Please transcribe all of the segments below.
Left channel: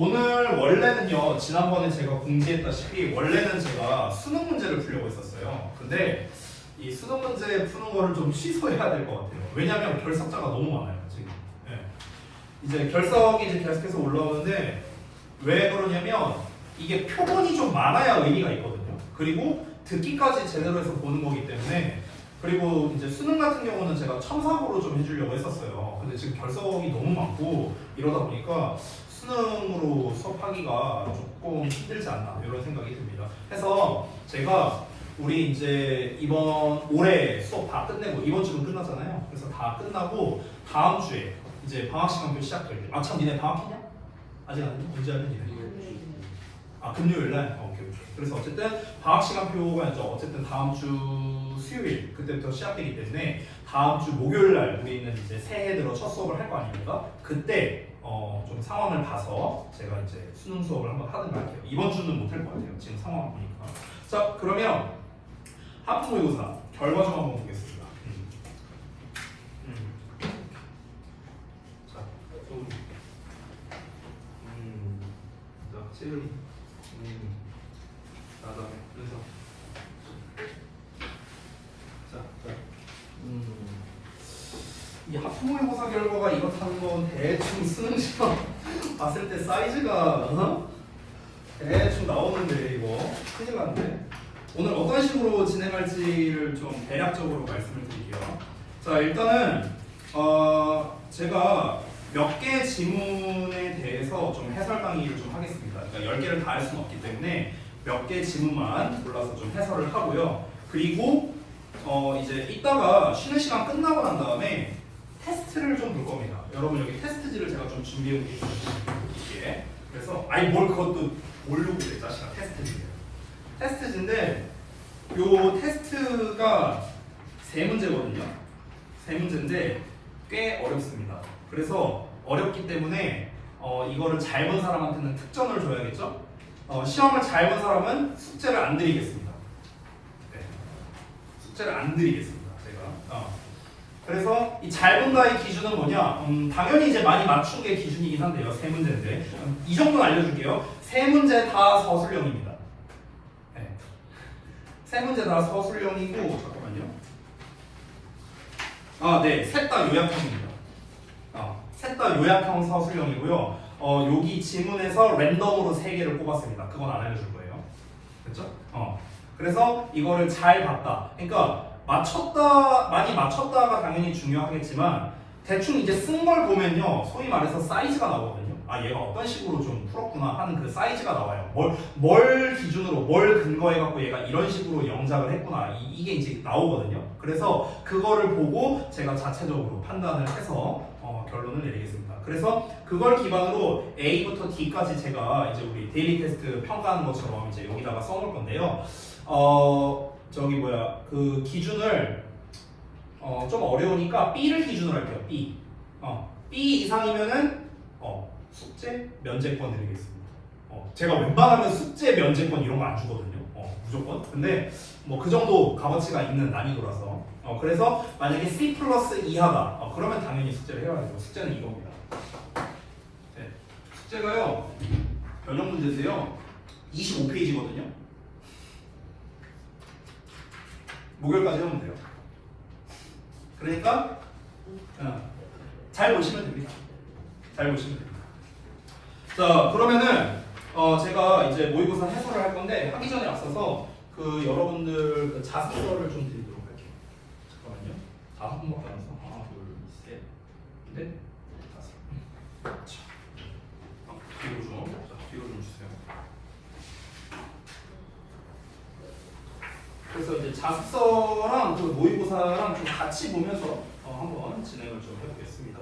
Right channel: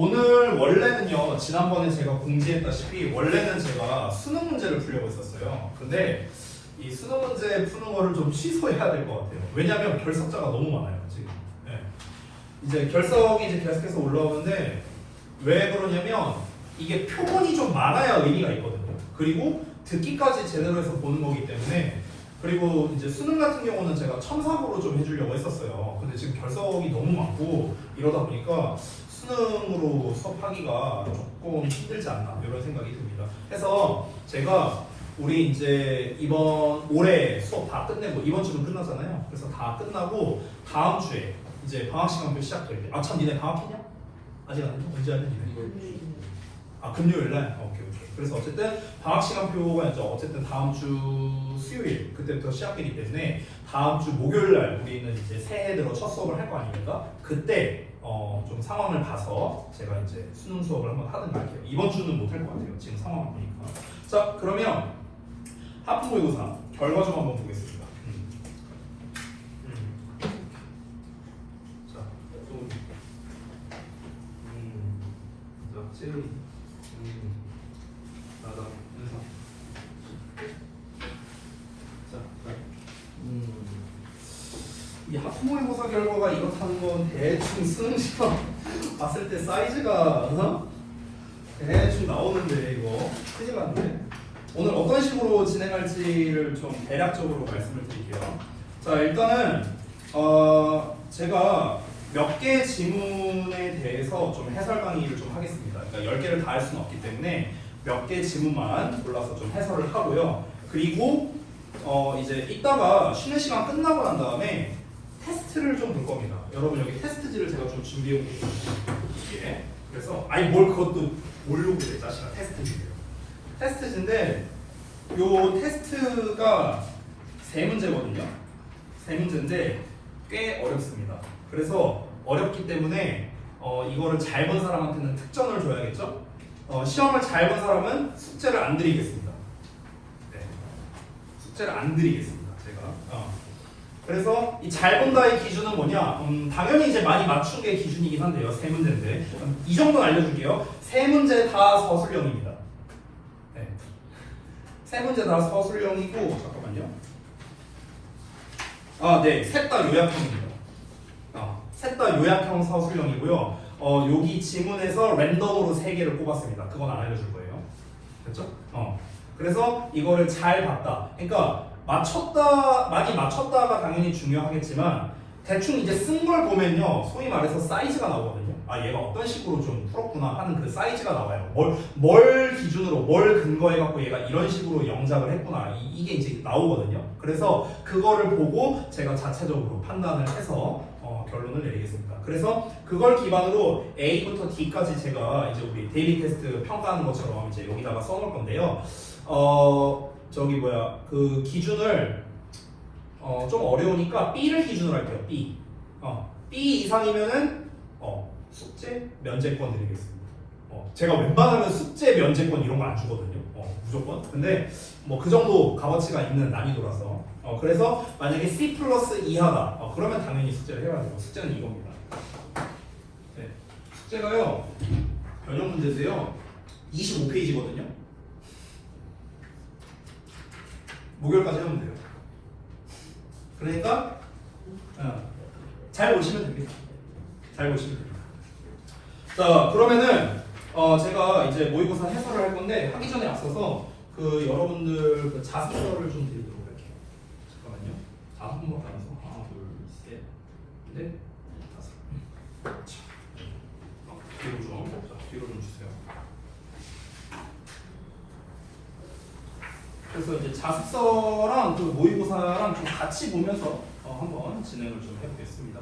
오늘 원래는요, 지난번에 제가 공지했다시피 원래는 제가 수능 문제를 풀려고 했었어요. 근데 이 수능 문제 푸는 거를 좀 취소해야 될 것 같아요. 왜냐하면 결석자가 너무 많아요, 지금. 네. 이제 결석이 이제 계속해서 올라오는데 왜 그러냐면 이게 표본이 좀 많아야 의미가 있거든요. 그리고 듣기까지 제대로 해서 보는 거기 때문에. 그리고 이제 수능 같은 경우는 제가 첨삭으로 좀 해주려고 했었어요. 근데 지금 결석이 너무 많고 이러다 보니까 수능으로 수업하기가 조금 힘들지 않나 이런 생각이 듭니다. 그래서 제가 우리 이제 이번 올해 수업 다 끝내고 이번 주는 끝났잖아요. 그래서 다 끝나고 다음 주에 이제 방학 시간표 시작될 때, 아 참 니네 방학했냐? 아직 안 했나? 언제 하는 니네? 아 금요일 날? 오케이. 그래서 어쨌든 방학 시간표가 이제 어쨌든 다음 주 수요일 그때부터 시작되기 때문에 다음 주 목요일 날 우리는 이제 새해 들어 첫 수업을 할 거 아닙니까? 그때 좀 상황을 봐서 제가 이제 수능 수업을 한번 하든가 할게요. 이번 주는 못 할 것 같아요. 지금 상황을 보니까. 자, 그러면 하프 모의고사 결과 좀 한번 보겠습니다. 자, 또 채율이 나다 인사. 자, 이 하프 모의고사 결과가 이렇다는 건 대충 수능 시험 봤을 때 사이즈가 대충 나오는데 이거 큰일 났네. 오늘 어떤 식으로 진행할지를 좀 대략적으로 말씀을 드릴게요. 자, 일단은 제가 몇 개 지문에 대해서 좀 해설 강의를 좀 하겠습니다. 그러니까 10개를 다 할 수는 없기 때문에 몇 개 지문만 골라서 좀 해설을 하고요. 그리고 이제 이따가 쉬는 시간 끝나고 난 다음에 테스트를 좀 볼 겁니다. 여러분 여기 테스트지를 제가 좀 준비해 볼게요. 그래서 아니 뭘 그것도 모르고 그래 자식아. 테스트지인데 요 테스트가 세 문제거든요. 세 문제인데 꽤 어렵습니다. 그래서 어렵기 때문에 이거를 잘 본 사람한테는 특전을 줘야겠죠? 시험을 잘 본 사람은 숙제를 안 드리겠습니다. 네. 숙제를 안 드리겠습니다. 제가. 그래서 이 잘 본다의 기준은 뭐냐? 당연히 이제 많이 맞춘 게 기준이긴 한데요. 세 문제인데 이 정도는 알려줄게요. 세 문제 다 서술형입니다. 네. 세 문제 다 서술형이고 잠깐만요. 네, 셋 다 요약형입니다. 셋 다 요약형 서술형이고요. 여기 지문에서 랜덤으로 3개를 뽑았습니다. 그건 안 알려줄 거예요. 됐죠? 그래서 이거를 잘 봤다. 그러니까 많이 맞췄다가 당연히 중요하겠지만 대충 이제 쓴 걸 보면요. 소위 말해서 사이즈가 나오거든요. 아, 얘가 어떤 식으로 좀 풀었구나 하는 그 사이즈가 나와요. 뭘 기준으로, 뭘 근거해갖고 얘가 이런 식으로 영작을 했구나. 이게 이제 나오거든요. 그래서 그거를 보고 제가 자체적으로 판단을 해서 결론을 내리겠습니다. 그래서 그걸 기반으로 A부터 D까지 제가 이제 우리 데일리 테스트 평가하는 것처럼 이제 여기다가 써놓을 건데요. 그 기준을 좀 어려우니까 B를 기준으로 할게요. B. B 이상이면은 숙제 면제권 드리겠습니다. 제가 웬만하면 숙제 면제권 이런 거 안 주거든요. 무조건. 근데 뭐 그 정도 값어치가 있는 난이도라서. 그래서 만약에 C 플러스 이하다. 그러면 당연히 숙제를 해야 되고 숙제는 이겁니다. 네. 숙제가요. 변형 문제세요. 25페이지거든요. 목요일까지 하면 돼요. 그러니까 잘 보시면 됩니다. 잘 보시면 됩니다. 자, 그러면은 제가 이제 모의고사 해설을 할 건데 하기 전에 앞서서 그 여러분들 그 자습서를 좀 드리도록 할게요. 잠깐만요. 5분밖에 안 해서 하나, 둘, 셋, 넷, 다섯. 자, 뒤로 좀 주세요. 그래서 이제 자습서랑 그 모의고사랑 좀 같이 보면서 한번 진행을 좀 해보겠습니다.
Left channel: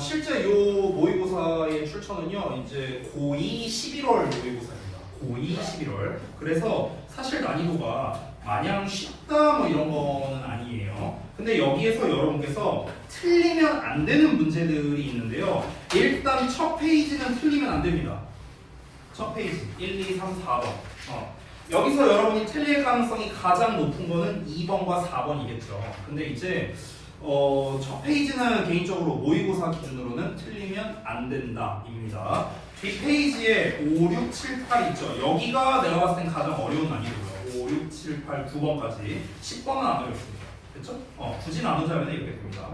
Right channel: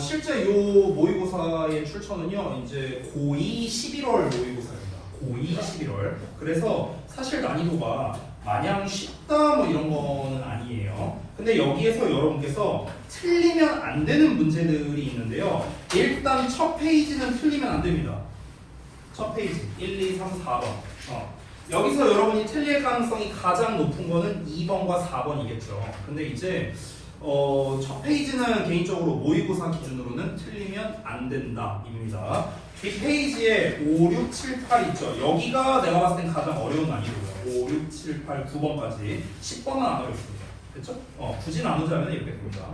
실제 요 모의고사의 출처는요, 이제 고2 11월 모의고사입니다. 고2 11월. 그래서 사실 난이도가 마냥 쉽다 뭐 이런 거는 아니에요. 근데 여기에서 여러분께서 틀리면 안 되는 문제들이 있는데요. 일단 첫 페이지는 틀리면 안 됩니다. 첫 페이지 1, 2, 3, 4번. 여기서 여러분이 틀릴 가능성이 가장 높은 거는 2번과 4번이겠죠. 근데 이제 첫 페이지는 개인적으로 모의고사 기준으로는 틀리면 안 된다 입니다. 뒷페이지에 5, 6, 7, 8 있죠. 여기가 내가 봤을 땐 가장 어려운 난이도고요. 5, 6, 7, 8, 9번까지 10번은 안 어렵습니다. 됐죠? 굳이 나누자면 이렇게 됩니다.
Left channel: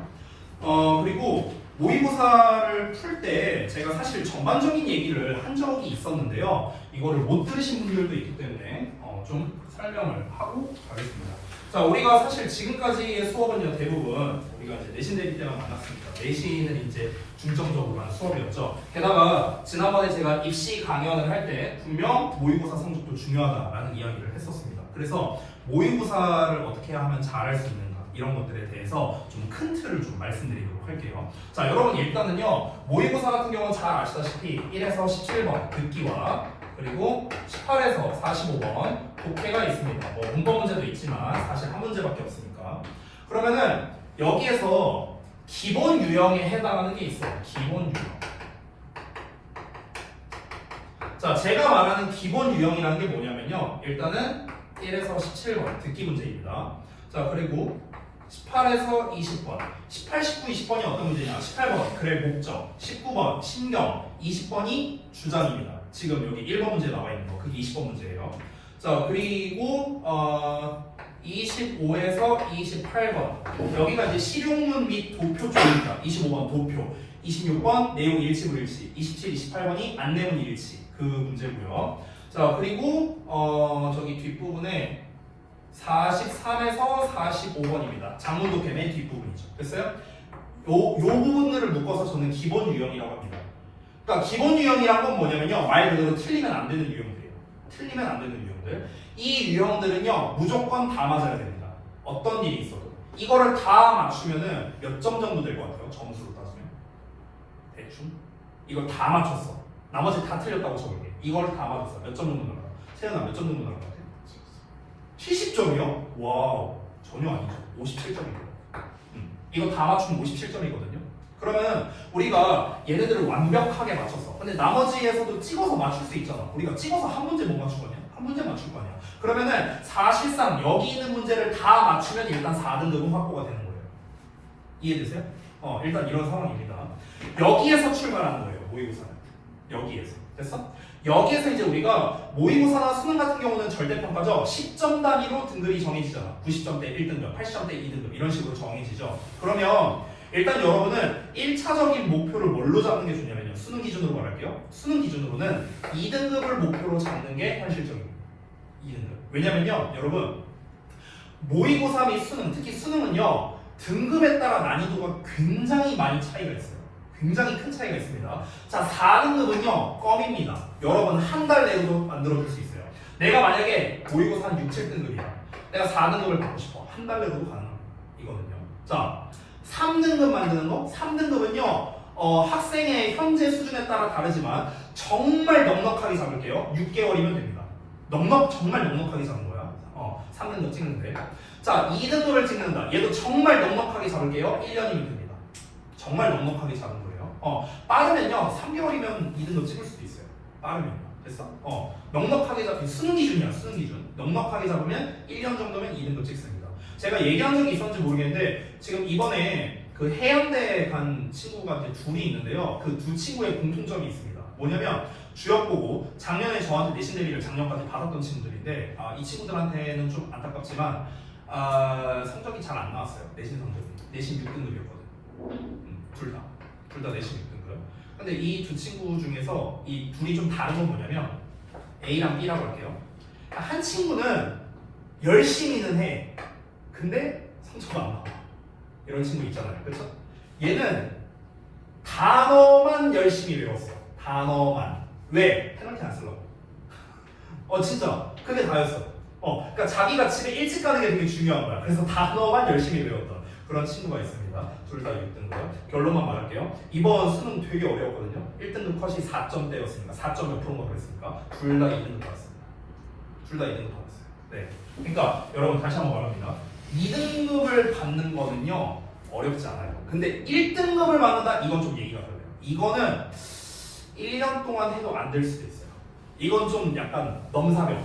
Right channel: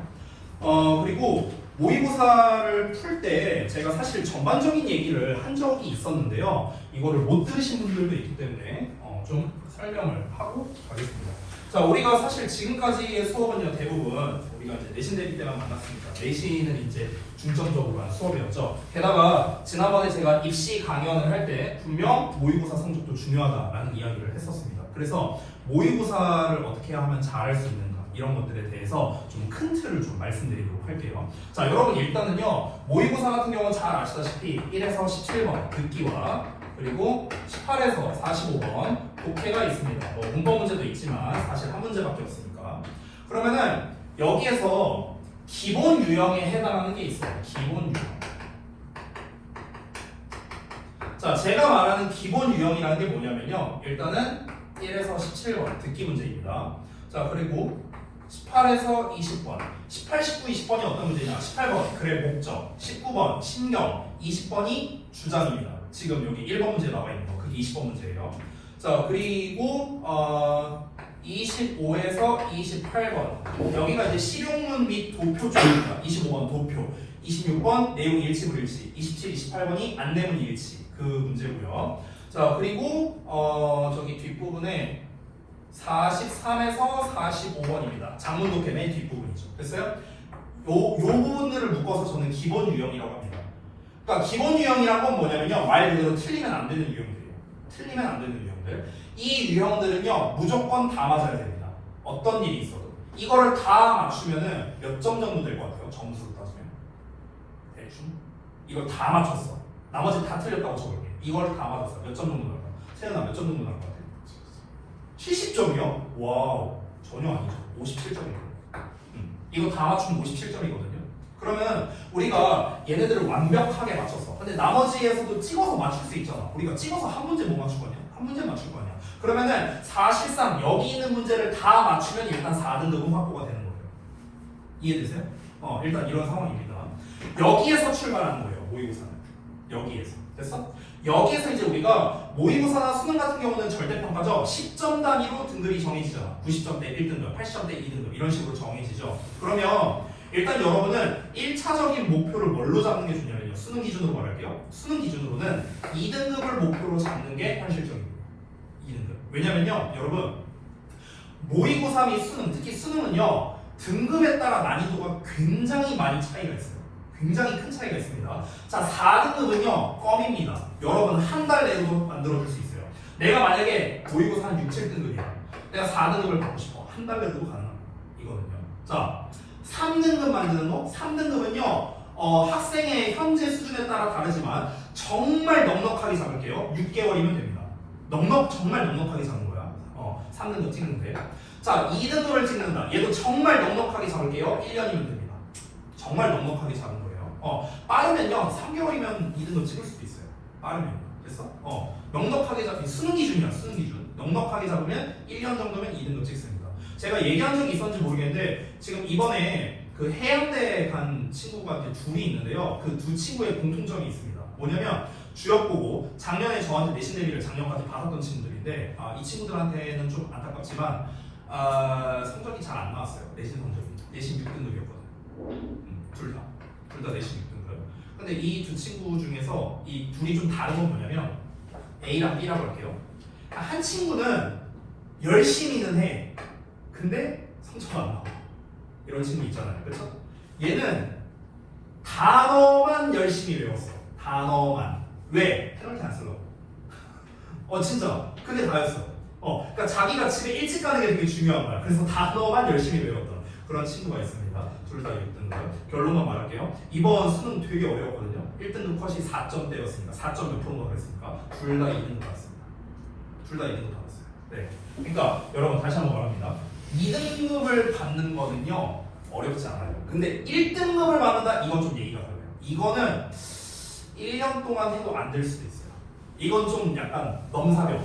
그리고 모의고사를 풀 때 제가 사실 전반적인 얘기를 한 적이 있었는데요. 이거를 못 들으신 분들도 있기 때문에 좀 설명을 하고 가겠습니다. 자, 우리가 사실 지금까지의 수업은요, 대부분 우리가 이제 내신 대비 때만 만났으니까 내신은 이제 중점적으로 하는 수업이었죠. 게다가 지난번에 제가 입시 강연을 할 때 분명 모의고사 성적도 중요하다라는 이야기를 했었습니다. 그래서 모의고사를 어떻게 하면 잘할 수 있는가 이런 것들에 대해서 좀 큰 틀을 좀 말씀드리도록 할게요. 자, 여러분 일단은요, 모의고사 같은 경우는 잘 아시다시피 1에서 17번 듣기와 그리고 18에서 45번 독해가 있습니다. 문법 문제도 있지만 사실 한 문제밖에 없으니까. 그러면은 여기에서 기본 유형에 해당하는 게 있어요. 기본 유형. 자, 제가 말하는 기본 유형이라는 게 뭐냐면요. 일단은 1에서 17번 듣기 문제입니다. 자, 그리고 18에서 20번. 18, 19, 20번이 어떤 문제냐? 18번 글의 목적, 19번 신경, 20번이 주장입니다. 지금 여기 1번 문제 나와 있는 거, 그게 20번 문제예요. 자, 그리고 25에서 28번 여기가 이제 실용문 및 도표 쪽입니다. 25번 도표, 26번 내용 일치불 일치, 27, 28번이 안내문 일치 그 문제고요. 자, 그리고 저기 뒷부분에 43에서 45번입니다. 장문 독해의 뒷부분이죠. 됐어요? 요 부분들을 묶어서 저는 기본 유형이라고 합니다. 그러니까 기본 유형이란 건 뭐냐면요, 말 그대로 틀리면 안 되는 유형들이에요. 틀리면 안 되는 유형들. 이 유형들은요, 무조건 다 맞아야 됩니다. 어떤 일이 있어도. 이거를 다 맞추면은 몇 점 정도 될 것 같아요? 점수로 따지면 대충 이걸 다 맞췄어. 나머지 다 틀렸다고 쳐볼게. 이걸 다 맞았어. 몇 점 정도 나올까? 세연아 몇 점 정도 나올 것 같아? 70점이요? 와우, 전혀 아니죠. 57점이에요. 이거 다 맞추면 57점이거든요. 그러면 우리가 얘네들을 완벽하게 맞췄어. 근데 나머지에서도 찍어서 맞출 수 있잖아. 우리가 찍어서 한 문제 못 맞출 거냐? 한 문제 맞출 거냐? 그러면은 사실상 여기 있는 문제를 다 맞추면 일단 4등급은 확보가 되는 거예요. 이해되세요? 일단 이런 상황입니다. 여기에서 출발하는 거예요. 모의고사는. 여기에서. 됐어? 여기에서 이제 우리가 모의고사나 수능 같은 경우는 절대평가죠. 10점 단위로 등급이 정해지잖아. 90점대 1등급, 80점대 2등급 이런 식으로 정해지죠. 그러면 일단 여러분은 1차적인 목표를 뭘로 잡는 게 좋냐면요. 수능 기준으로 말할게요. 수능 기준으로는 2등급을 목표로 잡는 게 현실적입니다. 2등급. 왜냐면요, 여러분 모의고사 및 수능, 특히 수능은요 등급에 따라 난이도가 굉장히 많이 차이가 있어요. 굉장히 큰 차이가 있습니다. 자, 4등급은요 껌입니다. 여러분 한 달 내로 만들어줄 수 있어요. 내가 만약에 모의고사 한 6, 7등급이야. 내가 4등급을 받고 싶어. 한 달 내로도 가능이거든요. 자, 3등급 만드는 거? 3등급은요 학생의 현재 수준에 따라 다르지만 정말 넉넉하게 잡을게요. 6개월이면 됩니다. 정말 넉넉하게 잡는 거야. 3등급 찍는데. 자, 2등급을 찍는다. 얘도 정말 넉넉하게 잡을게요. 1년이면 됩니다. 정말 넉넉하게 잡은 거예요. 빠르면요 3개월이면 2등급 찍을 수도 있어요. 빠르면. 됐어? 넉넉하게 잡힌 수능 기준이야. 수능 기준. 넉넉하게 잡으면 1년 정도면 2등급 찍습니다. 제가 얘기한 적이 있었는지 모르겠는데 지금 이번에 그 해양대 간 친구가 이제 둘이 있는데요. 그 두 친구의 공통점이 있습니다. 뭐냐면 주역 보고 작년에 저한테 내신 대비를 작년까지 받았던 친구들인데 이 친구들한테는 좀 안타깝지만 성적이 잘 안 나왔어요. 내신 성적이. 내신 6등급이었거든. 둘 다 내신 6등급. 근데 이 두 친구 중에서 이 둘이 좀 다른 건 뭐냐면 A랑 B라고 할게요. 한 친구는 열심히는 해. 근데 성적이 안 나와. 이런 친구 있잖아요. 그렇죠? 얘는 단어만 열심히 외웠어요. 단어만. 왜? 페널티 안 쓰려고. 진짜 그게 다였어. 그러니까 자기가 집에 일찍 가는 게 되게 중요한 거야. 그래서 단어만 열심히 외웠던 그런 친구가 있습니다. 둘 다 6등급. 결론만 말할게요. 이번 수능 되게 어려웠거든요. 1등급 컷이 4점대였습니다. 4점 몇 프로가 그랬습니까? 둘 다 2등급 받았습니다. 둘 다 2등급 받았어요. 네. 그러니까 여러분 다시 한번 말합니다. 2등급을 받는 거는요 어렵지 않아요. 근데 1등급을 받는다? 이건 좀 얘기가 달라요. 이거는 1년 동안 해도 안 될 수도 있어요. 이건 좀 약간 넘사벽.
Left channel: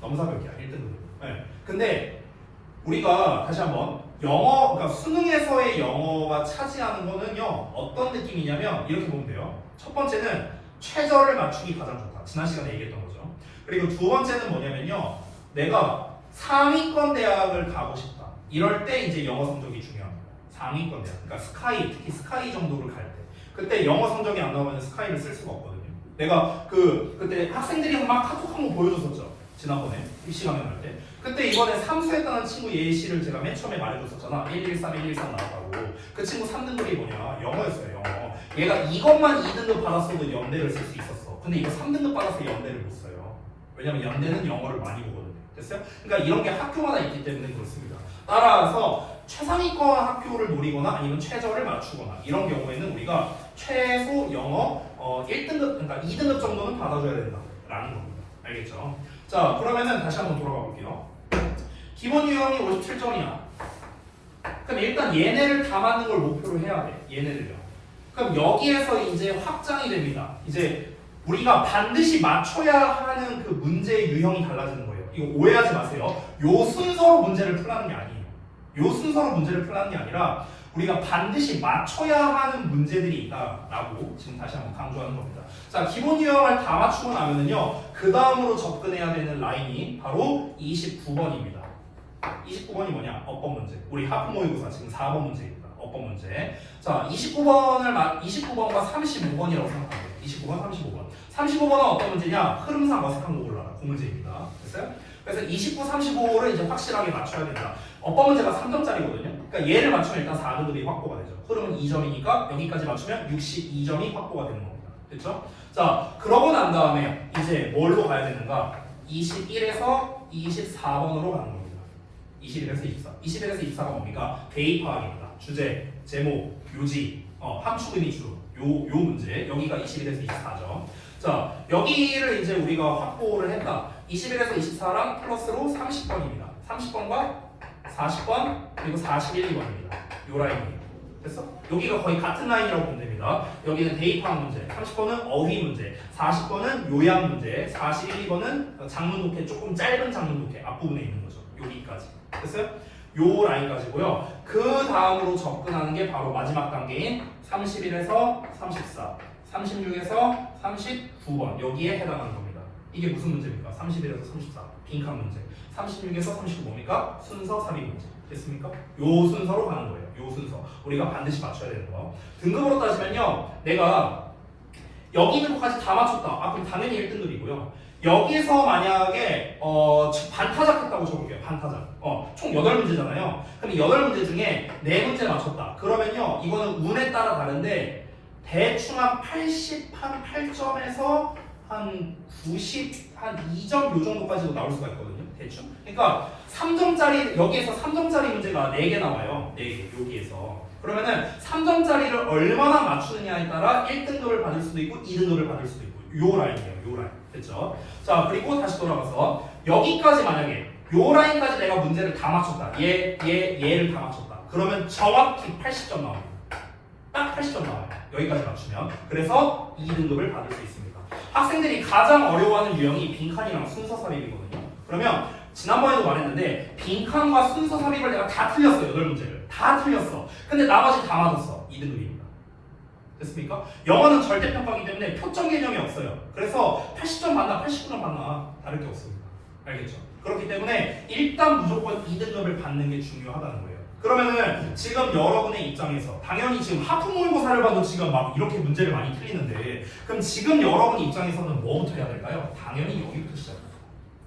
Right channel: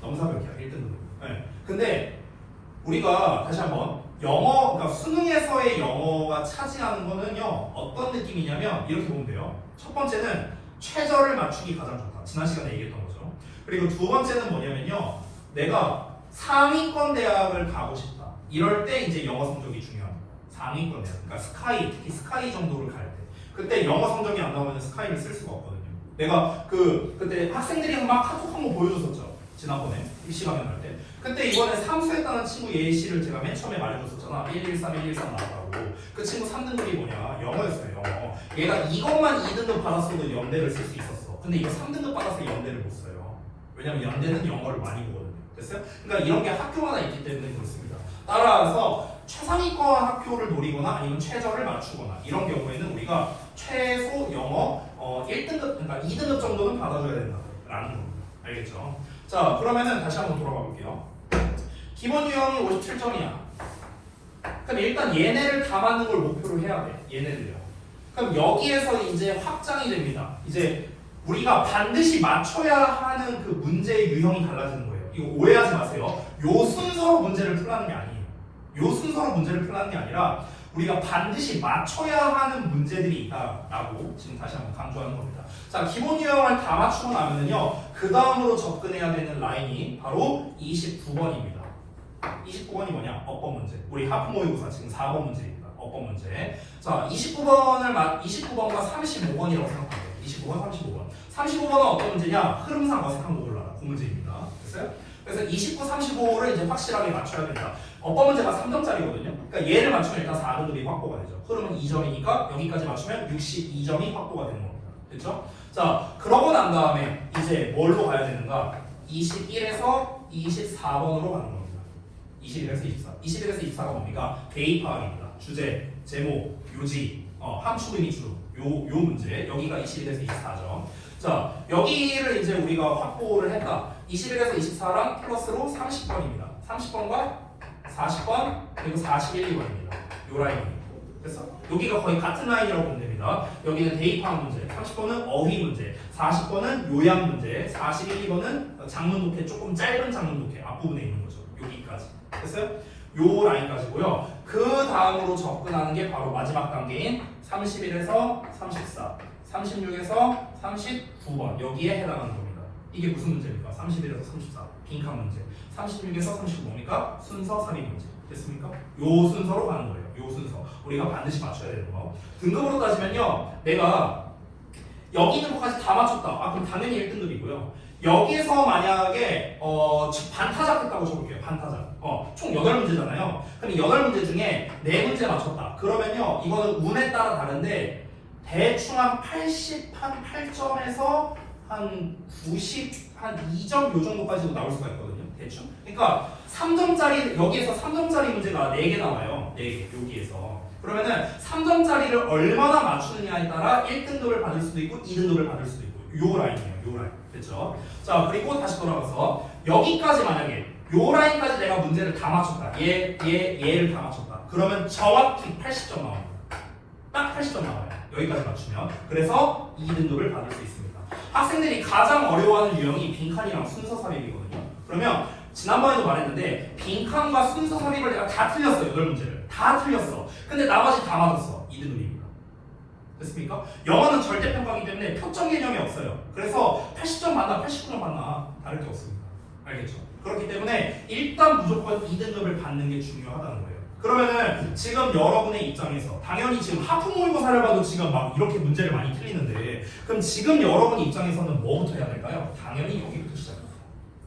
넘사벽이야 1등급. 네. 근데 우리가 다시 한번 영어, 그러니까 수능에서의 영어가 차지하는 거는요 어떤 느낌이냐면 이렇게 보면 돼요. 첫 번째는 최저를 맞추기 가장 좋다. 지난 시간에 얘기했던 거죠. 그리고 두 번째는 뭐냐면요, 내가 상위권 대학을 가고 싶다. 이럴 때 이제 영어 성적이 중요합니다. 상위권 대학, 그러니까 스카이, 특히 스카이 정도를 갈 때, 그때 영어 성적이 안 나오면 스카이를 쓸 수가 없거든요. 내가 그때 학생들이 막 카톡 한 번 보여줬었죠. 지난번에 입시가면 할 때. 그때 이번에 삼수했다는 친구 예시를 제가 맨 처음에 말해줬었잖아. 113, 113 나왔다고. 그 친구 3등급이 뭐냐? 영어였어요, 영어. 얘가 이것만 2등급 받았어도 연대를 쓸 수 있었어. 근데 이거 3등급 받아서 연대를 못 써요. 왜냐면 연대는 영어를 많이 보거든요. 됐어요? 그러니까 이런 게 학교마다 있기 때문에 그렇습니다. 따라서 최상위권 학교를 노리거나 아니면 최저를 맞추거나 이런 경우에는 우리가 최소 영어 1등급, 그러니까 2등급 정도는 받아줘야 된다라는 겁니다. 알겠죠? 자, 그러면은 다시 한번 돌아가 볼게요. 기본 유형이 57점이야. 그럼 일단 얘네를 다 맞는 걸 목표로 해야 돼. 얘네들요. 그럼 여기에서 이제 확장이 됩니다. 이제 우리가 반드시 맞춰야 하는 그 문제의 유형이 달라지는 거예요. 이거 오해하지 마세요. 요 순서로 문제를 풀라는 게 아니에요. 요 순서로 문제를 풀라는 게 아니라 우리가 반드시 맞춰야 하는 문제들이 있다라고 지금 다시 한번 강조하는 겁니다. 자, 기본 유형을 다 맞추고 나면은요, 그 다음으로 접근해야 되는 라인이 바로 29번입니다. 29번이 뭐냐? 어법 문제. 우리 하프 모의고사 지금 4번 문제입니다. 어법 문제. 자, 29번과 35번이라고 생각하세요. 29번, 35번. 35번은 어떤 문제냐? 흐름상 어색한 거 골라라. 그 문제입니다. 됐어요? 그래서 29, 35를 이제 확실하게 맞춰야 된다. 어법 문제가 3점짜리거든요. 그러니까 얘를 맞추면 일단 4등급이 확보가 되죠. 흐름은 2점이니까 여기까지 맞추면 62점이 확보가 되는 겁니다. 됐죠? 자, 그러고 난 다음에 이제 뭘로 가야 되는가? 21에서 24번으로 가는 겁니다. 21에서 24. 21에서 24가 뭡니까? 대입파악입니다. 주제, 제목, 요지, 함축 의미 주로 요 문제. 여기가 21에서 24죠. 자, 여기를 이제 우리가 확보를 했다. 21에서 24랑 플러스로 30번입니다. 30번과 40번 그리고 41번입니다. 요 라인입니다. 됐어? 여기가 거의 같은 라인이라고 보면 됩니다. 여기는 대입파악 문제, 30번은 어휘 문제, 40번은 요약 문제, 41번은 장문 독해, 조금 짧은 장문 독해 앞부분에 있는 거죠. 여기까지. 됐어요? 요 라인까지고요. 그 다음으로 접근하는 게 바로 마지막 단계인 31에서 34, 36에서 39번 여기에 해당하는 겁니다. 이게 무슨 문제입니까? 31에서 34 빈칸 문제, 36에서 39 뭡니까? 순서 삽입 문제. 됐습니까? 요 순서로 가는 거예요. 요 순서 우리가 반드시 맞춰야 되는 거. 등급으로 따지면요, 내가 여기 있는 것까지 다 맞췄다. 아, 그럼 당연히 1등급이고요. 여기에서 만약에 반타작 했다고 쳐볼게요. 반타작. 총 8문제잖아요. 그럼 8문제 중에 4문제 맞췄다. 그러면요, 이거는 운에 따라 다른데 대충 한 80, 한 8점에서 한 90, 한 2점 요 정도까지도 나올 수가 있거든요. 대충. 그러니까 3점짜리, 여기에서 3점짜리 문제가 4개 나와요. 4개, 여기에서. 그러면은 3점짜리를 얼마나 맞추느냐에 따라 1등급을 받을 수도 있고 2등급을 받을 수도 있고 요 라인이에요. 요 라인. 됐죠? 자, 그리고 다시 돌아가서 여기까지 만약에 요 라인까지 내가 문제를 다 맞췄다. 얘를 다 맞췄다. 그러면 정확히 80점 나와요. 딱 80점 나와요. 여기까지 맞추면. 그래서 2등급을 받을 수 있습니다. 학생들이 가장 어려워하는 유형이 빈칸이랑 순서 삽입이거든요. 그러면 지난번에도 말했는데 빈칸과 순서 삽입을 내가 다 틀렸어. 8문제를 다 틀렸어. 근데 나머지 다 맞았어. 2등급입니다. 됐습니까? 영어는 절대평가이기 때문에 표점 개념이 없어요. 그래서 80점 맞나 89점 맞나 다를 게 없습니다. 알겠죠? 그렇기 때문에 일단 무조건 2등급을 받는 게 중요하다는 거예요. 그러면은 지금 여러분의 입장에서 당연히 지금 하프 모의고사를 봐도 지금 막 이렇게 문제를 많이 틀리는데 그럼 지금 여러분 입장에서는 뭐부터 해야 될까요? 당연히 여기부터 시작합니다.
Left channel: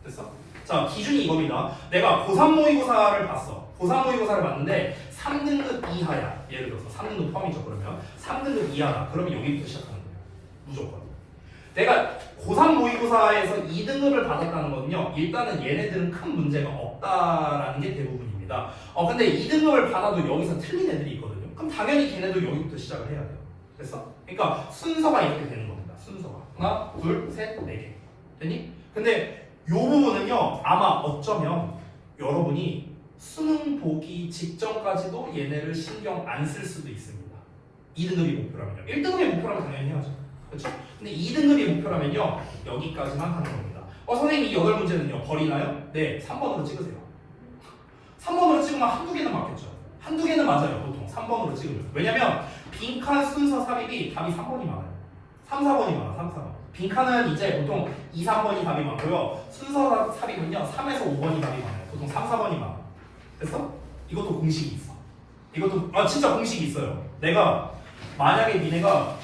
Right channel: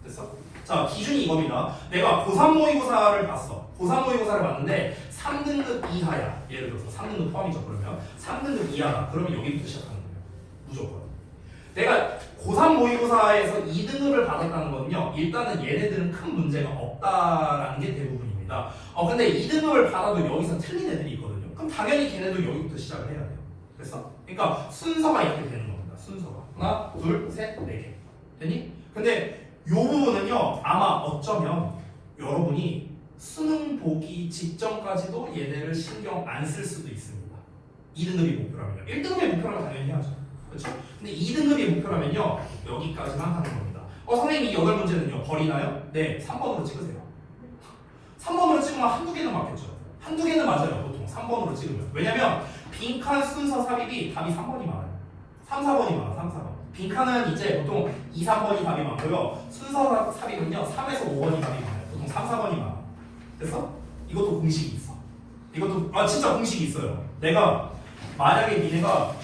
됐어? 자, 기준이 이겁니다. 내가 고3 모의고사를 봤어. 고3 모의고사를 봤는데 3등급 이하야. 예를 들어서 3등급 포함이죠. 그러면 3등급 이하다. 그러면 여기부터 시작하는 거예요. 무조건. 내가 고3 모의고사에서 2등급을 받았다는 거는요, 일단은 얘네들은 큰 문제가 없다라는 게 대부분입니다. 근데 2등급을 받아도 여기서 틀린 애들이 있거든요. 그럼 당연히 걔네도 여기부터 시작을 해야 돼요. 그래서 그러니까 순서가 이렇게 되는 겁니다. 순서가 하나, 둘, 셋, 네 개. 됐니? 근데 요 부분은요, 아마 어쩌면 여러분이 수능 보기 직전까지도 얘네를 신경 안 쓸 수도 있습니다. 2등급이 목표라면요. 1등급이 목표라면 당연히 해야죠. 그렇죠? 근데 2등급이 목표라면요, 여기까지만 하는 겁니다. 선생님 이 8문제는요 버리나요? 네, 3번으로 찍으세요. 3번으로 찍으면 한두 개는 맞겠죠. 한두 개는 맞아요. 보통 3번으로 찍으면. 왜냐면 빈칸 순서 삽입이 답이 3번이 많아요. 3, 4번이 많아. 3, 4번. 빈칸은 이제 보통 2, 3번이 답이 많고요. 순서 삽입은요 3에서 5번이 답이 많아요. 보통 3, 4번이 많아. 그래서 이것도 공식이 있어. 이것도 진짜 공식이 있어요. 내가 만약에 니네가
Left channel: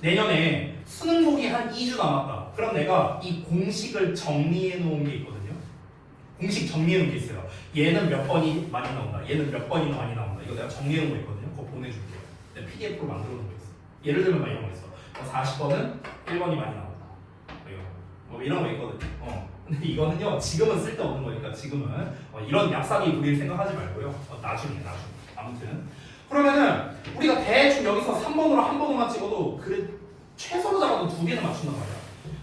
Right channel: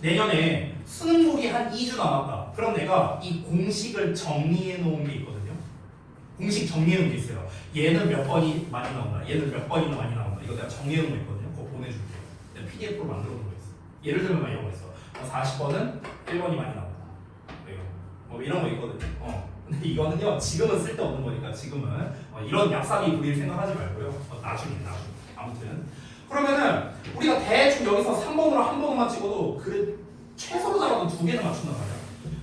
내년에 수능복이 한 2주 남았다. 그럼 내가 이 공식을 정리해 놓은 게 있거든요. 공식 정리해 놓은 게 있어요. 얘는 몇 번이 많이 나온다. 얘는 몇 번이 많이 나온다. 이거 내가 정리해 놓은 게 있거든요. 그거 보내줄게요. 내가 PDF로 만들어 놓은 거 있어. 예를 들면 막 이런 거 있어. 40번은 1번이 많이 나온다. 뭐 이런 거 있거든요. 근데 이거는요 지금은 쓸데없는 거니까 지금은 이런 얍삽이 부릴 생각하지 말고요. 나중에. 아무튼 그러면은 우리가 대충 여기서 3번으로 한 번만 찍어도 그 최소로 잡아도 2개는 맞춘단 말이야.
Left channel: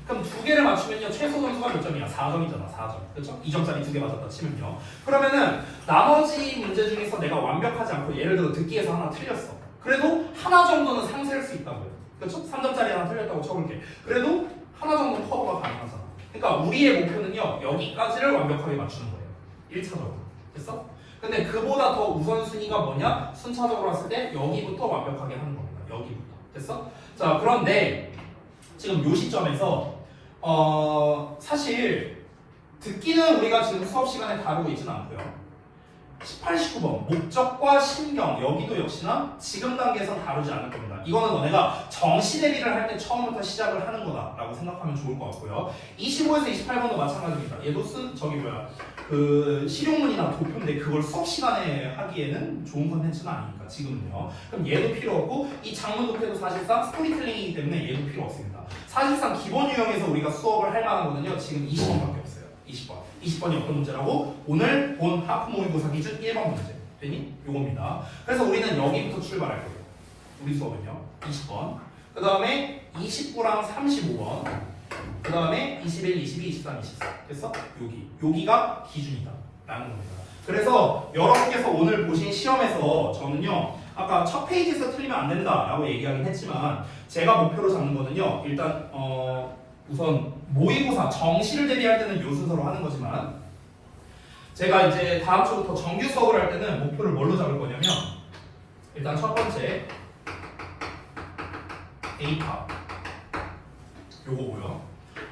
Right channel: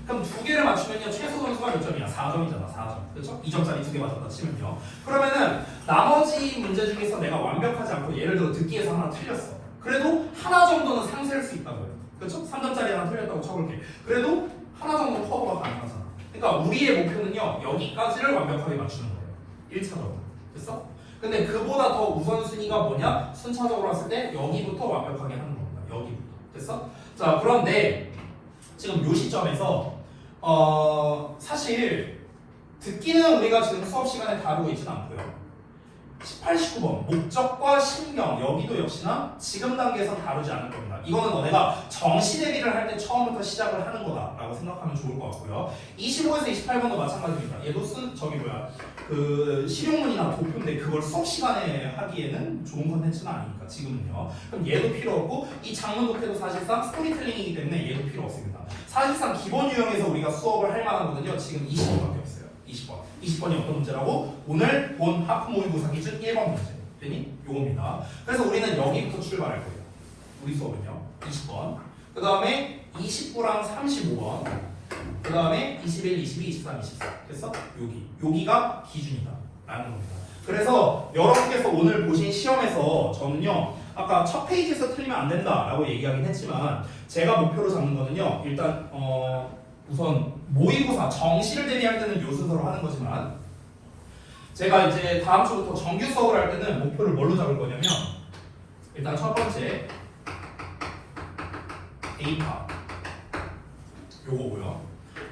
그럼 2개를 맞추면요 최소 점수가 몇 점이야? 4점이잖아. 4점. 그렇죠? 2점짜리 2개 맞았다 치면요. 그러면은 나머지 문제 중에서 내가 완벽하지 않고 예를 들어 듣기에서 하나 틀렸어. 그래도 하나 정도는 상쇄할 수 있다고요. 그렇죠? 3점짜리 하나 틀렸다고 쳐볼게. 그래도 하나 정도 커버가 가능하잖아. 그러니까 우리의 목표는요 여기까지를 완벽하게 맞추는 거예요. 1차적으로. 됐어? 근데 그보다 더 우선순위가 뭐냐? 순차적으로 봤을 때 여기부터 완벽하게 하는 겁니다. 여기부터. 됐어? 자, 그런데 지금 요 시점에서 사실 듣기는 우리가 지금 수업 시간에 다루고 있지는 않고요. 18, 19번 목적과 신경 여기도 역시나 지금 단계에서 다루지 않을 겁니다. 이거는 너네가 정시 대비를 할 때 처음부터 시작을 하는 거다라고 생각하면 좋을 것 같고요. 25에서 28번도 마찬가지입니다. 얘도 그 실용문이나 도표인데 그걸 수업 시간에 하기에는 좋은 컨텐츠는 아니니까 지금은요. 그럼 얘도 필요 없고 이 장문 도표도 사실상 스토리텔링이기 때문에 얘도 필요 없습니다. 사실상 기본 유형에서 우리가 수업을 할 만한 거는요 지금 20번밖에 없어요. 20번이 어떤 문제라고? 오늘 본 하프 모의고사 기준 1번 문제 되니? 요겁니다. 그래서 우리는 여기부터 출발할 거예요. 우리 수업은요 20번 그 다음에 29랑 35번 그 다음에 21, 22, 23, 24 됐어? 여기가 기준이다 라는 겁니다. 그래서 여러분께서 오늘 보신 시험에서 저는요 아까 첫 페이지에서 틀리면 안 된다 라고 얘기하긴 했지만 제가 목표로 잡는 거는요 일단 우선 모의고사 정시를 대비할 때는 요 순서로 하는 거지만 제가 이제 다음 주부터 정규 수업을 할 때는 목표를 뭘로 잡을 거냐면 일단 첫 번째 A파 요거고요.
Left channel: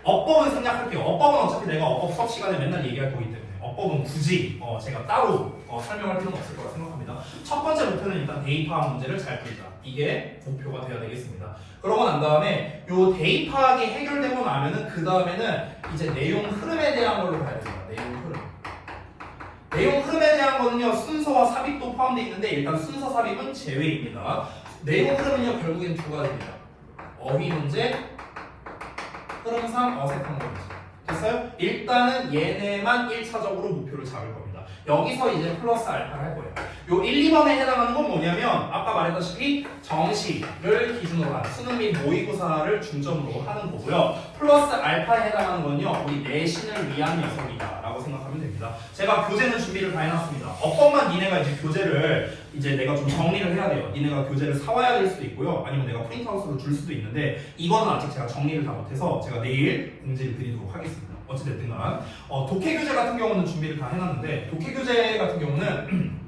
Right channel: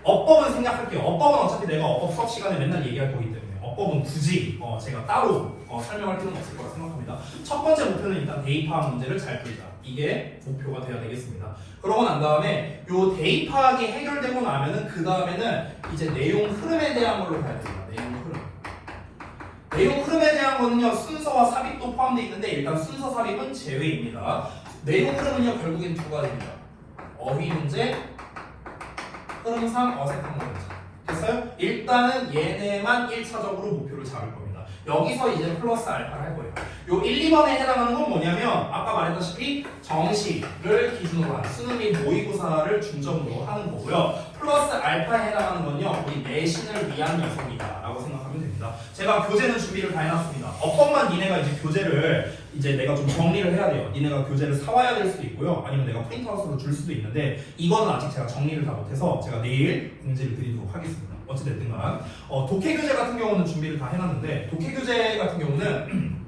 어법은 생략할게요. 어법은 어차피 내가 어법 수업 시간에 맨날 얘기할 거기 때문에 어법은 굳이 제가 따로 설명할 필요는 없을 거라 생각합니다. 첫 번째 목표는 일단 대입파악 문제를 잘 풀자. 이게 목표가 되어야 되겠습니다. 그러고 난 다음에 요 대입파악이 해결되고 나면은 그 다음에는 이제 내용 흐름에 대한 걸로 가야 됩니다. 내용 흐름에 대한 거는요 순서와 삽입도 포함되어 있는데 일단 순서 삽입은 제외입니다. 내용 흐름은요 결국엔 두 가지입니다. 어휘 문제, 흐름상 어색한 문제. 됐어요? 일단은 얘네만 1차적으로 목표를 잡을 겁니다. 여기서 이제 플러스 알파를 할 거예요. 요 1, 2번에 해당하는 건 뭐냐면 아까 말했다시피 정시를 기준으로 하는 수능 및 모의고사를 중점으로 하는 거고요. 플러스 알파에 해당하는 건요 우리 내신을 위한 녀석이다 라고 생각하면 됩니다. 제가 교재는 준비를 다 해놨습니다. 어법만 니네가 이제 교재를 이제 내가 좀 정리를 해야 돼요. 니네가 교재를 사와야 될 수도 있고요. 아니면 내가 프린트아웃으로 줄 수도 있는데 이거는 아직 제가 정리를 다 못해서 제가 내일 공지를 드리도록 하겠습니다. 어찌됐든 간 독해 교재 같은 경우는 준비를 다 해놨는데 독해 교재 같은 경우는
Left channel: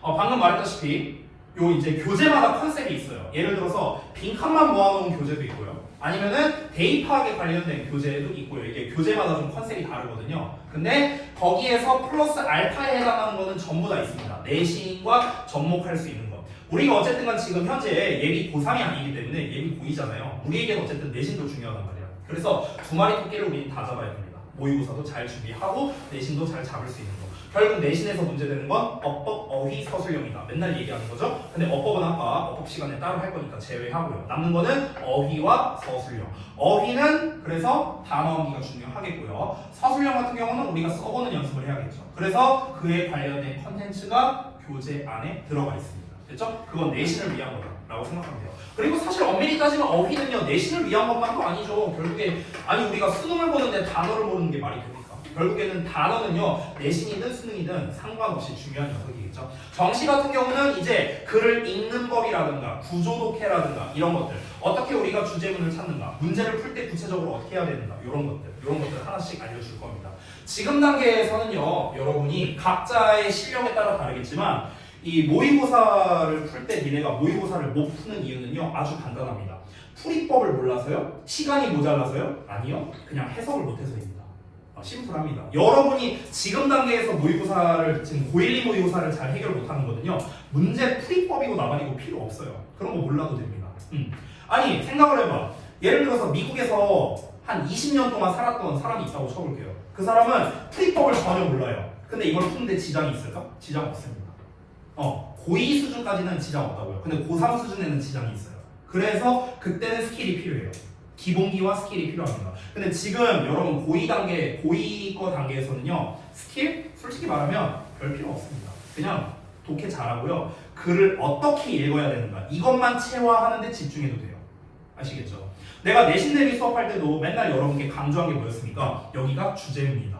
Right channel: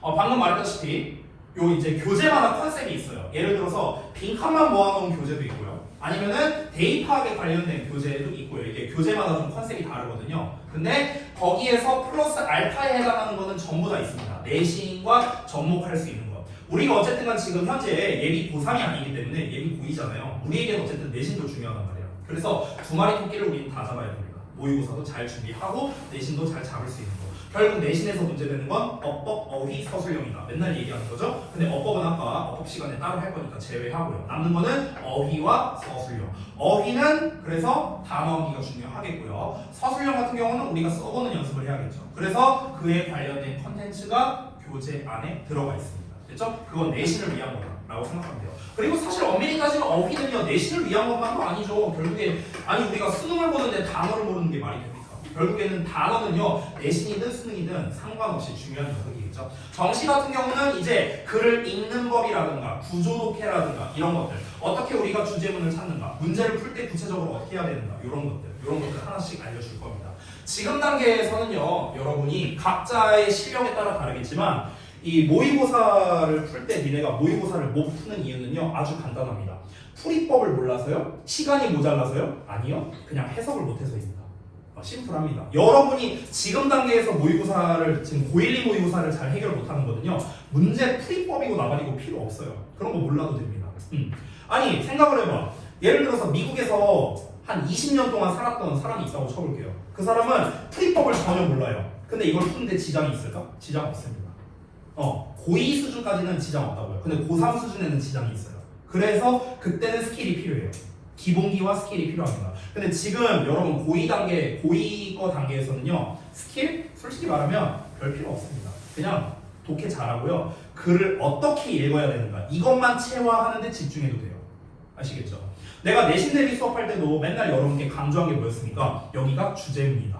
방금 말했다시피 요 이제 교재마다 컨셉이 있어요. 예를 들어서 빈칸만 모아놓은 교재도 있고요. 아니면은 대입하게 관련된 교재도 있고요. 이게 교재마다 좀 컨셉이 다르거든요. 근데 거기에서 플러스 알파에 해당하는 거는 전부 다 있습니다. 내신과 접목할 수 있는 거. 우리가 어쨌든 간 지금 현재 예비 고3이 아니기 때문에 예비 고2잖아요. 우리에게는 어쨌든 내신도 중요하단 말이에요. 그래서 두 마리 토끼를 우리는 다 잡아야 됩니다. 모의고사도 잘 준비하고 내신도 잘 잡을 수 있는 거. 결국 내신에서 문제되는 건 어법, 어휘, 서술형이다. 맨날 얘기하는 거죠. 근데 어법은 아까 어법 시간에 따로 할 거니까 제외하고요. 남는 거는 어휘와 서술형. 어휘는 그래서 단어기가 중요하겠고요. 서술형 같은 경우는 우리가 써보는 연습을 해야겠죠. 그래서 그에 관련된 컨텐츠가 교재 안에 들어가 있습니다. 됐죠? 그건 내신을 위한 거다라고 생각하면 돼요. 그리고 사실 엄밀히 따지면 어휘는요 내신을 위한 것만도 아니죠. 결국에 우리가 수능을 보는데 단어를 보는 게 말이 됩니까? 결국에는 단어는요 내신이든 수능이든 상관없이 중요한 녀석이겠죠. 정시 같은 경우는 이제 글을 읽는 법이라든가 구조독해라든가 이런 것들, 어떻게 우리가 주제문을 찾는가, 문제를 풀 때 구체적으로 어떻게 해야 되는가, 이런 것들 하나씩 알려줄 겁니다. 지금 단계에서는요 여러분이 각자의 실력에 따라 다르겠지만 이 모의고사를 풀 때 니네가 모의고사를 못 푸는 이유는요 아주 간단합니다. 풀이법을 몰라서요? 시간이 모자라서요? 아니요, 그냥 해석을 못해서입니다. 심플합니다. 여러분이 지금 단계에서 모의고사를 지금 고1, 2 모의고사를 잘 해결 못하는 거든요 문제 풀이법이고 나발이고 필요 없어요. 그런 거 몰라도 됩니다. 아니 생각을 해봐. 예를 들어서 미국에서 한 20년 동안 살았던 사람이 있다고 쳐볼게요. 그 사람은 풀이법을 전혀 몰라요. 근데 이걸 푸는데 지장이 있을까? 지장 없습니다. 고2 수준까지는 지장 없다고요. 근데 고3 수준에는 지장이 있어요. 그래서 그때는 스킬이 필요해요. 기본기와 스킬이 필요합니다. 근데 지금 여러분 고2 거 단계에서는요 스킬? 솔직히 말하면 별 필요 없습니다. 그냥 독해 잘하고요 글을 어떻게 읽어야 되는가 이것만 체화하는데 집중해도 돼요. 아시겠죠? 내가 내신 대비 수업할 때도 맨날 여러분께 강조한 게 뭐였습니까? 여기가 주제문이다.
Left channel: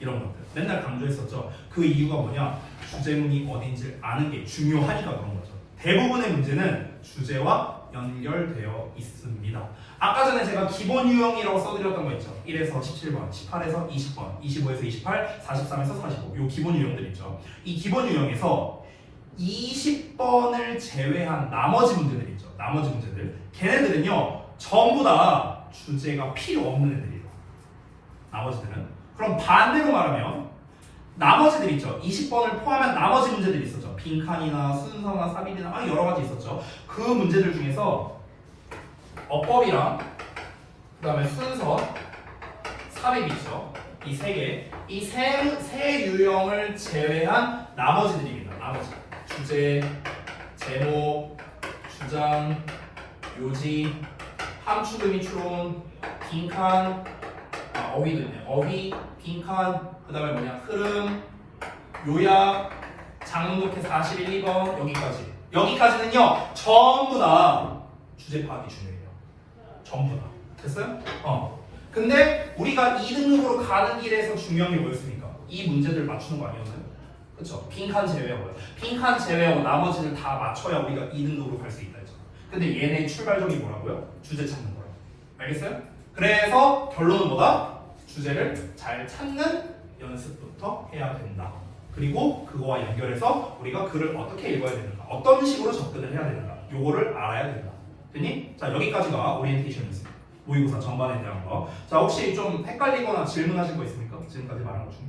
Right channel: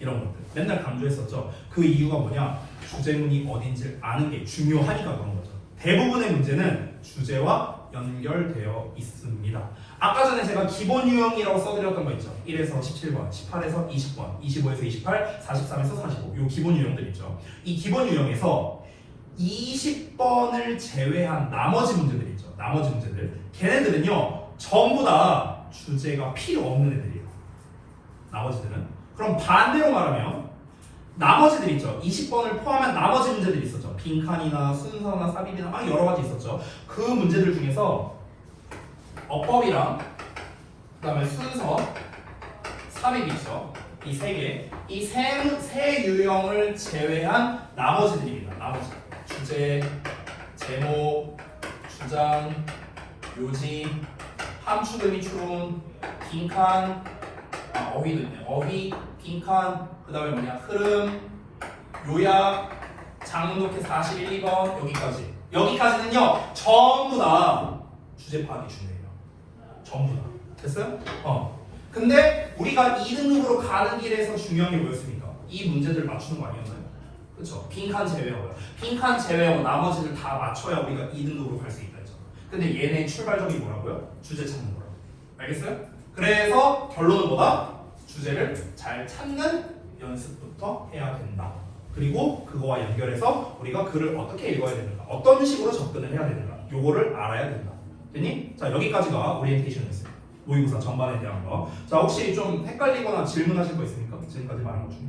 이런 것들 맨날 강조했었죠. 그 이유가 뭐냐? 주제문이 어딘지를 아는 게 중요하니까 그런 거죠. 대부분의 문제는 주제와 연결되어 있습니다. 아까 전에 제가 기본 유형이라고 써드렸던 거 있죠. 1에서 17번, 18에서 20번, 25에서 28, 43에서 45. 요 기본 유형들 있죠. 이 기본 유형에서 20번을 제외한 나머지 문제들 있죠. 나머지 문제들. 걔네들은요 전부 다 주제가 필요 없는 애들이에요. 나머지들은. 그럼 반대로 말하면 나머지들 있죠. 20번을 포함한 나머지 문제들이 있었죠. 빈칸이나 순서나 삽입이나 막 여러 가지 있었죠. 그 문제들 중에서 어법이랑 그다음에 순서, 삽입이 있죠. 이 세 개, 이 세 유형을 제외한 나머지들입니다. 나머지 주제, 제목, 주장, 요지, 함축, 의미추론, 빈칸, 어휘도 있네. 어휘, 빈칸, 그 다음에 뭐냐 흐름, 요약, 장문독해 41, 2번 여기까지. 여기까지는요 전부 다 주제 파악이 중요해요. 전부 다. 됐어요? 근데 우리가 2등급으로 가는 길에서 중요한 게 뭐였습니까? 이 문제들 맞추는 거 아니었나요? 그렇죠? 빈칸 제외하고요. 빈칸 제외하고 나머지를 다 맞춰야 우리가 2등급으로 갈 수 있다 했죠. 근데 얘네 출발점이 뭐라고요? 주제 찾는 거예요. 알겠어요? 그래서 결론은 뭐다? 주제를 잘 찾는 연습부터 해야 된다. 그리고 그거와 연결해서 우리가 글을 어떻게 읽어야 되는가, 어떤 식으로 접근을 해야 되는가, 요거를 알아야 된다. 됐니? 자, 여기까지가 오리엔테이션이었어요. 모의고사 전반에 대한 거. 자, 혹시 좀 헷갈리거나 질문하실 거 있습니까? 지금까지 말한 것 중에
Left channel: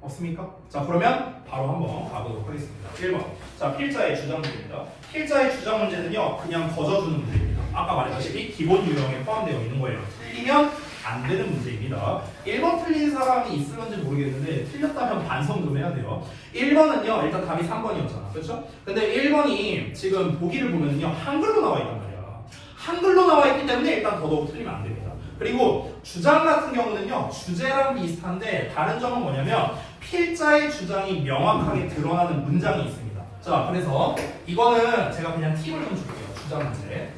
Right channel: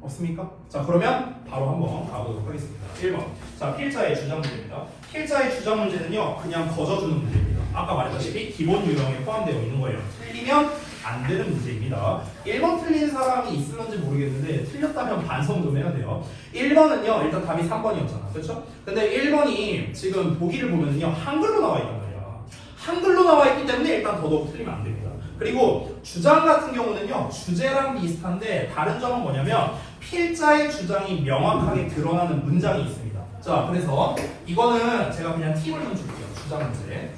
없습니까? 자, 그러면 바로 한번 가보도록 하겠습니다. 1번. 자, 필자의 주장 문제입니다. 필자의 주장 문제는요 그냥 거저주는 문제입니다. 아까 말했다시피 기본 유형에 포함되어 있는 거예요. 틀리면 안 되는 문제입니다. 1번 틀린 사람이 있을런지 모르겠는데 틀렸다면 반성 좀 해야 돼요. 1번은요 일단 답이 3번이었잖아. 그렇죠? 근데 1번이 지금 보기를 보면은요 한글로 나와 있단 말이야. 한글로 나와 있기 때문에 일단 더더욱 틀리면 안 됩니다. 그리고 주장 같은 경우는요 주제랑 비슷한데 다른 점은 뭐냐면 필자의 주장이 명확하게 드러나는 문장이 있습니다. 자, 그래서 이거는 제가 그냥 팁을 좀 줄게요. 주장 문제.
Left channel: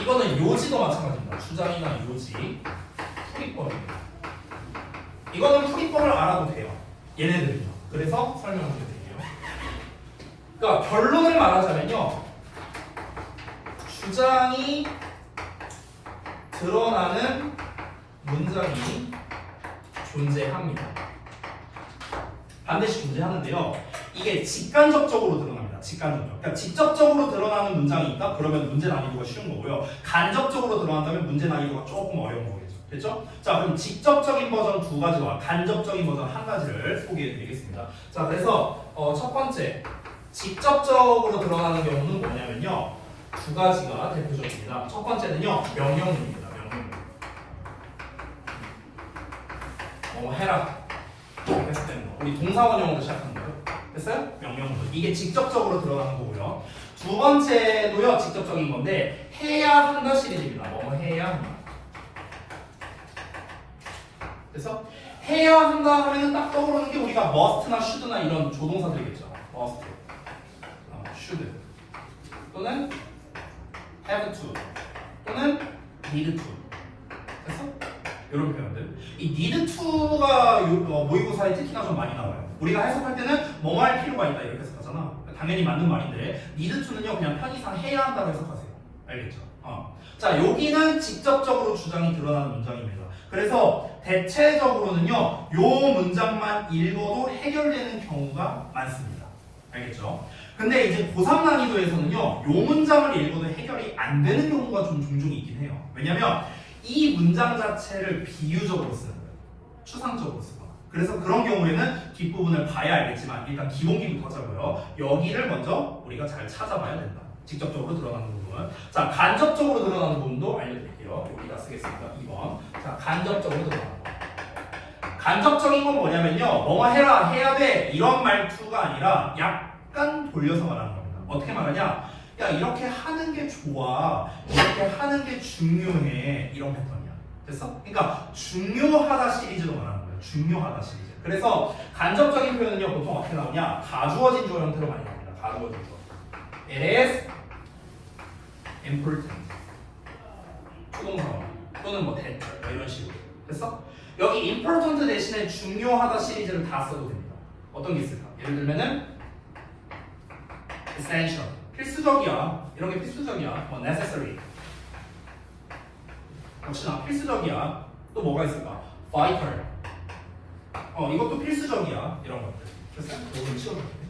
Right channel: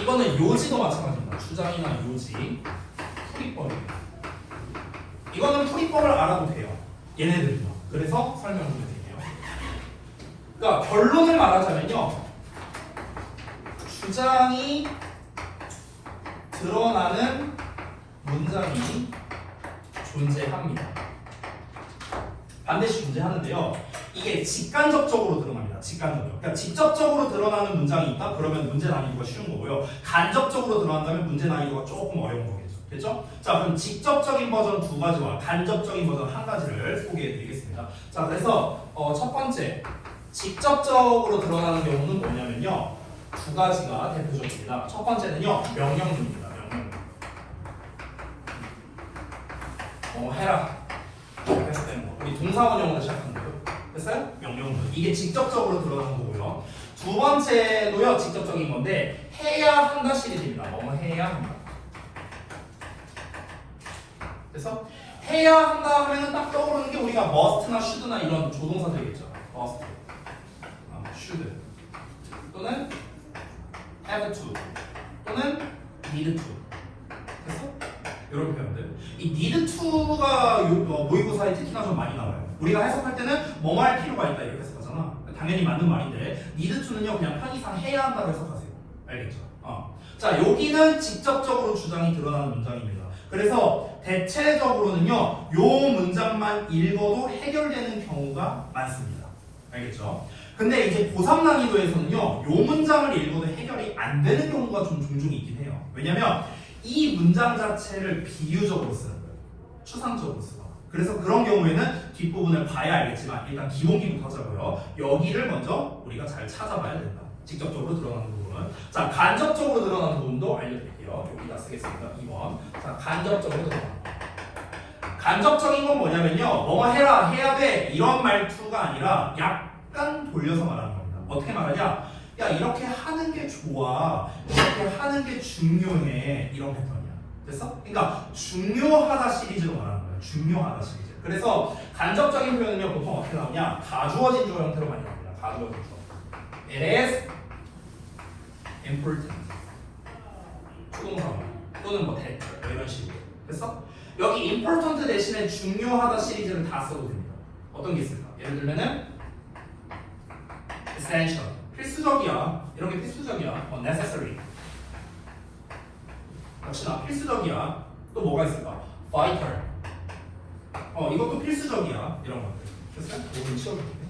이거는 요지도 마찬가지입니다. 주장이나 요지, 풀이법입니다. 이거는 풀이법을 알아도 돼요. 얘네들은요. 그래서 설명 좀 드릴게요. 그러니까 결론을 말하자면요. 주장이 드러나는 문장이 존재합니다. 반드시 존재하는데요. 이게 직간접적으로 드러납니다. 직간접적. 그러니까 직접적으로 드러나는 문장이 있다? 그러면 문제 난이도가 쉬운 거고요. 간접적으로 드러난다면 문제 난이도가 조금 어려운 거겠죠. 됐죠? 자, 그럼 직접적인 버전 두 가지와 간접적인 버전 한 가지를 소개해 드리겠습니다. 자, 그래서 첫 번째 직접적으로 드러나는 경우는 뭐냐면요. 두 가지가 대표적입니다. 첫 번째는요. 명령입니다. 명령. 해라. 했을 때는 우리 동사원형으로 시작하는 거예요. 됐어요? 명령문. 이게 직접적으로 드러나는 거고요. 두 번째도요 직접적인 건데 해야 한다 시리즈입니다. 뭐 해야 한다. 그래서 해야 한다 하면 딱 떠오르는 게 우리가 must나 should나 이런 조동사들이겠죠. must, should 또는 have to 또는 need to. 됐어? 이런 표현들. 이 이 need to가 모의고사에 특히나 좀 많이 나와요. 우리가 해석할 때는 뭐 할 필요가 있다 이렇게 해석하잖아. 당연히 맞는 말인데 need to는요 그냥 편의상 해야 한다고 해석하세요. 알겠죠? 자, 여기는 직접적으로 주장이 드러나는 문장입니다. 그래서 대체적으로는요 요 문장만 읽어도 해결되는 경우가 많습니다. 알겠죠? 근데 이제 고3 난이도에서는요 요 문장을 읽어도 해결이 안 되는 경우가 좀 종종 있긴 해요. 왜냐면 이 문장 자체를 비유적으로 쓰는 거예요. 추상적으로 쓰거나. 그래서 그런 경우에는 뒷부분을 봐야 알겠지만 일단 기본기부터 하자고요. 여기를 먼저 우리가 잘 찾아봐야 된다. 직접적으로 드러나는 부분은. 자, 간접적으로 드러나는 부분도 알려드릴게요. 여기다 쓰겠습니다. 2번. 자, 간접적으로 드러나는 거. 간접적인 건 뭐냐면요. 뭐뭐 해라, 해야 돼. 이런 말투가 아니라 약간 돌려서 말하는 겁니다. 어떻게 말하냐? 야, 이렇게 하는 게 좋아. 이렇게 하는 게 중요해. 이런 패턴이야. 됐어? 그러니까 중요하다 시리즈로 말하는 거예요. 중요하다 시리즈. 그래서 간접적인 표현은요. 보통 어떻게 나오냐? 가주어진 조 형태로 많이 나옵니다. 가주어진 조. It is important. 추동사원 또는 뭐 that 뭐 이런 식으로. 됐어? 여기 important 대신에 중요하다 시리즈를 다 써도 됩니다. 어떤 게 있을까? 예를 들면은 essential. 필수적이야. 이런 게 필수적이야. necessary. 역시나 필수적이야. 또 뭐가 있을까? vital. 이것도 필수적이야. 이런 것들. 됐어요? 이거 치워줄게.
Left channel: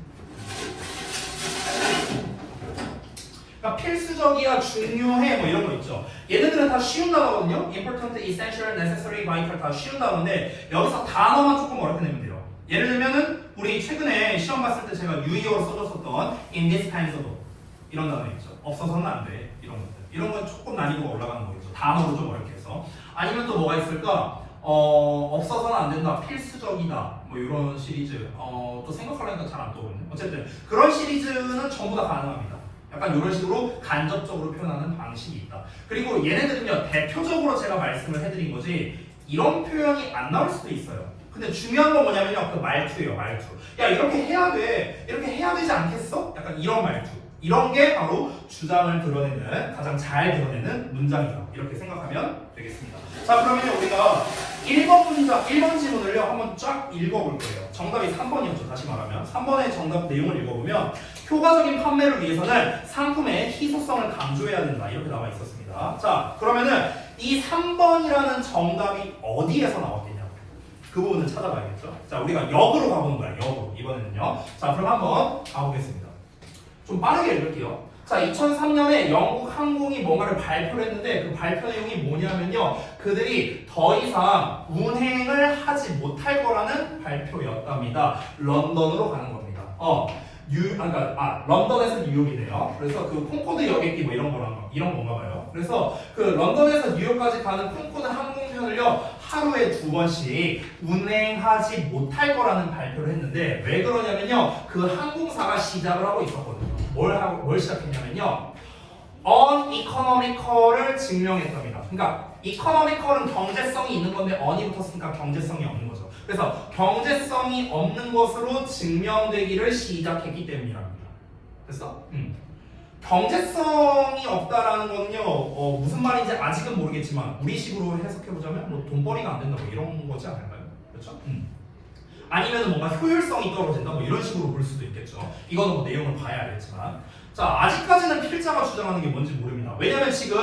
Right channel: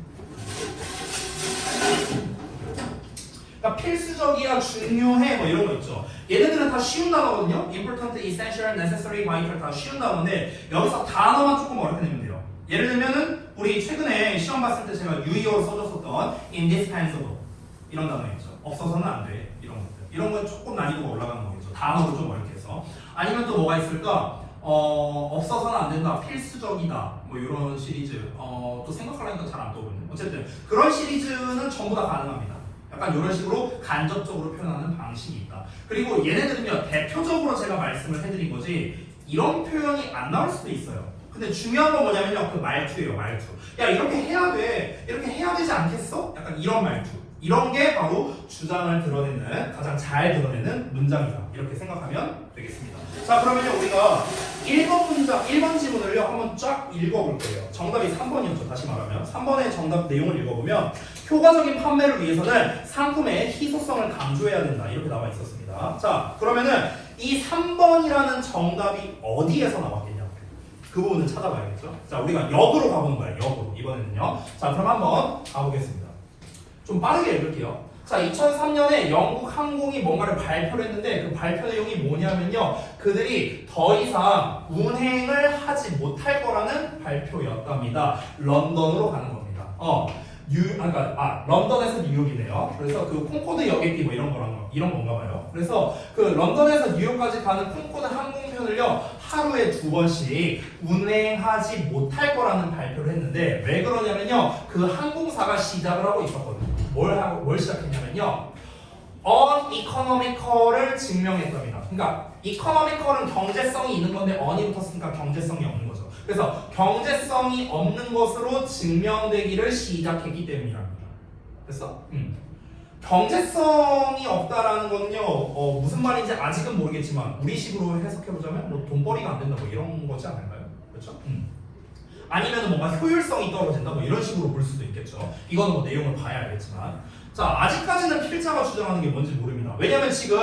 그러니까 필수적이야, 중요해, 뭐 이런 거 있죠. 얘네들은 다 쉬운 단어거든요. important, essential, necessary, vital 다 쉬운 단어인데 여기서 단어만 조금 어렵게 내면 돼요. 예를 들면은 우리 최근에 시험 봤을 때 제가 유의어로 써줬었던 in this kinds of 이런 단어 있죠. 없어서는 안 돼. 이런 것들. 이런 건 조금 난이도가 올라가는 거겠죠. 단어로 좀 어렵게 해서. 아니면 또 뭐가 있을까? 없어서는 안 된다. 필수적이다. 뭐 이런 시리즈. 또 생각하려니까 잘 안 떠오르네. 어쨌든 그런 시리즈는 전부 다 가능합니다. 약간 이런 식으로 간접적으로 표현하는 방식이 있다. 그리고 얘네들은요 대표적으로 제가 말씀을 해드린 거지 이런 표현이 안 나올 수도 있어요. 근데 중요한 건 뭐냐면요 그 말투예요. 말투. 야 이렇게 해야 돼. 이렇게 해야 되지 않겠어? 약간 이런 말투. 이런 게 바로 주장을 드러내는 가장 잘 드러내는 문장이다. 이렇게 생각하면 되겠습니다. 자 그러면 우리가 1번 문장, 1번 지문을요 한번 쫙 읽어볼 거예요. 정답이 3번이었죠. 다시 말하면 3번의 정답 내용을 읽어보면 효과적인 판매를 위해서는 상품의 희소성을 강조해야 된다. 이렇게 나와 있었습니다. 자 그러면은 이 3번이라는 정답이 어디에서 나왔겠냐? 그 부분을 찾아봐야겠죠. 자 우리가 역으로 가보는 거예요. 역으로 이번에는요. 자 그럼 한번 가보겠습니다. 좀 빠르게 읽을게요. 자, 2003년에 영국 항공이 뭔가를 발표를 했는데 그 발표 내용이 뭐냐면요. 그들이 더 이상 운행을 하지 못할 거라는 발표였답니다. 런던으로 가는 겁니다. 런던에서 뉴욕이네요. 그래서 그 콩코드 여객기 뭐 이런 건가 봐요. 그래서 그 런던에서 뉴욕까지 가는 콩코드 항공편을요 하루에 2번씩 운행하지 못할 거라는 발표를 했는데 왜 그러냐면요 그 항공사가 시작을 하고 있었거든요. 뭘 시작했냐면요 uneconomical을 증명했답니다. 그러니까 economical은 경제성이 있는 건데 on이 붙었으니까 경제성이 없는 거죠. 그래서 경제성이 없는 것으로 증명되기를 시작했기 때문이랍니다. 됐어? 경제성이 없다라는 거는요 무슨 말인지 아직은 모르겠지만 우리식으로 해석해보자면 뭐 돈벌이가 안 된다 뭐 이런 거지 않을까요? 그렇죠? 아니면 뭔가 효율성이 떨어진다 뭐 이런 식으로 볼 수도 있겠죠. 이거는 뭐 내용을 봐야 알겠지만 자 아직까지는 필자가 주장하는 게 뭔지 모릅니다. 왜냐면 지금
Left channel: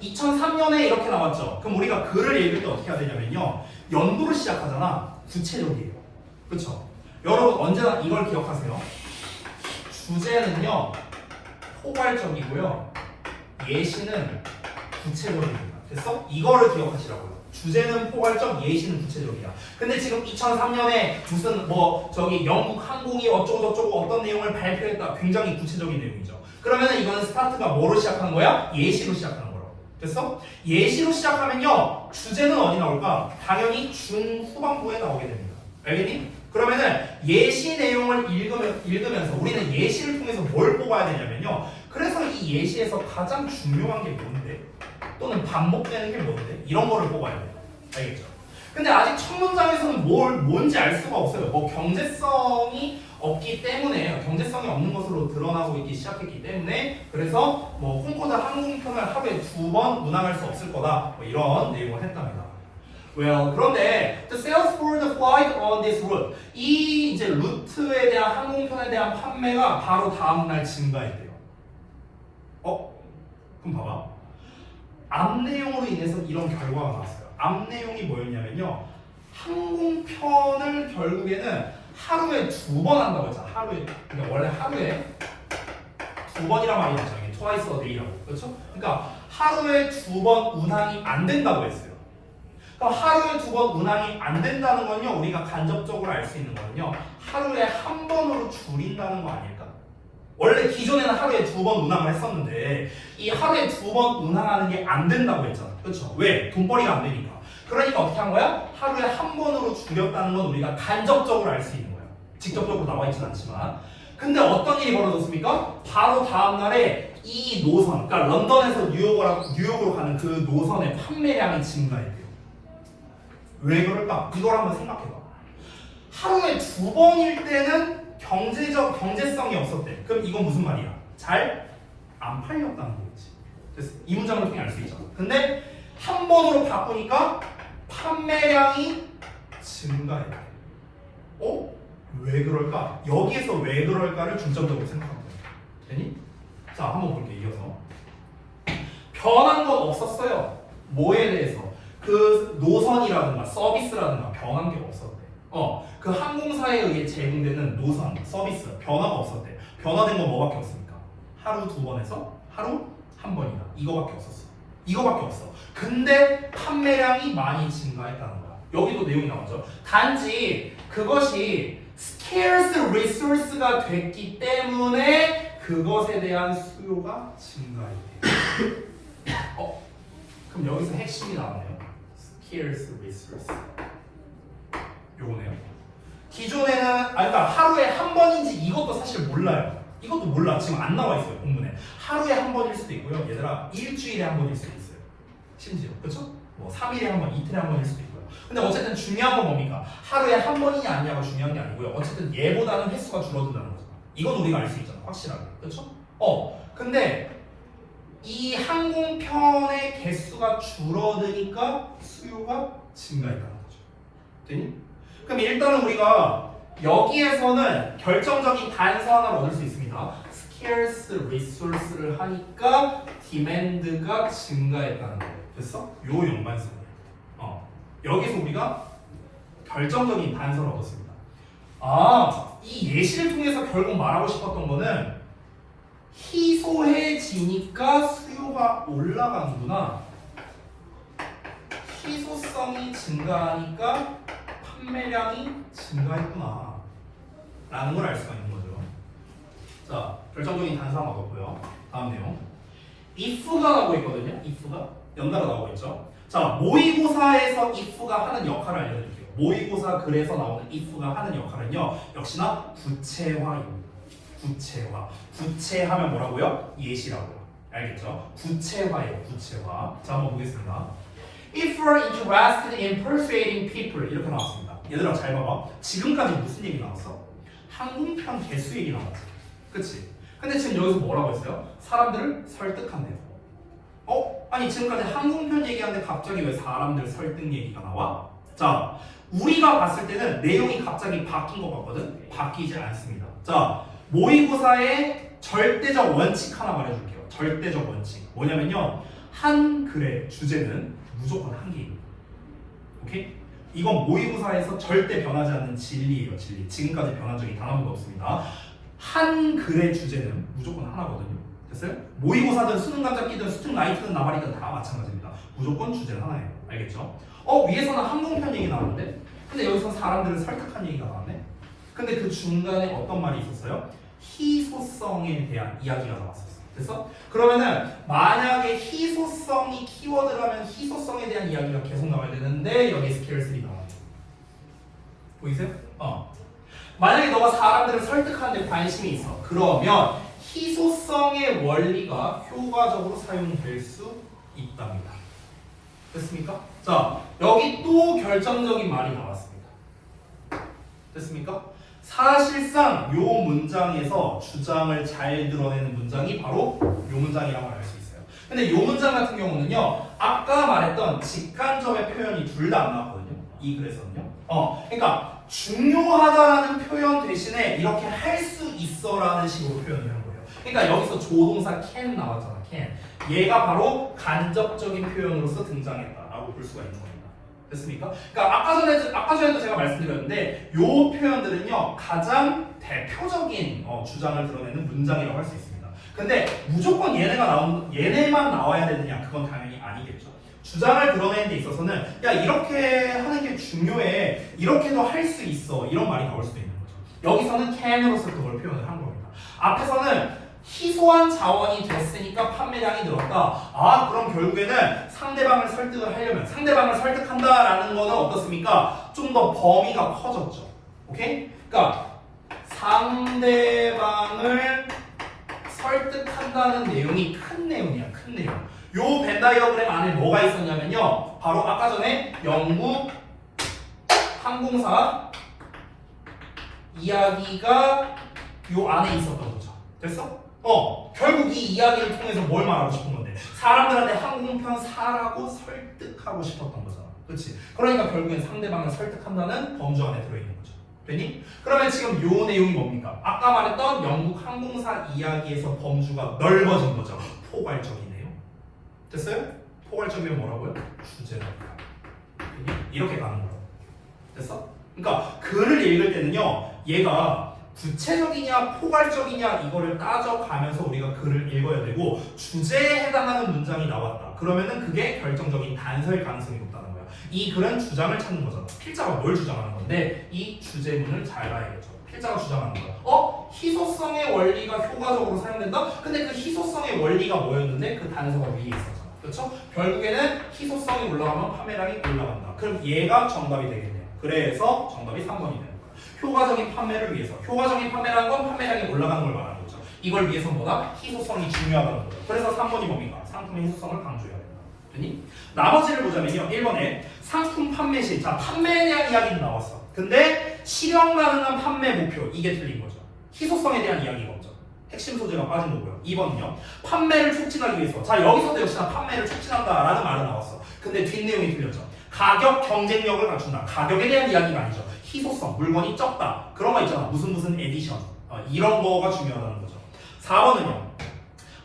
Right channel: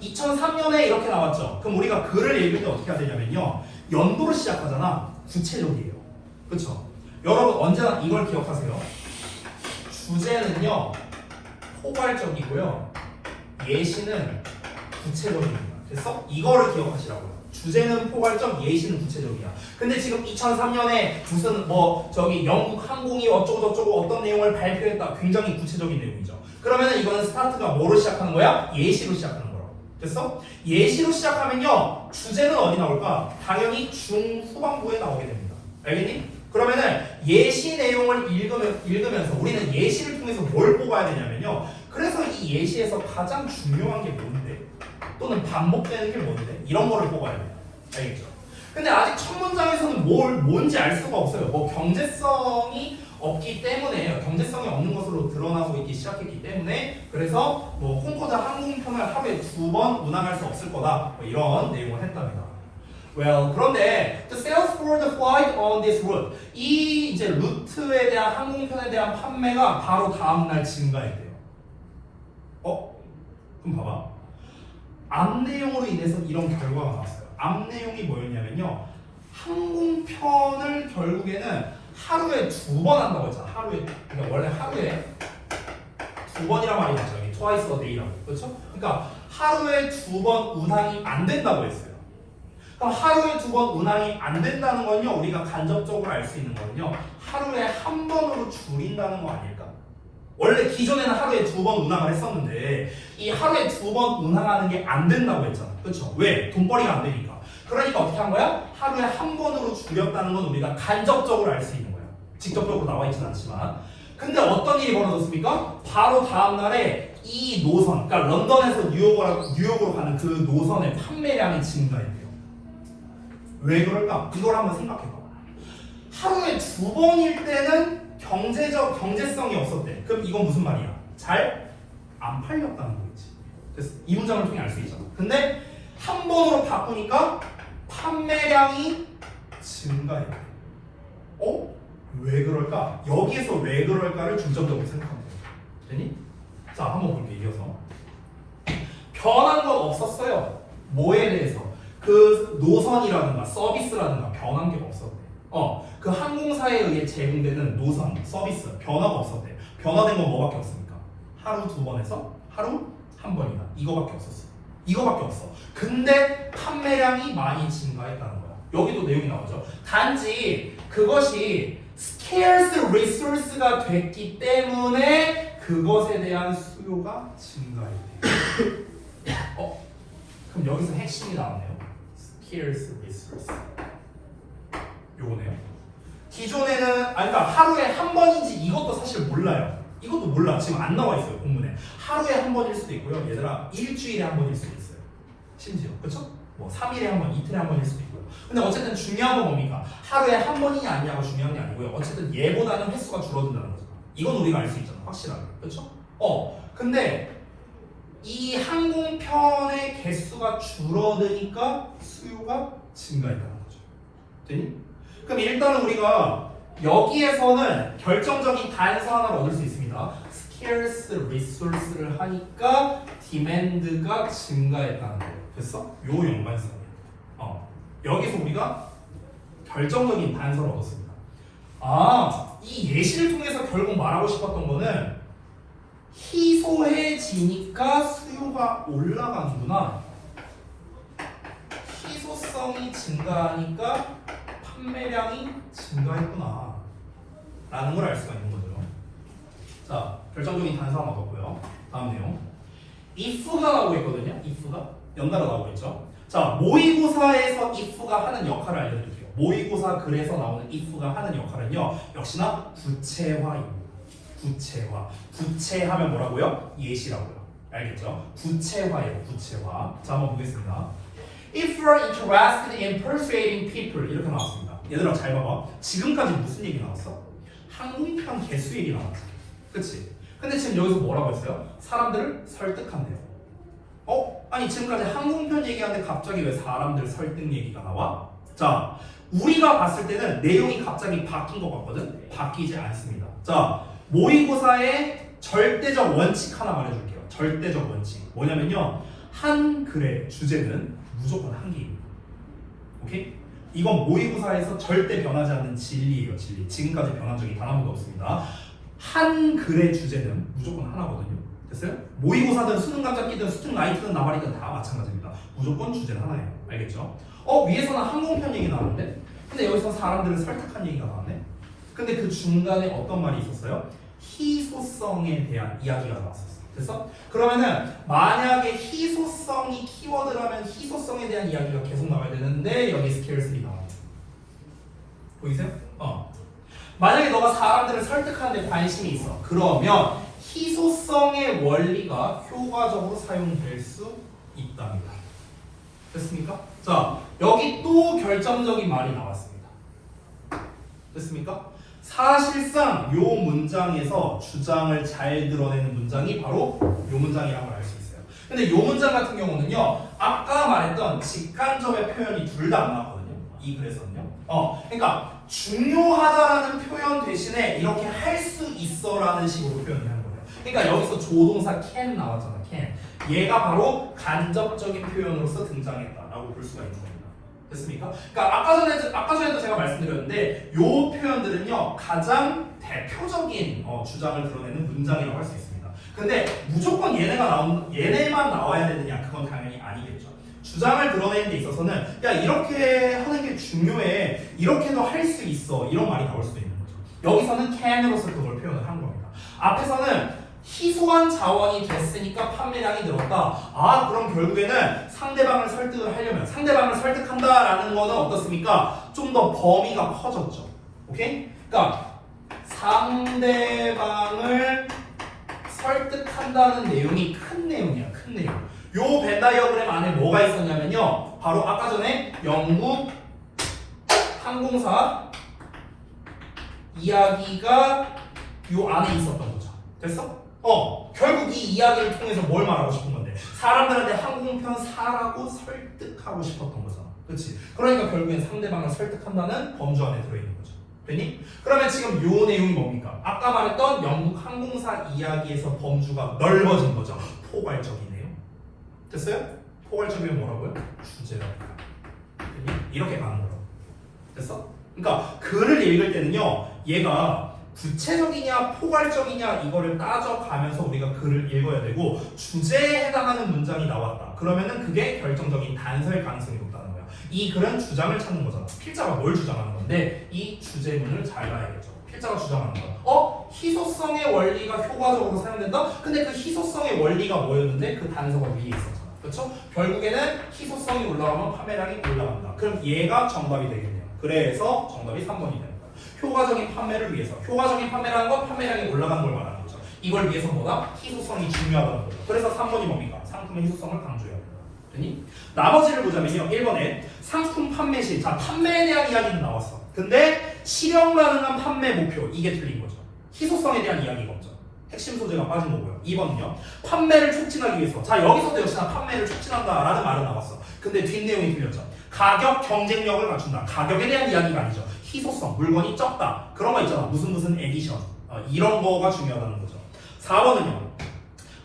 2003년에 이렇게 나왔죠. 그럼 우리가 글을 읽을 때 어떻게 해야 되냐면요 연도로 시작하잖아. 구체적이에요. 그렇죠? 여러분 언제나 이걸 기억하세요. 주제는요 포괄적이고요 예시는 구체적입니다. 됐어? 이거를 기억하시라고요. 주제는 포괄적, 예시는 구체적이야. 근데 지금 2003년에 무슨 영국 항공이 어쩌고저쩌고 어떤 내용을 발표했다. 굉장히 구체적인 내용이죠. 그러면 이거는 스타트가 뭐로 시작하는 거야? 예시로 시작하는 거라고. 됐어? 예시로 시작하면요 주제는 어디 나올까? 당연히 중후반부에 나오게 됩니다. 알겠니? 그러면은 예시 내용을 읽으면서 우리는 예시를 통해서 뭘 뽑아야 되냐면요. 그래서 이 예시에서 가장 중요한 게 뭔데? 또는 반복되는 게 뭔데? 이런 거를 뽑아야 돼요. 알겠죠? 근데 아직 첫 문장에서는 뭔지 알 수가 없어요. 경제성이 없기 때문에 경제성이 없는 것으로 드러나고 있기 시작했기 때문에 그래서 콩코드 항공편을 하루에 2번 운항할 수 없을 거다. 이런 내용을 했답니다. Well, 그런데 the sales for the flight on this route 이 이제 루트에 대한 항공편에 대한 판매가 바로 다음 날 증가했대요. 그럼 봐봐. 앞 내용으로 인해서 이런 결과가 나왔어요. 앞 내용이 뭐였냐면요. 항공편을 결국에는 하루에 2번 한다고 했잖아. 그러니까 원래 하루에 2번이란 말이 나죠. twice a day라고. 그렇죠? 그러니까 하루에 2번 운항이 안 된다고 했어요. 그럼 하루에 2번 운항이 안 된다는 건요. 우리가 간접적으로 알 수 있는 거는요. 하루에 한 번으로 줄인다는 거 아닐까? 원래 기존에는 하루에 2번 운항을 했었는데 이 하루에 2번 운항하는 게 안 된다고 했잖아. 그렇죠? 왜? 돈벌이가 안 되니까. 그러니까 어떻게 한 거야? 하루에 한 번으로 줄였다는 건 우리가 간접적으로 알 수 있는 거야. 직접적으로 나와 있지는 않지만. 근데 어떤 일이 벌어졌습니까? 바로 다음 날에 이 노선, 그러니까 런던에서 뉴욕으로 가는 그 노선의 판매량이 증가했대요. 왜 그럴까? 이걸 한번 생각해봐. 하루에 2번일 때는 경제성이 없었대. 그럼 이건 무슨 말이야? 잘 안 팔렸다는 거겠지. 그래서 이 문장을 통해 알 수 있잖아. 근데 한 번으로 바꾸니까 판매량이 증가했대. 왜 그럴까? 여기에서 왜 그럴까를 중점적으로 생각하면 돼. 되니? 자, 한번 볼게. 이어서 변한 건 없었어요. 뭐에 대해서? 그 노선이라든가 서비스라든가 변한 게 없었대. 그 항공사에 의해 제공되는 노선, 서비스 변화가 없었대. 변화된 건 뭐밖에 없습니까? 하루 2번에서 하루 1번이다. 이거밖에 없었어. 이거밖에 없어. 근데 판매량이 많이 증가했다는 거야. 여기도 내용이 나오죠. 단지 그것이 scarce resource가 됐기 때문에 그것에 대한 수요가 증가했대요. 그럼 여기서 핵심이 나오네요. scarce resource. 요거네요. 기존에는 그러니까 하루에 한 번인지 이것도 사실 몰라요. 이것도 몰라. 지금 안 나와 있어요. 본문에. 하루에 한 번일 수도 있고요. 얘들아 일주일에 한 번일 수도 있어요. 심지어. 그렇죠? 뭐 3일에 한 번, 이틀에 한 번일 수도 있고요. 근데 어쨌든 중요한 건 뭡니까? 하루에 한 번이냐 아니냐가 중요한 게 아니고요. 어쨌든 얘보다는 횟수가 줄어든다는 거죠. 이건 우리가 알 수 있잖아. 확실하게. 그렇죠? 근데 이 항공편의 개수가 줄어드니까 수요가 증가했다는 거죠. 되니? 그럼 일단은 우리가 여기에서는 결정적인 단서 하나를 얻을 수 있습니다. scarce resource를 하니까 demand가 증가했다는 거예요. 됐어? 요 연관성이야. 여기서 우리가 결정적인 단서를 얻었습니다. 이 예시를 통해서 결국 말하고 싶었던 거는 희소해지니까 수요가 올라가는구나. 희소성이 증가하니까 판매량이 증가했구나 라는 걸 알 수가 있는 거죠. 자, 결정적인 단서 하나 얻었고요. 다음 내용. if가 나오고 있거든요. if가 연달아 나오고 있죠. 자, 모의고사에서 if가 하는 역할을 알려드릴게요. 모의고사 글에서 나오는 if가 하는 역할은요, 역시나 구체화입니다. 구체화. 구체하면 뭐라고요? 예시라고요. 알겠죠? 구체화예요. 구체화. 자, 한번 보겠습니다. If you are interested in persuading people 이렇게 나왔습니다. 얘들아 잘 봐봐. 지금까지 무슨 얘기 나왔어? 항공편 개수 얘기 나왔지. 그치? 근데 지금 여기서 뭐라고 했어요? 사람들을 설득한대요. 아니 지금까지 항공편 얘기하는데 갑자기 왜 사람들 설득 얘기가 나와? 자, 우리가 봤을 때는 내용이 갑자기 바뀐 것 같거든? 바뀌지 않습니다. 자, 모의고사의 절대적 원칙 하나 말해줄게요. 절대적 원칙. 뭐냐면요. 한 글의 주제는 무조건 한 개입니다. 오케이? 이건 모의고사에서 절대 변하지 않는 진리예요. 진리. 지금까지 변한 적이 단 한 번도 없습니다. 한 글의 주제는 무조건 하나거든요. 됐어요? 모의고사든 수능 감잡기든 수능 라이트든 나발이든 다 마찬가지입니다. 무조건 주제는 하나예요. 알겠죠? 위에서는 항공편 얘기 나왔는데 근데 여기서 사람들을 설득한 얘기가 나왔네. 근데 그 중간에 어떤 말이 있었어요? 희소성에 대한 이야기가 나왔었어. 됐어? 그러면은 만약에 희소성이 키워드라면 희소성에 대한 이야기가 계속 나와야 되는데 여기 스케일슬이 나와요. 보이세요? 만약에 너가 사람들을 설득하는 데 관심이 있어. 그러면 희소성의 원리가 효과적으로 사용될 수 있답니다. 됐습니까? 자, 여기 또 결정적인 말이 나왔습니다. 됐습니까? 사실상 요 문장에서 주장을 잘 드러내는 문장이 바로 요 문장이라는 걸 알 수 있어요. 근데 요 문장 같은 경우는요, 아까 말했던 직간접의 표현이 둘 다 안 나왔거든요. 이 글에서는요. 그러니까 중요하다라는 표현 대신에 이렇게 할 수 있어라는 식으로 표현을 한 거예요. 그러니까 여기서 조동사 can 나왔잖아. can. 얘가 바로 간접적인 표현으로서 등장했다라고 볼 수가 있는 겁니다. 됐습니까? 그러니까 아까 전에도 제가 말씀드렸는데 이 표현들은요 가장 대표적인 주장을 드러내는 문장이라고 할 수 있습니다. 근데 무조건 얘네만 나와야 되느냐? 그건 당연히 아니겠죠. 주장을 드러내는 데 있어서는 야 이렇게 하는 게 중요해, 이렇게도 할 수 있어, 이런 말이 나올 수도 있는 거죠. 여기서는 can으로서 그걸 표현을 한 겁니다. 앞에서는 희소한 자원이 됐으니까 판매량이 늘었다. 그럼 결국에는 상대방을 설득을 하려면 상대방을 설득한다라는 거는 어떻습니까? 좀 더 범위가 커졌죠. 오케이? 그러니까 상대방을 설득한다는 내용이 큰 내용이야. 큰 내용. 요 벤 다이어그램 안에 뭐가 있었냐면요. 바로 아까 전에 영국 항공사 이야기가 요 안에 있었던 거죠. 됐어? 결국 이 이야기를 통해서 뭘 말하고 싶은 건데? 사람들한테 항공편 사라고 설득하고 싶었던 거잖아. 그렇지? 그러니까 결국엔 상대방을 설득한다는 범주 안에 들어있는 거죠. 됐니? 그러면 지금 요 내용이 뭡니까? 아까 말했던 영국 항공사 이야기에서 범주가 넓어진 거죠. 포괄적이네요. 됐어요? 포괄적이면 뭐라고요? 주제다. 이렇게 가는 거라고. 됐어? 그러니까 글을 읽을 때는요, 얘가 구체적이냐 포괄적이냐 이거를 따져가면서 우리가 글을 읽어야 되고, 주제에 해당하는 문장이 나왔다. 그러면은 그게 결정적인 단서일 가능성이 높다는 거야. 이 글은 주장을 찾는 거잖아. 필자가 뭘 주장하는 건데 이 주제문을 잘 봐야겠죠. 필자가 주장하는 거. 희소성의 원리가 효과적으로 사용된다? 근데 그 희소성의 원리가 뭐였는데 그 단서가 위에 있었잖아. 그렇죠? 결국에는 희소성이 올라가면 판매량이 올라간다. 그럼 얘가 정답이 되겠네요. 그래서 정답이 3번이 되는 거야. 효과적인 판매를 위해서. 효과적인 판매라는 건 판매량이 올라가는 걸 말하는 거죠. 이걸 위해서 뭐다? 희소성이 중요하다는 거죠. 그래서 3번이 뭡니까? 상품의 희소성을 강조해야 된다. 됐니? 나머지를 보자면요. 1번에 상품 판매 시. 자, 판매에 대한 이야기는 나왔어. 근데 실현 가능한 판매 목표. 이게 틀린 거죠. 희소성에 대한 이야기가 없죠. 핵심 소재가 빠진 거고요. 2번은요. 판매를 촉진하기 위해서. 자, 여기서도 역시나 판매를 촉진한다라는 말은 나왔어. 근데 뒷내용이 틀렸죠. 가격 경쟁력을 갖춘다. 가격에 대한 이야기가 아니죠. 희소성, 물건이 적다. 그런 거 있잖아. 무슨 에디션. 이런 거가 중요하다는 거죠. 4번은요.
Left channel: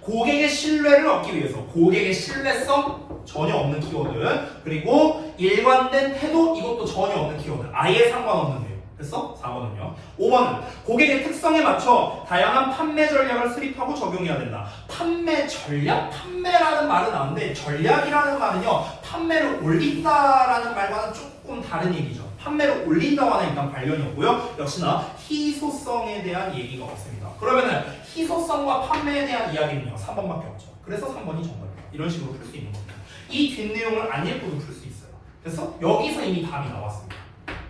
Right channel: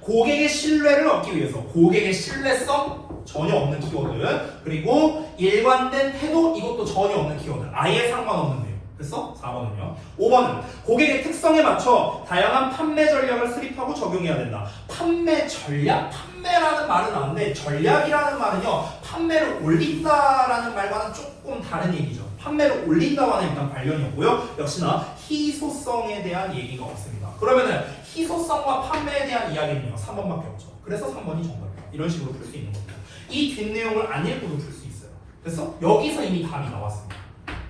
고객의 신뢰를 얻기 위해서. 고객의 신뢰성 전혀 없는 키워드. 그리고 일관된 태도, 이것도 전혀 없는 키워드. 아예 상관없는 내용. 됐어? 4번은요. 5번은 고객의 특성에 맞춰 다양한 판매 전략을 수립하고 적용해야 된다. 판매 전략? 판매라는 말은 나오는데 전략이라는 말은요. 판매를 올린다라는 말과는 조금 다른 얘기죠. 판매를 올린다와는 일단 관련이 없고요. 역시나 희소성에 대한 얘기가 없습니다. 그러면은 희소성과 판매에 대한 이야기는요. 3번밖에 없죠. 그래서 3번이 정답이다. 이런 식으로 풀 수 있는 겁니다. 이 뒷내용을 안 읽고도 풀 수 있어요. 그래서 여기서 이미 답이 나왔습니다.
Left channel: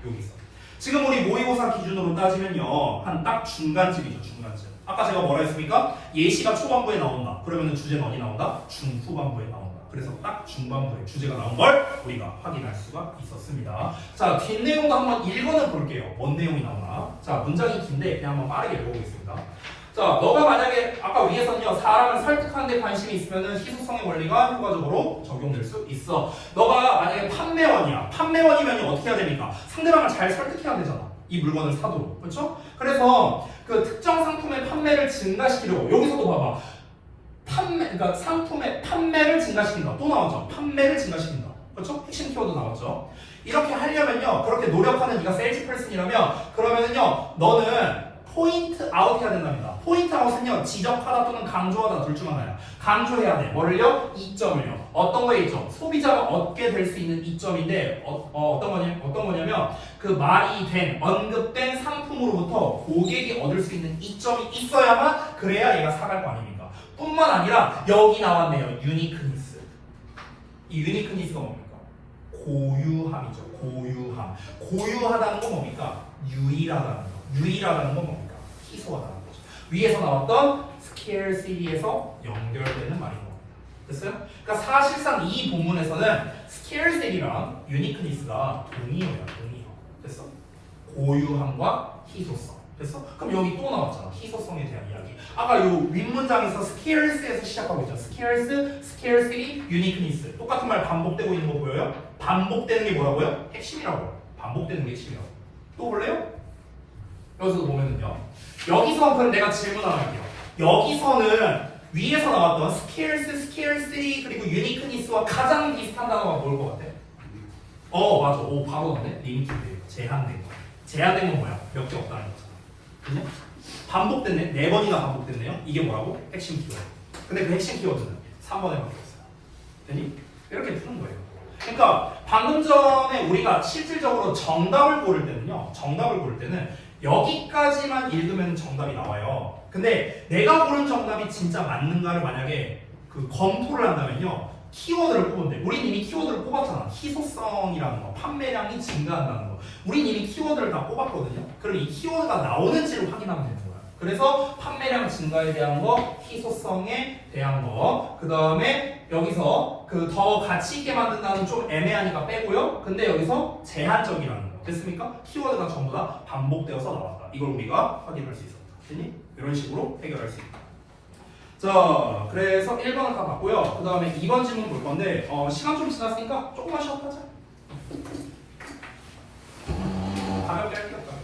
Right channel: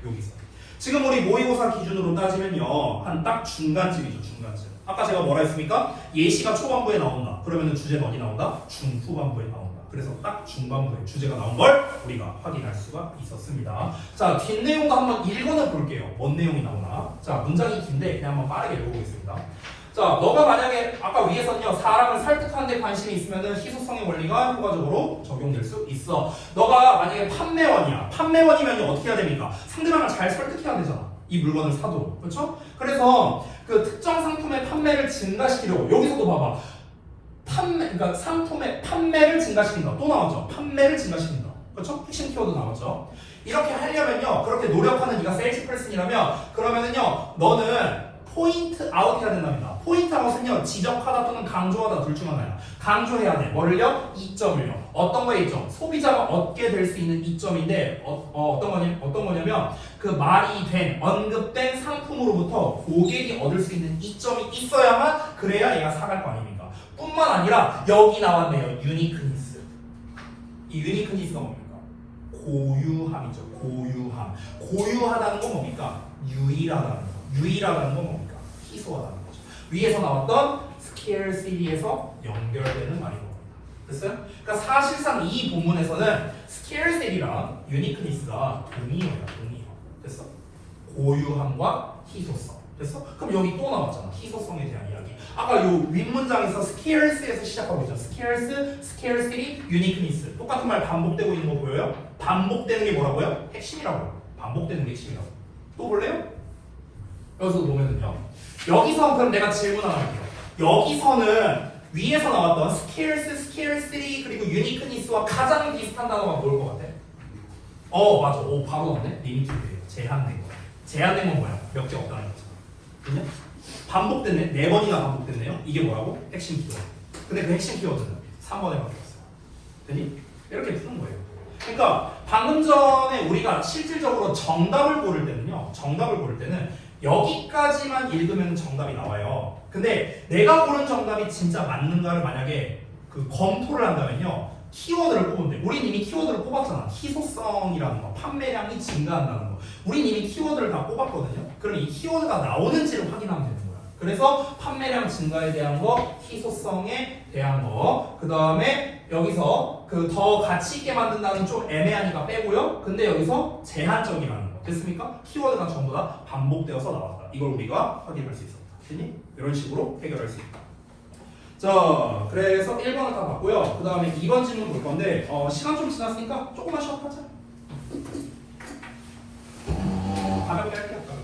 여기서. 지금 우리 모의고사 기준으로 따지면요. 한 딱 중간쯤이죠. 중간쯤. 아까 제가 뭐라 했습니까? 예시가 초반부에 나온다. 그러면 주제가 어디 나온다? 중후반부에 나온다. 그래서 딱 중반부에 주제가 나온 걸 우리가 확인할 수가 있었습니다. 자, 뒷내용도 한번 읽어는 볼게요. 뭔 내용이 나오나. 자, 문장이 긴데 그냥 한번 빠르게 읽어보겠습니다. 자, 너가 만약에 아까 위에서는요. 사람을 설득하는 데 관심이 있으면은 희소성의 원리가 효과적으로 적용될 수 있어. 너가 만약에 판매원이야. 판매원이면 어떻게 해야 됩니까? 상대방을 잘 설득해야 되잖아. 이 물건을 사도록. 그렇죠? 그래서 그 특정 상품의 판매를 증가시키려고. 여기서도 봐봐. 그러니까 상품의 판매를 증가시킨다. 또 나왔죠. 판매를 증가시킨다. 그렇죠? 핵심 키워드 나왔죠. 이렇게 하려면요. 그렇게 노력하는 네가 세일즈 퍼슨이라면 그러면은요. 너는 포인트 아웃 해야 된답니다. 포인트 아웃은요. 지적하다 또는 강조하다 둘 중 하나야. 강조해야 돼. 뭐를요? 이점을요. 어떤 거에 이점? 소비자가 얻게 될 수 있는 이점인데 어떤 거냐면 그 말이 된, 언급된 상품으로부터 고객이 얻을 수 있는 이점이 있어야만 그래야 얘가 사갈 거 아닙니까? 뿐만 아니라 여기 나왔네요. 유니크니스. 이 유니크니스가 뭡니까? 고유함이죠. 고유함. 고유하다는 건 뭡니까? 유일하다는 거. 유일하다는 건 뭡니까? 희소하다는 거죠. 위에서 나왔던 scarcity에서 연결되는 말인 겁니다. 됐어요? 그러니까 사실상 이 본문에서는 scarcity랑 uniqueness가 동의어야. 동의어. 됐어? 고유함과 희소성. 됐어? 그럼 여기 또 나왔잖아. 희소성에 대한 이야기. 아까 요 윗문장에서 scarce에서 시작하고 있잖아. scarce, scarcity, uniqueness. 똑같은 말 반복되고 있는 거 보여요? 반복되는 게 뭐라고요? 핵심이라고. 반복되는 게 핵심이라고. 또 볼래요? 여기서 보면은요. 여기서 그럼 내가 질문을 하나 할게요. 여기서는 위에서 나왔던 scarce, scarcity 그리고 uniqueness와 가장 비슷한 단어가 뭘 것 같아? 맞아. 오 바로 나왔네. 리미티드. 제한된 거. 제한된 건 뭐야? 몇 개 없다는 거잖아. 그죠? 반복됐네. 4번이나 반복됐네요. 이게 뭐라고? 핵심 키워드. 근데 그 핵심 키워드는 3번에 바뀌었어요. 되니? 이렇게 푸는 거예요. 그러니까 방금 전에 우리가 실질적으로 정답을 고를 때는요. 정답을 고를 때는 여기까지만 읽으면 정답이 나와요. 근데 내가 고른 정답이 진짜 맞는가를 만약에 그 검토를 한다면요. 키워드를 뽑으면 돼. 우린 이미 키워드를 뽑았잖아. 희소성이라는 거, 판매량이 증가한다는 거. 우린 이미 키워드를 다 뽑았거든요. 그럼 이 키워드가 나오는지를 확인하면 되는 거야. 그래서 판매량 증가에 대한 거, 희소성에 대한 거, 그 다음에 여기서 그 더 가치 있게 만든다는 좀 애매하니까 빼고요. 근데 여기서 제한적이라는 거. 됐습니까? 키워드가 전부 다 반복되어서 나왔다. 이걸 우리가 확인할 수 있었다. 됐니? 이런 식으로 해결할 수 있다. 자, 그래서 1번을 다 봤고요. 그 다음에 2번 질문 볼 건데 시간 좀 지났으니까 조금만 쉬었다 하자. 가볍게 할게요. 가볍게.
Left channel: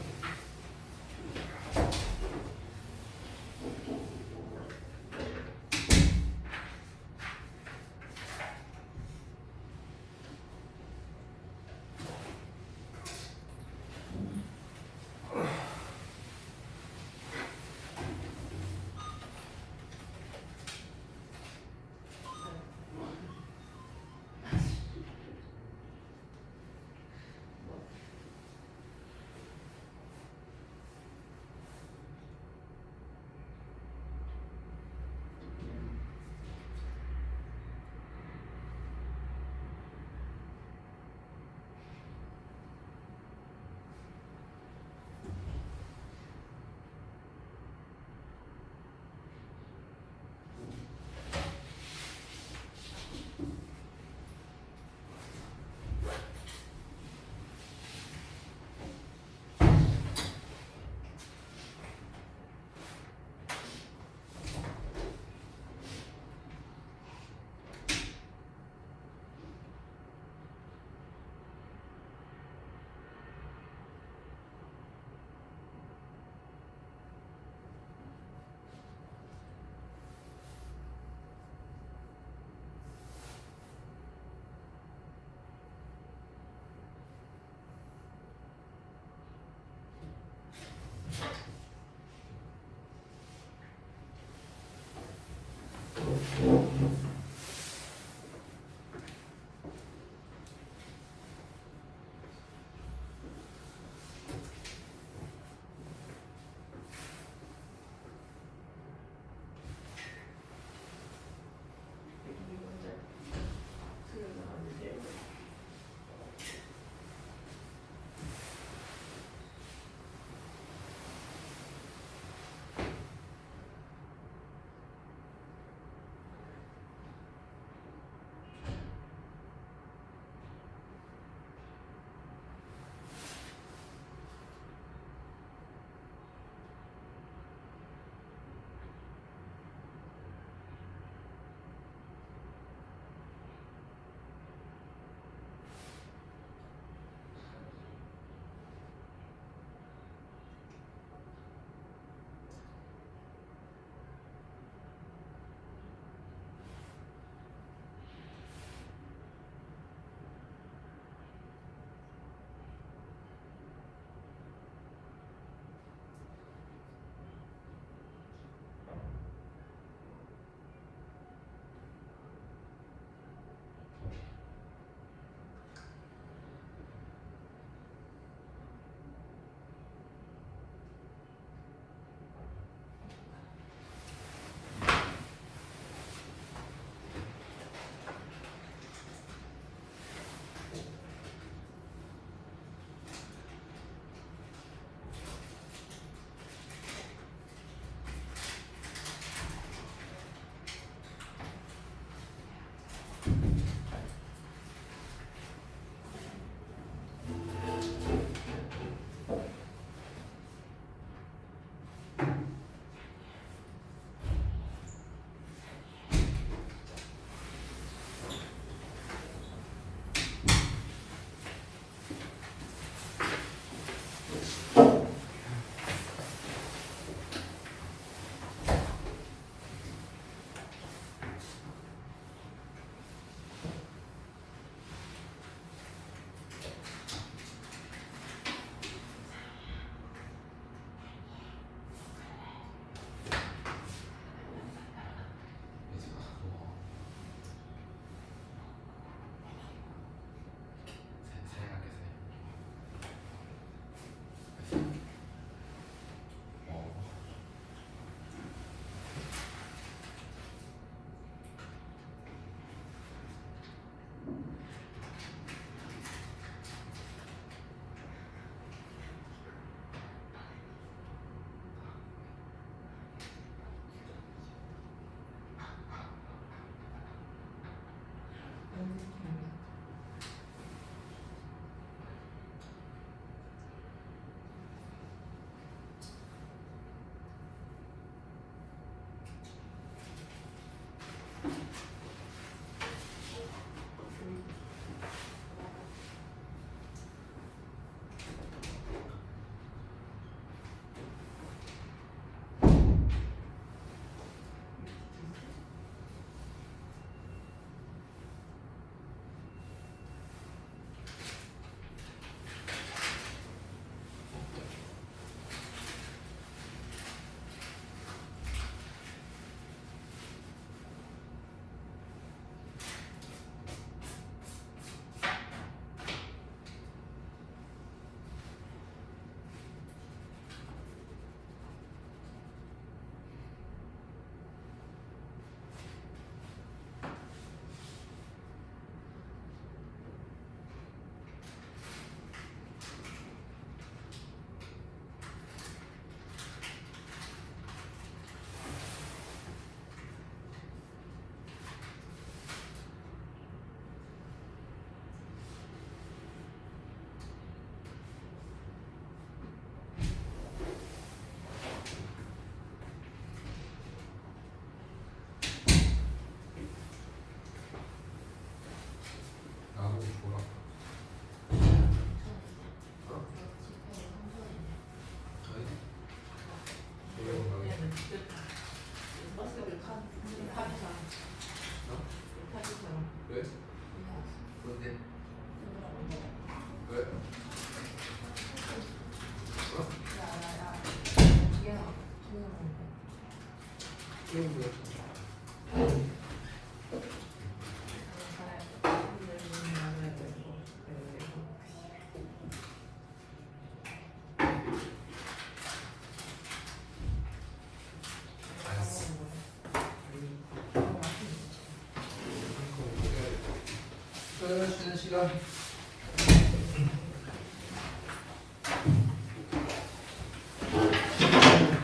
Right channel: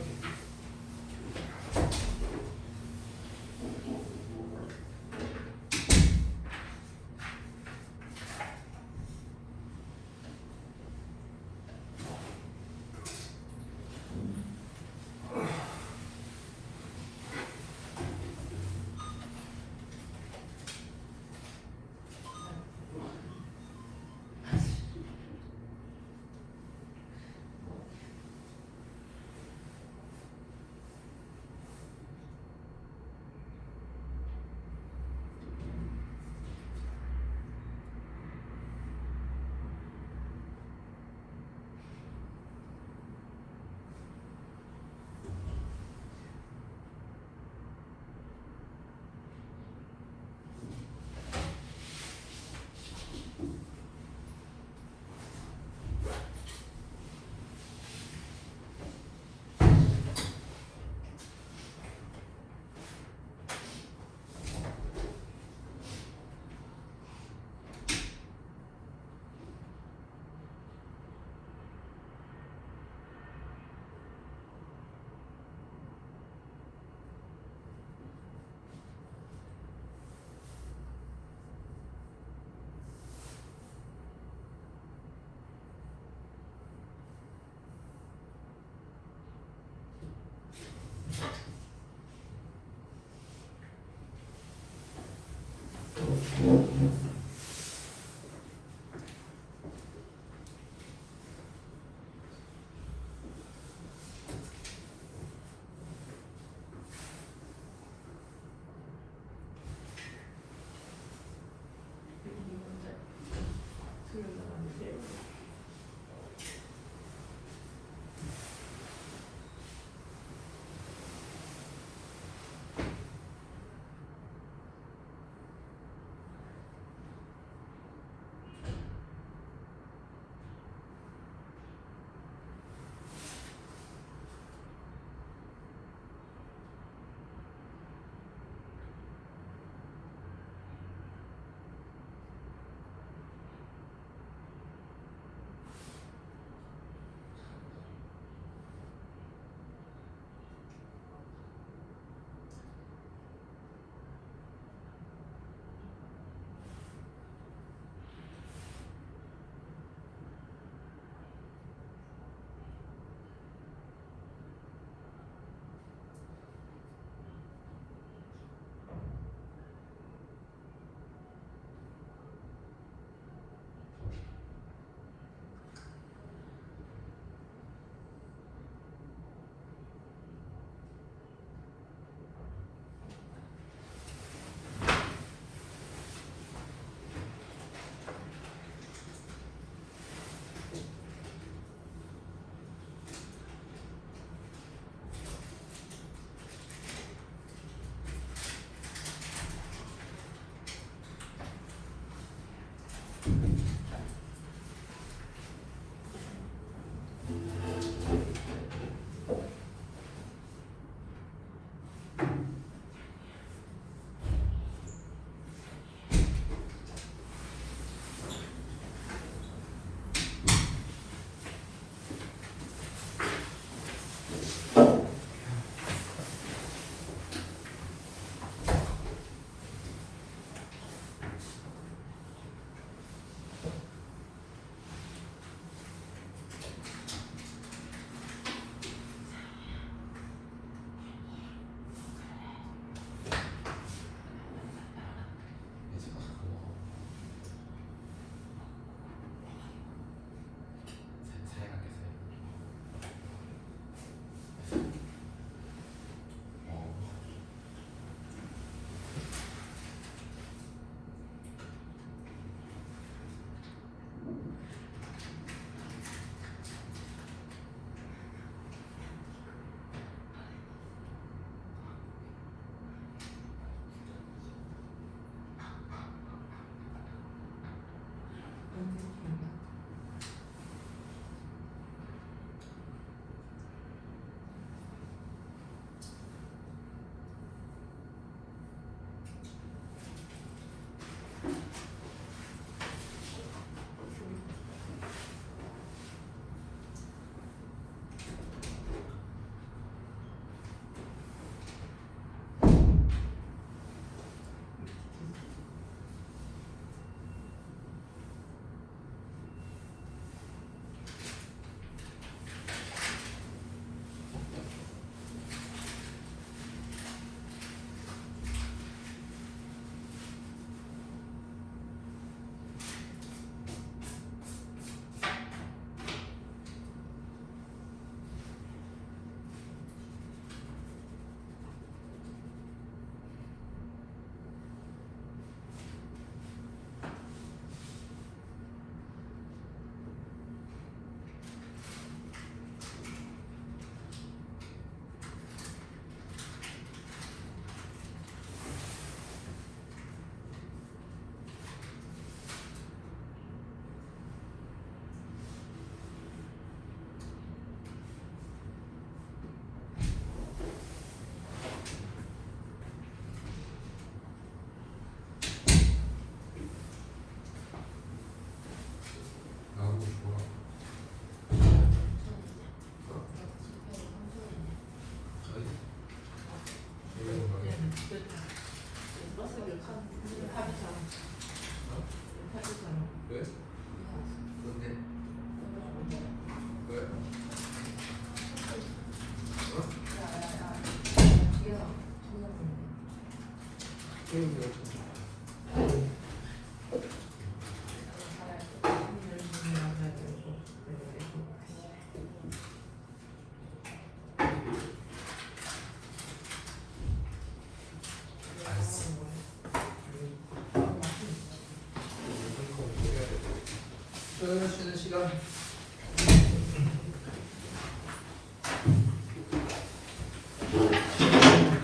쉬는 시간.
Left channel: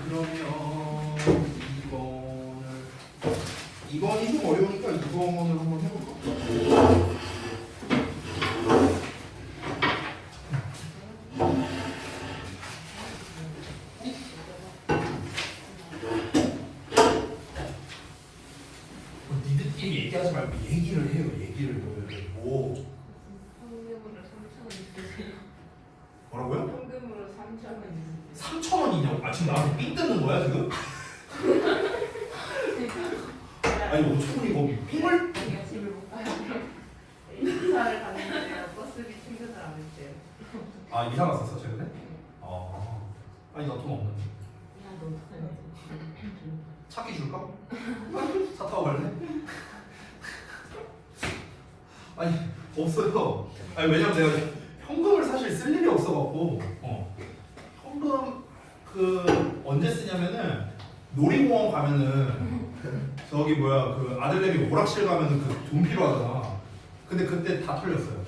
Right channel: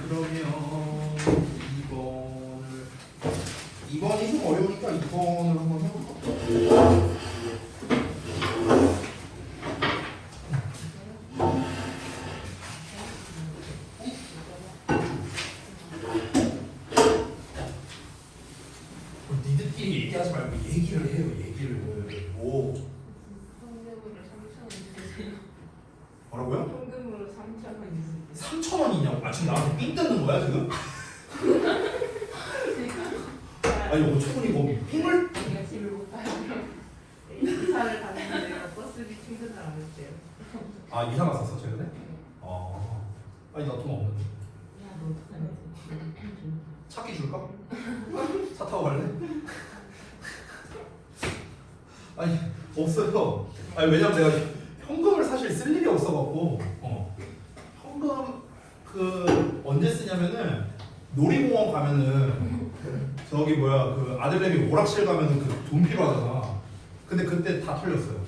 그러면 2번이 좀 어려우니까 2번을 한번 해볼까? 니들끼리 얘기하지 말고 얘기를 해요. 얘기를. 오. 현금으로 3,000원 주세요. 뭐라고요? 현금으로 3,000원 주세요. 3,000원이냐고? 아 지금 나한테 삥 뜯는 거야 지금? 아니 5,000원이 거기 삥을? 제가 집을 못 가요. 이사를 갔는데 버스비 충전을 안 했대요. 아 이사 갔었어 최근에? 아니 나 돈 없는데 차키 줄까? 차 타고 갈래? 아니 없어요. 아니 왜냐면 내가 현금을 사실 쓸 일이 없어갖고 현금 그 언제 쓰냐면은 놀이공원 가면은 저기 뭐야 그 아들내미 오락실 가면은 그 돈 필요하잖아. 근데 그때 다 털렸어요.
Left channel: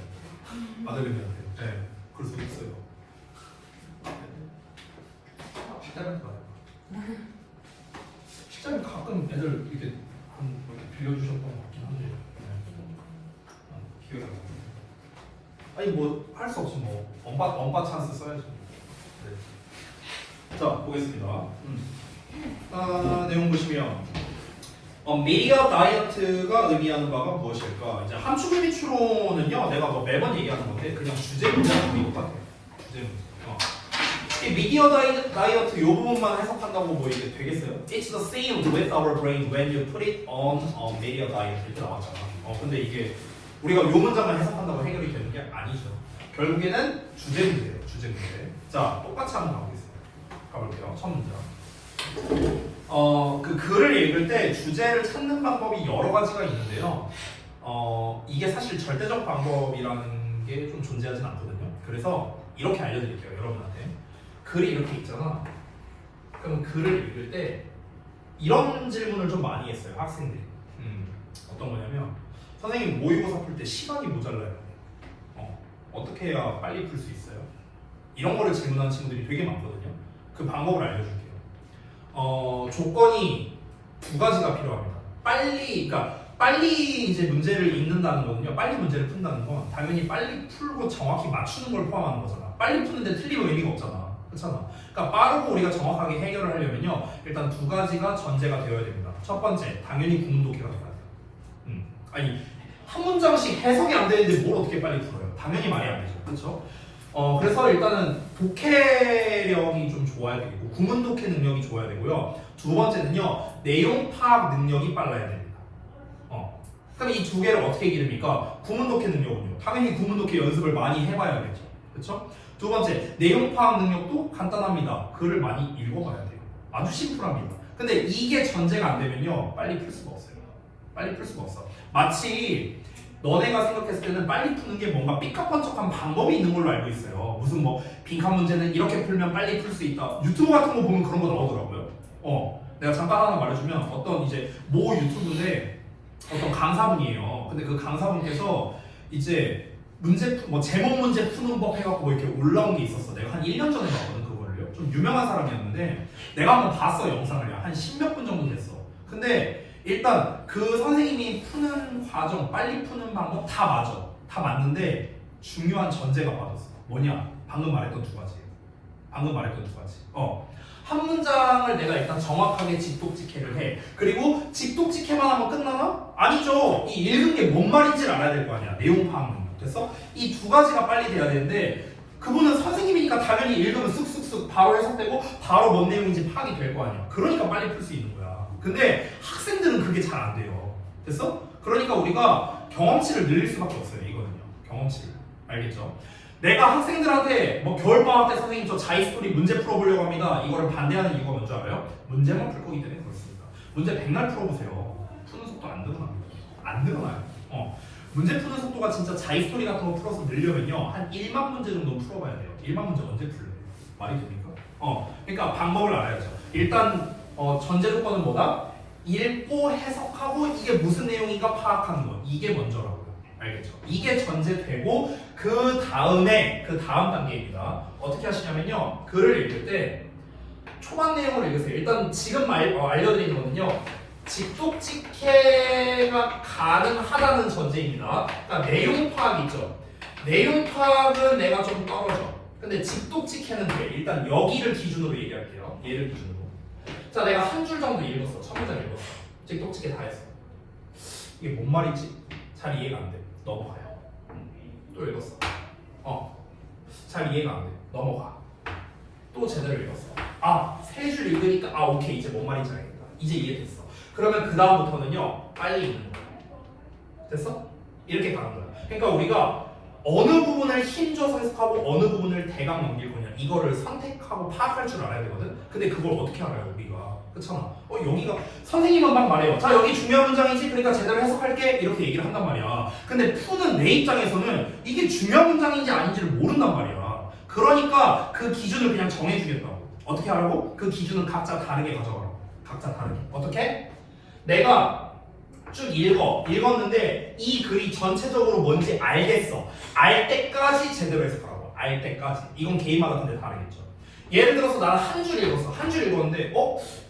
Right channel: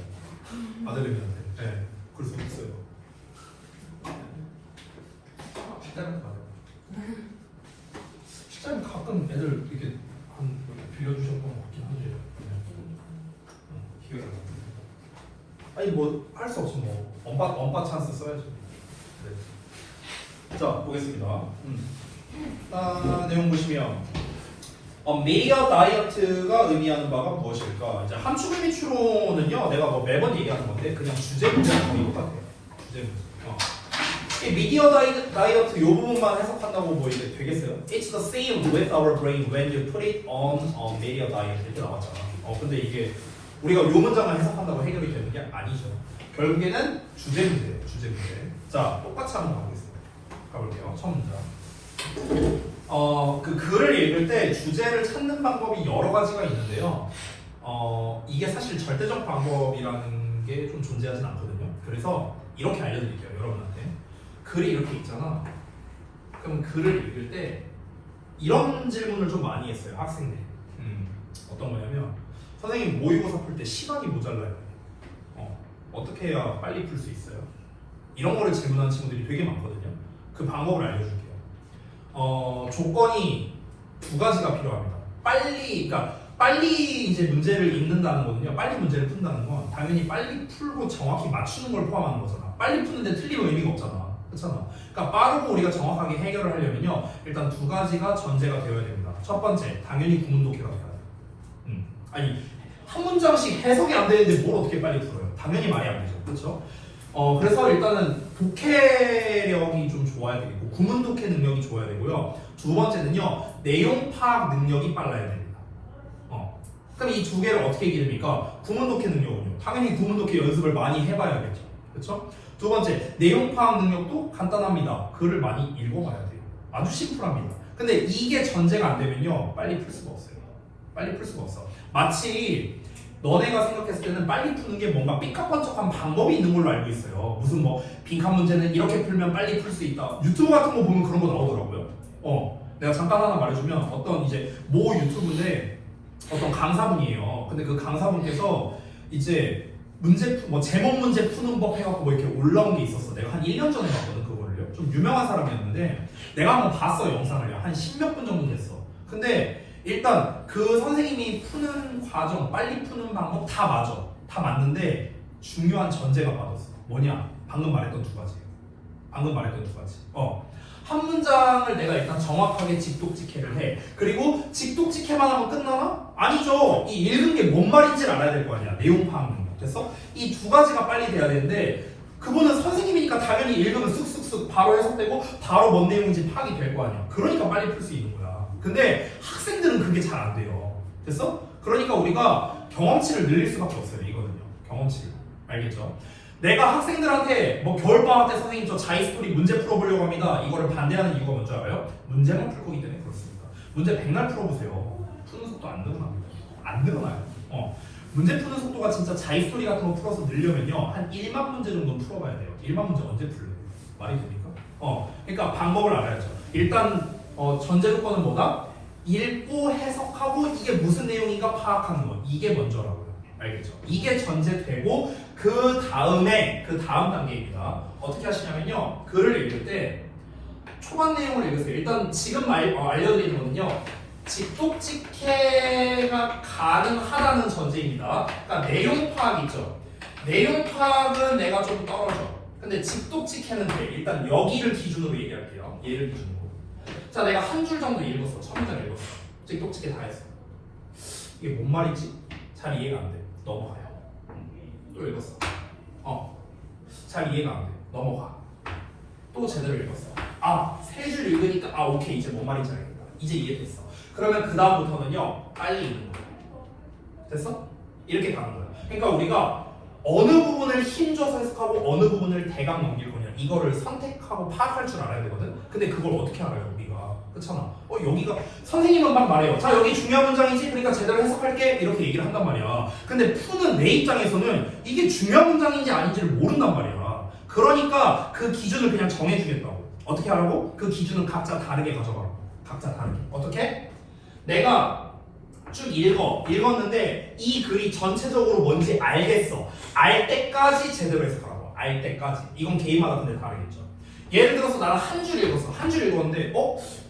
아들내미한테. 네, 그럴 수 있어요. 식당에서 말해요. 식당에 가끔 애들 이렇게 빌려주셨던 것 같긴 하지. 기회가 나. 아니 뭐 할 수 없어 뭐 엄빠 찬스 써야지. 네. 자 보겠습니다. 내용 보시면 미디어 다이어트가 의미하는 바가 무엇일까? 이제 함축 의미 추론은요, 내가 뭐 매번 얘기하는 건데 그냥 주제 문제랑 거의 똑같아요. 주제 문제. 이 미디어 다이어트 이 부분만 해석한다고 뭐 이게 되겠어요? It's the same with our brain when you put it on media diet 이렇게 나왔잖아. 근데 이게 우리가 이 문장만 해석한다고 해결이 되는 게 아니죠. 결국에는 주제 문제예요. 주제 문제. 자, 똑같이 한번 가보겠습니다. 가볼게요. 첫 문장. 그 글을 읽을 때 주제를 찾는 방법이 여러 가지가 있는데요. 이게 사실 절대적 방법이라는 게 좀 존재하진 않거든요. 그래서 이렇게 알려드릴게요, 여러분한테. 글이 이렇게 있잖아. 그럼 글을 읽을 때 이런 질문을 좀 많이 했어요, 학생들이. 어떤 거냐면 선생님 모의고사 풀 때 시간이 모자라요. 어떻게 해야 빨리 풀 수 있어요? 이런 거를 질문하는 친구들이 되게 많거든요. 그 방법을 알려줄게요. 조건이 두 가지가 필요합니다. 빨리 이제 문제를 읽는다는 거는요. 빨리 문제를 푼다는 건 당연히 빨리 풀고 정확히 맞추는 걸 포함하는 거잖아. 빨리 푸는데 틀리면 의미가 없잖아. 그렇잖아. 그러니까 빠르고 우리가 정확하게 해결을 하려면요. 일단 두 가지가 전제가 되어야 됩니다. 첫 번째, 당연히 구문독해가 돼야 돼요. 아니 한 문장씩 해석이 안 되는데 뭘 어떻게 빨리 풀어요? 당연히 말이 안 되죠. 그렇죠? 그래서 일단은 독해력이 좀 좋아야 되고 구문 독해 능력이 좋아야 되고요. 두 번째는요. 내용 파악 능력이 빨라야 됩니다. 그럼 이 두 개를 어떻게 기릅니까? 구문 독해 능력은요. 당연히 구문 독해 연습을 많이 해봐야겠죠. 그렇죠? 두 번째, 내용 파악 능력도 간단합니다. 글을 많이 읽어봐야 돼요. 아주 심플합니다. 근데 이게 전제가 안 되면요. 빨리 풀 수가 없어요. 빨리 풀 수가 없어. 마치 너네가 생각했을 때는 빨리 푸는 게 뭔가 삐까뻔쩍한 방법이 있는 걸로 알고 있어요. 무슨 뭐 빈칸 문제는 이렇게 풀면 빨리 풀 수 있다. 유튜브 같은 거 보면 그런 거 나오더라고요. 내가 잠깐 하나 말해주면 어떤 이제 모 유튜브인데 어떤 강사분이에요. 근데 그 강사분께서 이제 문제 뭐 제목 문제 푸는 법 해갖고 뭐 이렇게 올라온 게 있었어. 내가 한 1년 전에 봤거든 그거를요. 좀 유명한 사람이었는데 내가 한번 봤어 영상을요. 한 10몇 분 정도 됐어. 근데 일단 그 선생님이 푸는 과정, 빨리 푸는 방법 다 맞아. 다 맞는데 중요한 전제가 빠졌어. 뭐냐? 방금 말했던 두 가지예요. 방금 말했던 두 가지. 한 문장을 내가 일단 정확하게 직독직해를 해. 그리고 직독직해만 하면 끝나나? 아니죠. 이 읽은 게 뭔 말인지를 알아야 될 거 아니야. 내용 파악 능력. 됐어? 이 두 가지가 빨리 돼야 되는데 그분은 선생님이니까 당연히 읽으면 쑥쑥쑥 바로 해석되고 바로 뭔 내용인지 파악이 될 거 아니야. 그러니까 빨리 풀 수 있는 거야. 근데 학생들은 그게 잘 안 돼요. 됐어? 그러니까 우리가 경험치를 늘릴 수밖에 없어요. 이거는요. 경험치를. 알겠죠? 내가 학생들한테 뭐 겨울방학 때 선생님 저 자이스토리 문제 풀어보려고 합니다. 이거를 반대하는 이유가 뭔지 알아요? 문제만 풀 거기 때문에 그렇습니다. 문제 백날 풀어보세요. 푸는 속도 안 늘어납니다. 안 늘어나요. 문제 푸는 속도가 진짜 자이스토리 같은 거 풀어서 늘려면요. 한 1만 문제 정도 풀어봐야 돼요. 1만 문제 언제 풀래요? 말이 됩니까? 그러니까 방법을 알아야죠. 일단 전제 조건은 뭐다? 읽고 해석하고 이게 무슨 내용인가 파악하는 거. 이게 먼저라고요. 알겠죠? 이게 전제되고 그 다음 단계입니다. 어떻게 하시냐면요. 글을 읽을 때 초반 내용을 읽으세요. 일단 지금 알려드린 거는요. 직독직해가 가능하다는 전제입니다. 그러니까 내용 파악 있죠. 내용 파악은 내가 좀 떨어져. 근데 직독직해는 돼. 일단 여기를 기준으로 얘기할게요. 얘를 기준으로. 자, 내가 한 줄 정도 읽었어. 첫 문장 읽었어. 직독직해 다 했어. 이게 뭔 말이지? 잘 이해가 안 돼. 넘어가요. 또 읽었어. 잘 이해가 안 돼. 넘어가. 또 제대로 읽었어. 세 줄 읽으니까 오케이. 이제 뭔 말인지 알겠다. 이제 이해됐어. 그러면 그 다음부터는요. 빨리 읽는 거야. 됐어? 이렇게 가는 거야. 그러니까 우리가 어느 부분을 힘줘서 해석하고 어느 부분을 대강 넘길 거냐 이거를 선택하고 파악할 줄 알아야 되거든. 근데 그걸 어떻게 알아요 우리가? 그렇잖아. 여기가 선생님은 막 말해요. 자 여기 중요한 문장이지 그러니까 제대로 해석할게 이렇게 얘기를 한단 말이야. 근데 푸는 내 입장에서는 이게 중요한 문장인지 아닌지를 모른단 말이야. 그러니까 그 기준을 그냥 정해주겠다고. 어떻게 하라고? 그 기준은 각자 다르게 가져가라고. 각자 다르게. 어떻게? 내가 쭉 읽었는데 이 글이 전체적으로 뭔지 알겠어. 알 때까지 제대로 해석하라고. 알 때까지. 이건 개인마다 근데 다르겠죠. 예를 들어서 나는 한 줄 읽었어. 한 줄 읽었는데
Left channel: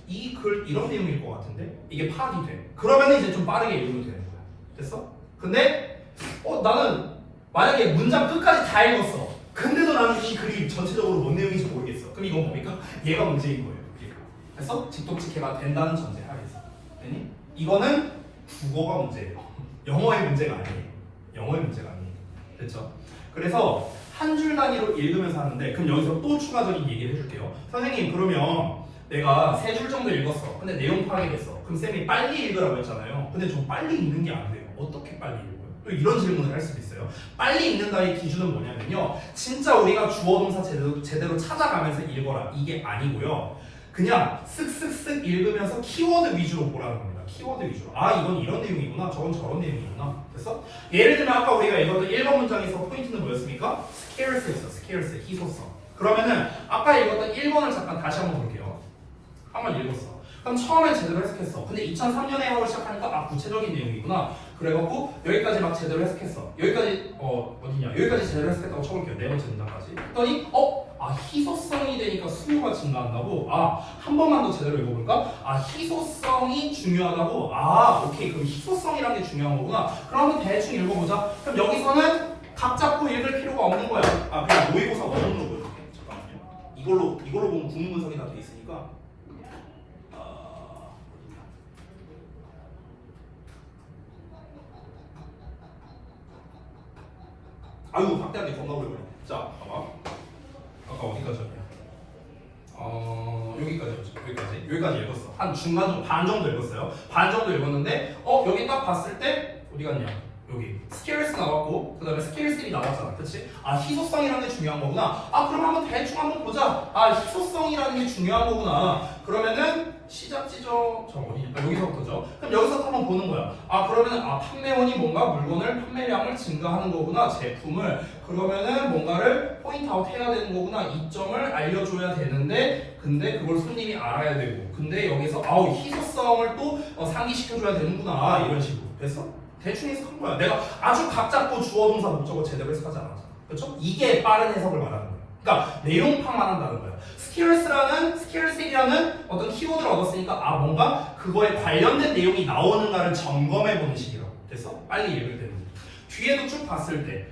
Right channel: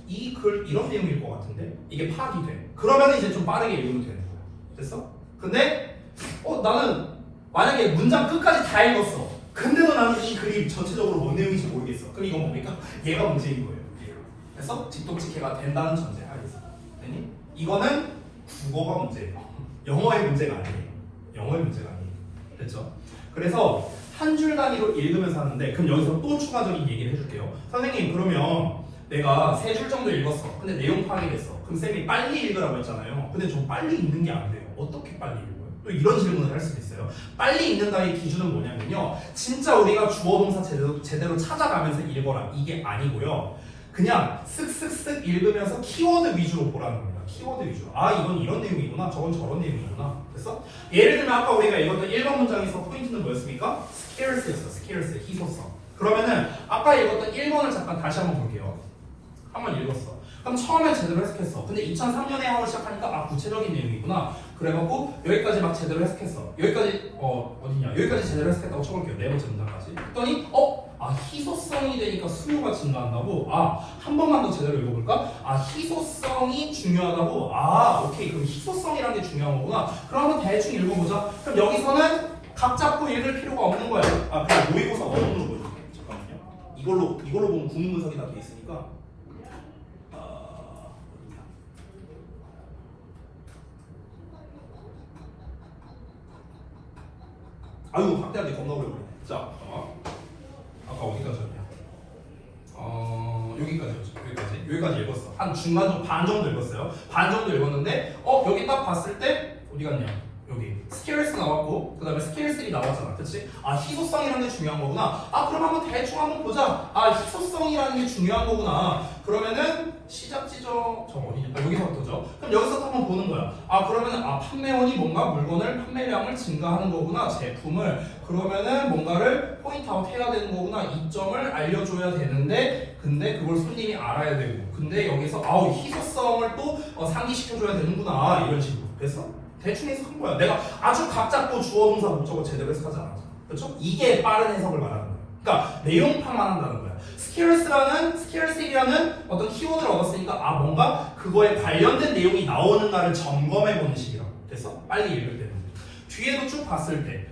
이 글 이런 내용일 것 같은데 이게 파악이 돼. 그러면 이제 좀 빠르게 읽으면 되는 거야. 됐어? 근데 나는 만약에 문장 끝까지 다 읽었어. 근데도 나는 이 글이 전체적으로 뭔 내용인지 모르겠어. 그럼 이건 뭡니까? 얘가 문제인 거예요. 그래서 직독직해가 된다는 전제 하에서. 됐니? 이거는 국어가 문제예요. 영어의 문제가 아니에요. 영어의 문제가 아니에요. 됐죠? 그래서 한 줄 단위로 읽으면서 하는데 그럼 여기서 또 추가적인 얘기를 해줄게요. 선생님 그러면 내가 세 줄 정도 읽었어. 근데 내용 파악이 됐어. 그럼 쌤이 빨리 읽으라고 했잖아요. 근데 좀 빨리 읽는 게 안 돼요. 어떻게 빨리 읽어요? 또 이런 질문을 할 수도 있어요. 빨리 읽는다의 기준은 뭐냐면요. 진짜 우리가 주어 동사 제대로 찾아가면서 읽어라. 이게 아니고요. 그냥 쓱쓱쓱 읽으면서 키워드 위주로 보라는 겁니다. 키워드 위주로. 이건 이런 내용이구나. 저건 저런 내용이구나. 됐어? 예를 들면 아까 우리가 읽었던 1번 문장에서 포인트는 뭐였습니까? scarce였어. scarce. 희소성. 그러면은 아까 읽었던 1번을 잠깐 다시 한번 볼게요. 한번 읽었어. 그럼 처음에 제대로 해석했어. 근데 2003년에 하고 시작하니까 아 구체적인 내용이구나. 그래갖고 여기까지 막 제대로 해석했어. 여기까지 어디냐? 여기까지 제대로 해석했다고 쳐볼게요. 네 번째 문장까지. 그랬더니 희소성이 되니까 수요가 증가한다고? 한 번만 더 제대로 읽어볼까? 희소성이 중요하다고? 오케이. 그럼 희소성이라는 게 중요한 거구나. 그럼 한번 대충 읽어보자. 그럼 여기서는 각 잡고 읽을 필요가 없는 거야. 그냥 모의고사 원문으로 보여줄게. 잠깐만요. 이걸로 보면 구문 분석이 다 돼 있으니까. 아유, 확대하는데 겁나 오래 걸려. 자, 봐봐. 아까 어디까지였냐? 여기까지 읽었어. 한 중간 정도, 반 정도 읽었어요. 반 정도 읽었는데, 여기 딱 봤을 때 어디 갔냐? 여기 스케일스 나왔고, 그 다음에 스케일스이 나왔잖아, 그렇지? 희소성이라는 게 중요한 거구나. 그럼 한번 대충 한번 보자. 희소성이라는 게 중요한 거구나. 그러면은 시작 지점 저거 어디냐? 여기서부터죠. 그럼 여기서부터 한번 보는 거야. 그러면은 판매원이 뭔가 물건을 판매량을 증가하는 거구나, 제품을. 그러면은 뭔가를 포인트아웃 해야 되는 거구나. 이 점을 알려줘야 되는데, 근데 그걸 손님이 알아야 되고, 근데 여기서 희소성을 또 상기시켜줘야 되는구나, 이런 식으로. 됐어? 대충 해석한 거야. 내가 아주 각 잡고 주어 동사 목적어 제대로 해석하지 않았잖아. 그렇죠? 이게 빠른 해석을 말하는 거야. 그러니까 내용 파악한다는 거야. 스케일스라는 어떤 키워드를 얻었으니까 뭔가 그거에 관련된 내용이 나오는가를 점검해 보는 식이라고. 됐어? 빨리 읽을 때는. 뒤에도 쭉 봤을 때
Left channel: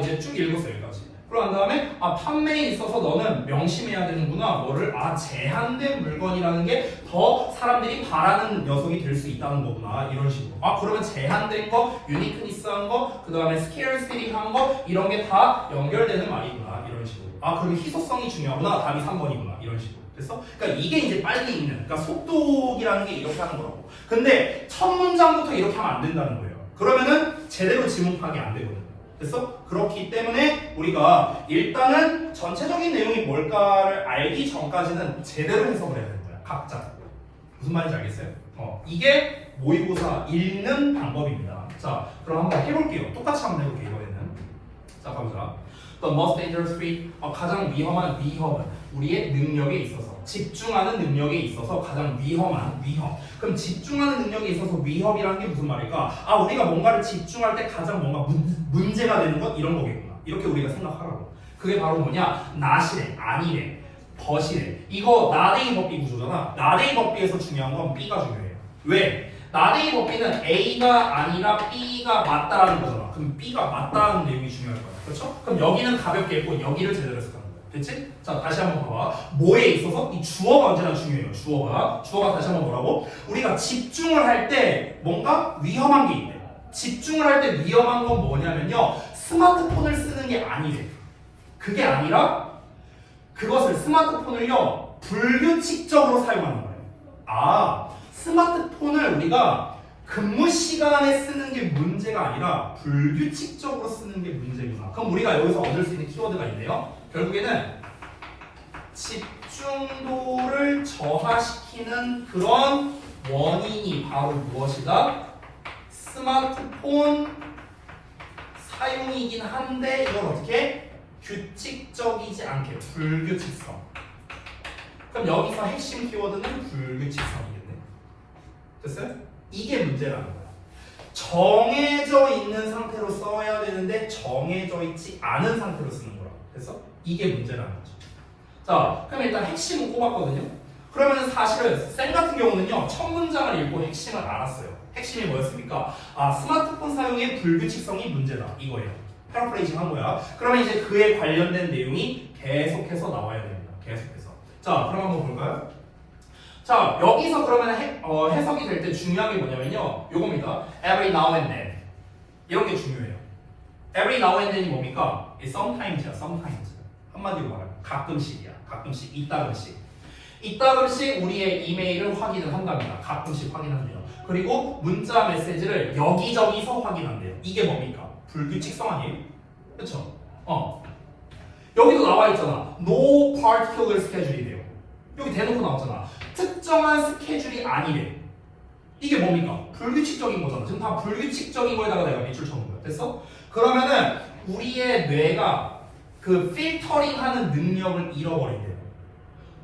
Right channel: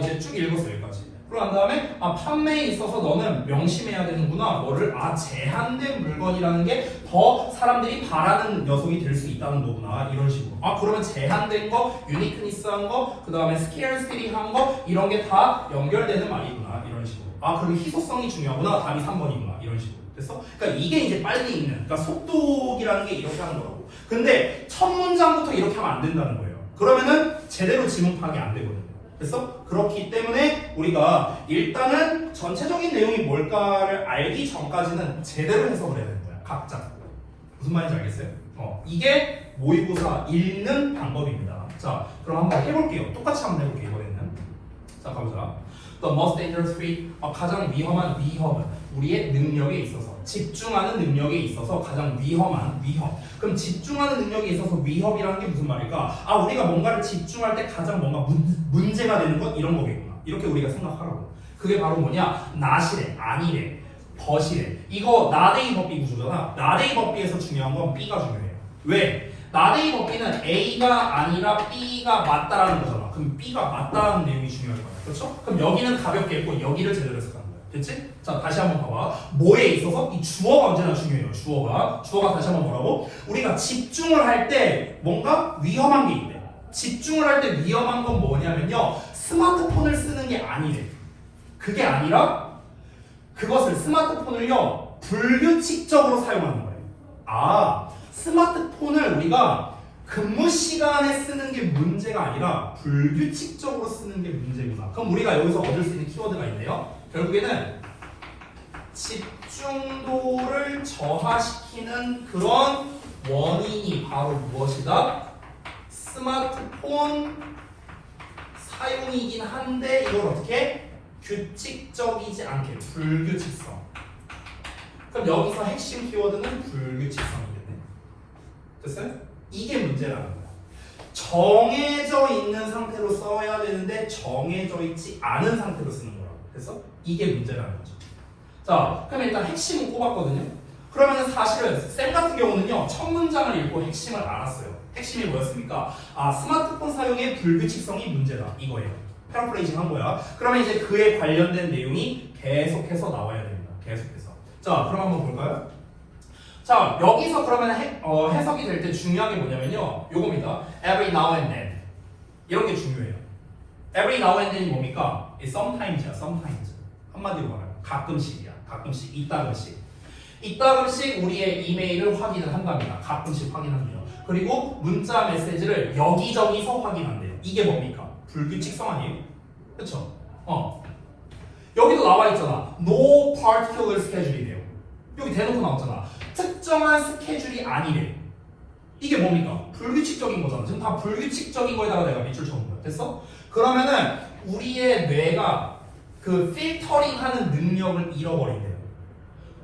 이제 쭉 읽었어요, 여기까지. 그러고 난 다음에 판매에 있어서 너는 명심해야 되는구나. 뭐를 제한된 물건이라는 게 더 사람들이 바라는 녀석이 될 수 있다는 거구나. 이런 식으로. 그러면 제한된 거, 유니크니스한 거, 그 다음에 스케일스리한 거 이런 게 다 연결되는 말이구나. 이런 식으로. 그러면 희소성이 중요하구나. 답이 3번이구나. 이런 식으로. 됐어? 그러니까 이게 이제 빨리 읽는, 그러니까 속독이라는 게 이렇게 하는 거라고. 근데 첫 문장부터 이렇게 하면 안 된다는 거예요. 그러면은 제대로 지문 파악이 안 되거든요. 됐어? 그렇기 때문에 우리가 일단은 전체적인 내용이 뭘까를 알기 전까지는 제대로 해석을 해야 되는 거야. 각자. 무슨 말인지 알겠어요? 이게 모의고사 읽는 방법입니다. 자, 그럼 한번 해볼게요. 똑같이 한번 해볼게요, 이번에는. 자, 가보자. The most dangerous trait, 가장 위험한 위험은 우리의 능력에 있어서, 집중하는 능력에 있어서 가장 위험한 위험. 그럼 집중하는 능력에 있어서 위협이라는 게 무슨 말일까? 우리가 뭔가를 집중할 때 가장 뭔가 문제가 되는 것 이런 거겠구나. 이렇게 우리가 생각하라고. 그게 바로 뭐냐? not이래, 아니래, but이래. 이거 나데이 법비 구조잖아. 나데이 법비에서 중요한 건 B가 중요해요. 왜? 나데이 법비는 A가 아니라 B가 맞다라는 거잖아. 그럼 B가 맞다라는 내용이 중요할 거야. 그렇죠? 그럼 여기는 가볍게 읽고 여기를 제대로 해석하는 거야. 됐지? 자, 다시 한번 봐봐. 뭐에 있어서 이 주어가 언제나 중요해요. 주어가 다시 한번 뭐라고? 우리가 집중을 할 때 뭔가 위험한 게 있대. 집중을 할 때 위험한 건 뭐냐면요, 스마트폰을 쓰는 게 아니래. 그게 아니라 그것을 스마트폰을요 불규칙적으로 사용하는 거예요. 스마트폰을 우리가 근무 시간에 쓰는 게 문제가 아니라 불규칙적으로 쓰는 게 문제구나. 그럼 우리가 여기서 얻을 수 있는 키워드가 있네요. 결국에는 집중도를 저하시키는 그런 원인이 바로 무엇이다? 스마트폰 사용이긴 한데 이걸 어떻게? 규칙적이지 않게, 불규칙성. 그럼 여기서 핵심 키워드는 불규칙성이겠네. 됐어요? 이게 문제라는 거야. 정해져 있는 상태로 써야 되는데 정해져 있지 않은 상태로 쓰는 거라고. 그래서 이게 문제라는 거죠. 자, 그럼 일단 핵심은 꼽았거든요. 그러면 사실은 쌤 같은 경우는요, 첫 문장을 읽고 핵심을 알았어요. 핵심이 뭐였습니까? 스마트폰 사용의 불규칙성이 문제다. 이거예요. 패러프레이징 한 거야. 그러면 이제 그에 관련된 내용이 계속해서 나와야 됩니다. 계속해서. 자, 그럼 한번 볼까요? 자, 여기서 그러면 해석이 될 때 중요한 게 뭐냐면요, 요겁니다. Every now and then. 이런 게 중요해요. Every now and then이 뭡니까? Sometimes야, sometimes. 한마디로 말하면 가끔씩이야. 가끔씩, 이따금씩. 이따금씩 우리의 이메일을 확인을 한답니다. 가끔씩 확인합니다. 그리고 문자 메시지를 여기저기서 확인한대요. 이게 뭡니까? 불규칙성 아니에요? 그쵸? 여기도 나와 있잖아. No particular schedule이래요. 여기 대놓고 나왔잖아. 특정한 스케줄이 아니래. 이게 뭡니까? 불규칙적인 거잖아. 지금 다 불규칙적인 거에다가 내가 밑줄 쳐놓은 거야. 됐어? 그러면은 우리의 뇌가 그 필터링하는 능력을 잃어버린대요.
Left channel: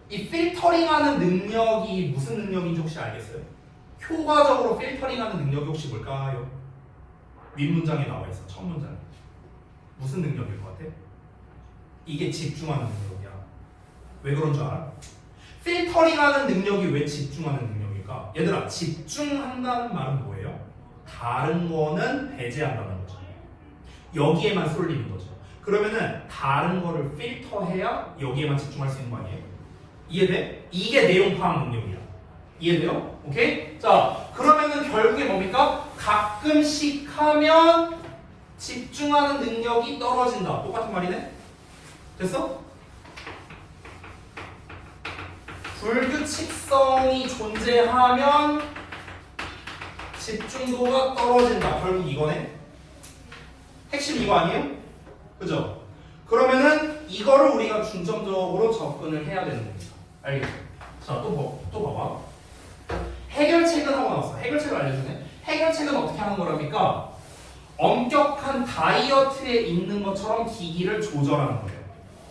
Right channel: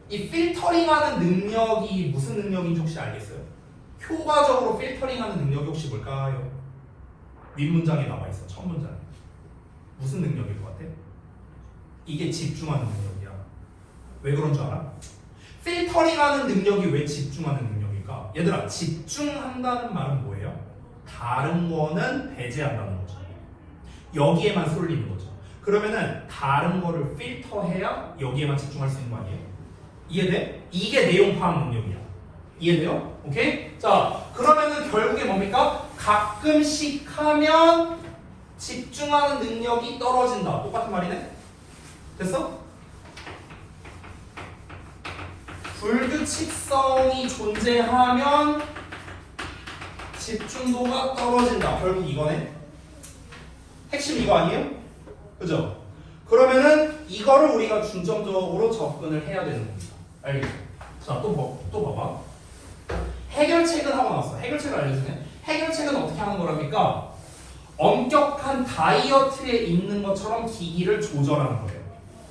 이 필터링하는 능력이 무슨 능력인지 혹시 알겠어요? 효과적으로 필터링하는 능력이 혹시 뭘까요? 윗문장에 나와 있어. 첫 문장에. 무슨 능력일 것 같아? 이게 집중하는 능력이야. 왜 그런 줄 알아? 필터링하는 능력이 왜 집중하는 능력일까? 얘들아, 집중한다는 말은 뭐예요? 다른 거는 배제한다는 거죠. 여기에만 쏠리는 거죠. 그러면은 다른 거를 필터해야 여기에만 집중할 수 있는 거 아니에요? 이해돼? 이게 내용 파악 능력이야. 이해돼요? 오케이? 자, 그러면은 결국에 뭡니까? 가끔씩 하면 집중하는 능력이 떨어진다. 똑같은 말이네? 됐어? 불규칙성이 존재하면 집중도가 떨어진다. 결국 이거네. 핵심 이거 아니에요? 그죠? 그러면은 이거를 우리가 중점적으로 접근을 해야 되는 겁니다. 알겠죠? 자, 또 봐봐. 해결책은 하고 나왔어. 해결책을 알려주네. 해결책은 어떻게 하는 거랍니까? 엄격한 다이어트에 있는 것처럼 기기를 조절하는 거예요.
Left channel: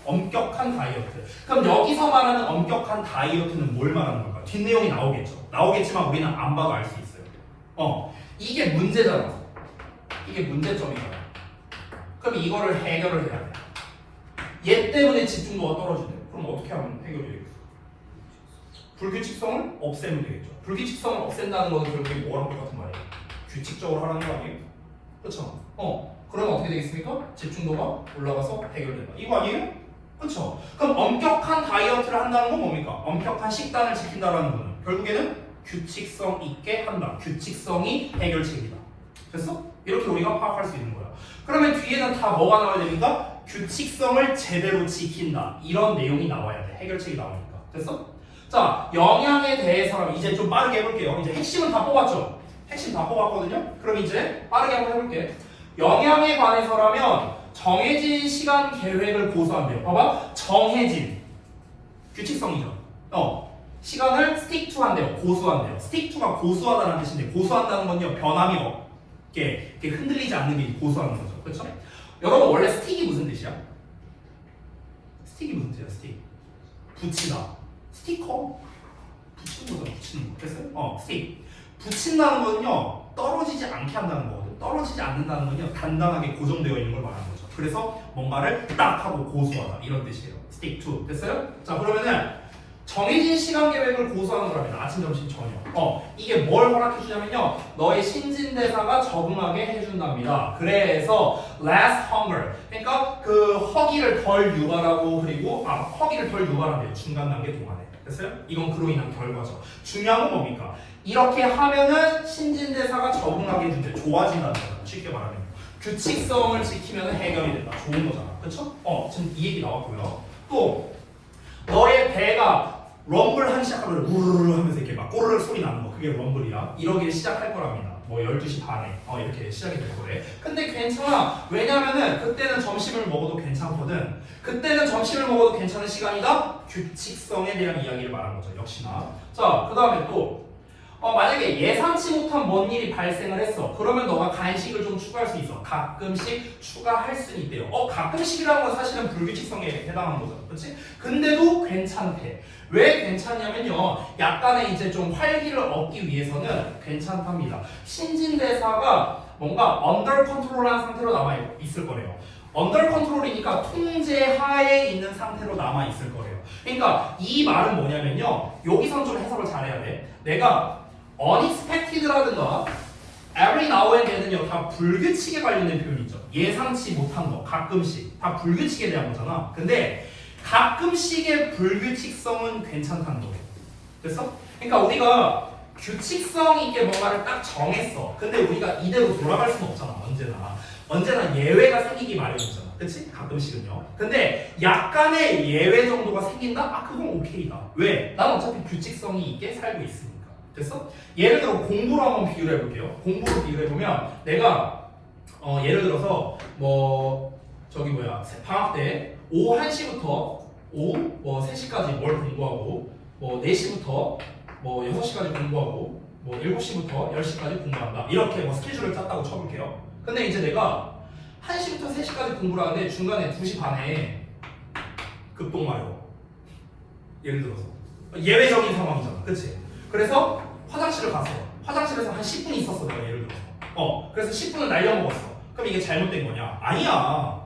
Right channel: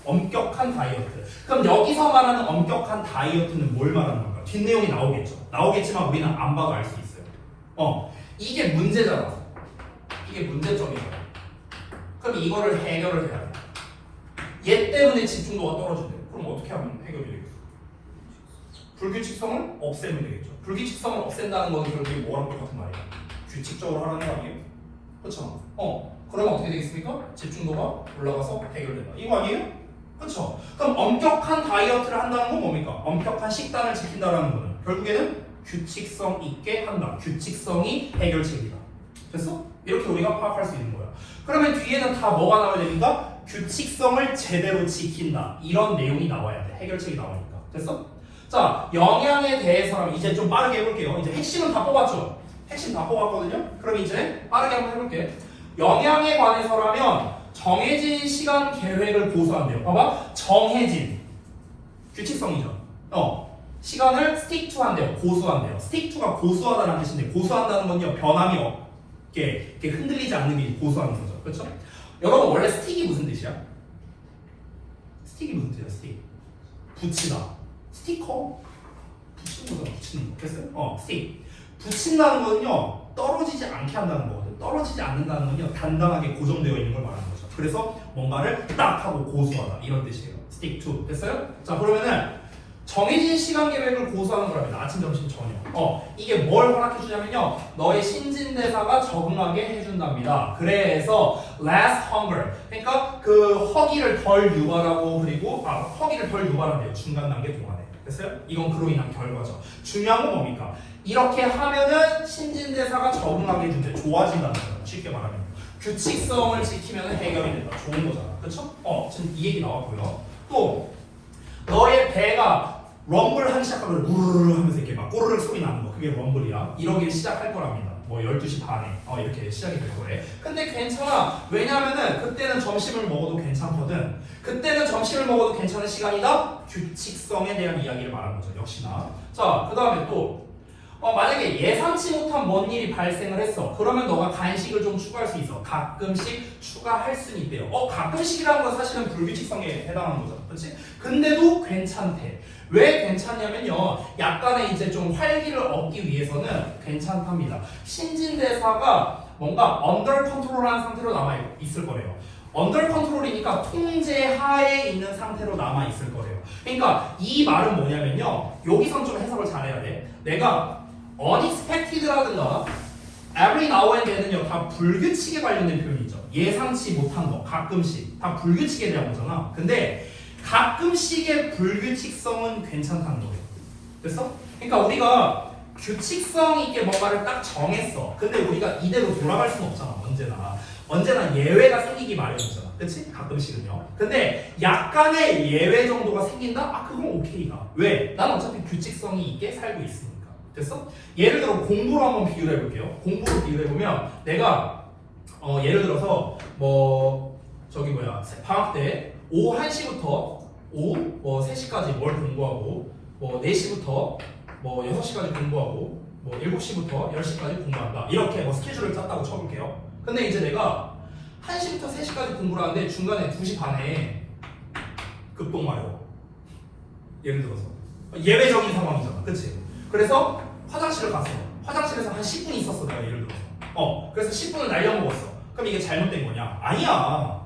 엄격한 다이어트. 그럼 여기서 말하는 엄격한 다이어트는 뭘 말하는 걸까? 뒷내용이 나오겠죠. 나오겠지만 우리는 안 봐도 알 수 있어요. 이게 문제잖아. 이게 문제점이잖아. 그럼 이거를 해결을 해야 돼. 얘 때문에 집중도가 떨어진대요. 그럼 어떻게 하면 해결이 되겠어? 불규칙성을 없애면 되겠죠. 불규칙성을 없앤다는 것은 결국에 뭐랑 똑같은 말이야? 규칙적으로 하라는 거 아니에요? 그렇죠? 그러면 어떻게 되겠습니까? 집중도가 올라가서 해결된다. 이거 아니에요? 그렇죠? 그럼 엄격한 다이어트를 한다는 건 뭡니까? 엄격한 식단을 지킨다는 거는 결국에는 규칙성 있게 한다. 규칙성이 해결책이다. 됐어? 이렇게 우리가 파악할 수 있는 거야. 그러면 뒤에는 다 뭐가 나와야 됩니까? 규칙성을 제대로 지킨다. 이런 내용이 나와야 돼. 해결책이 나오니까. 됐어? 자, 영양에 대해서는 이제 좀 빠르게 해볼게요. 이제 핵심은 다 뽑았죠? 핵심 다 뽑았거든요? 그럼 이제 빠르게 한번 해볼게. 영양에 관해서라면 정해진 시간 계획을 고수한대요. 봐봐. 정해진. 규칙성이죠. 시간을 stick to 한대요. 고수한대요. stick to가 고수하다는 뜻인데 고수한다는 건요. 변함이 없게 이렇게 흔들리지 않는 게 고수하는 거죠. 그렇죠? 여러분 원래 stick이 무슨 뜻이야? stick이 무슨 뜻이야? stick. 붙이다. 스티커. 붙이는 거잖아. 붙이는 거. 됐어요? stick. 붙인다는 거는요. 떨어지지 않게 한다는 거거든. 떨어지지 않는다는 건요. 단단하게 고정되어 있는 걸 말하는 거죠. 그래서 뭔가를 딱 하고 고수하다. 이런 뜻이에요. stick to. 됐어요? 자, 그러면은 정해진 시간 계획을 고수하는 거랍니다. 아침, 점심, 저녁. 이게 뭘 허락해 주냐면요. 너의 신진대사가 적응하게 해준답니다. 그래서 less hunger. 그러니까 그 허기를 덜 유발하고 그리고 허기를 덜 유발한대요. 중간 단계 동안에. 됐어요? 이건 그로 인한 결과죠. 중요한 건 뭡니까? 이렇게 하면은 신진대사가 적응하게 해준대. 좋아진다는 거죠. 쉽게 말하면. 규칙성을 지키면 해결이 된다. 좋은 거잖아. 그렇죠? 지금 이 얘기 나왔고요. 또 너의 배가 럼블 하기 시작하면 우르르 하면서 이렇게 막 꼬르르 소리 나는 거. 그게 럼블이야. 이러길 시작할 거랍니다. 뭐 12시 반에 이렇게 시작이 될 거래. 근데 괜찮아. 왜냐면은 그때는 점심을 먹어도 괜찮거든. 그때는 점심을 먹어도 괜찮은 시간이다. 규칙성에 대한 이야기를 말하는 거죠. 역시나. 자, 그 다음에 또 만약에 예상치 못한 뭔 일이 발생을 했어. 그러면 너가 간식을 좀 추가할 수 있어. 가끔씩 추가할 수 있대요. 가끔씩이라는 건 사실은 불규칙성에 해당하는 거죠. 그렇지? 근데도 괜찮대. 왜 괜찮냐면요. 약간의 이제 좀 활기를 얻기 위해서는 괜찮답니다. 신진대사가 뭔가 under control한 상태로 남아 있을 거래요. under control이니까 통제하에 있는 상태로 남아 있을 거래요. 그러니까 이 말은 뭐냐면요. 여기서 좀 해석을 잘해야 돼. 내가 unexpected라든가 every now and then은요 다 불규칙에 관련된 표현이죠. 예상치 못한 거, 가끔씩 다 불규칙에 대한 거잖아. 근데 가끔씩의 불규칙성은 괜찮다는 거예요. 됐어? 그러니까 우리가 규칙성 있게 뭔가를 딱 정했어. 근데 우리가 이대로 돌아갈 수는 없잖아. 언제나 예외가 생기기 마련이잖아. 그치? 가끔씩은요. 근데 약간의 예외 정도가 생긴다? 그건 오케이다. 왜? 난 어차피 규칙성이 있게 살고 있으니까. 됐어? 예를 들어 공부로 한번 비교를 해볼게요. 공부로 비교를 해보면 내가 예를 들어서 방학 때 오후 1시부터 오후 3시까지 뭘 공부하고 4시부터 6시까지 공부하고 7시부터 10시까지 공부한다. 이렇게 스케줄을 짰다고 쳐볼게요. 근데 이제 내가 1시부터 3시까지 공부를 하는데 중간에 2시 반에 급동마려. 예를 들어서 예외적인 상황이잖아, 그치? 그래서 화장실을 갔어. 화장실에서 한 10분 있었어, 내가 예를 들어서. 그래서 10분을 날려먹었어. 그럼 이게 잘못된 거냐? 아니야.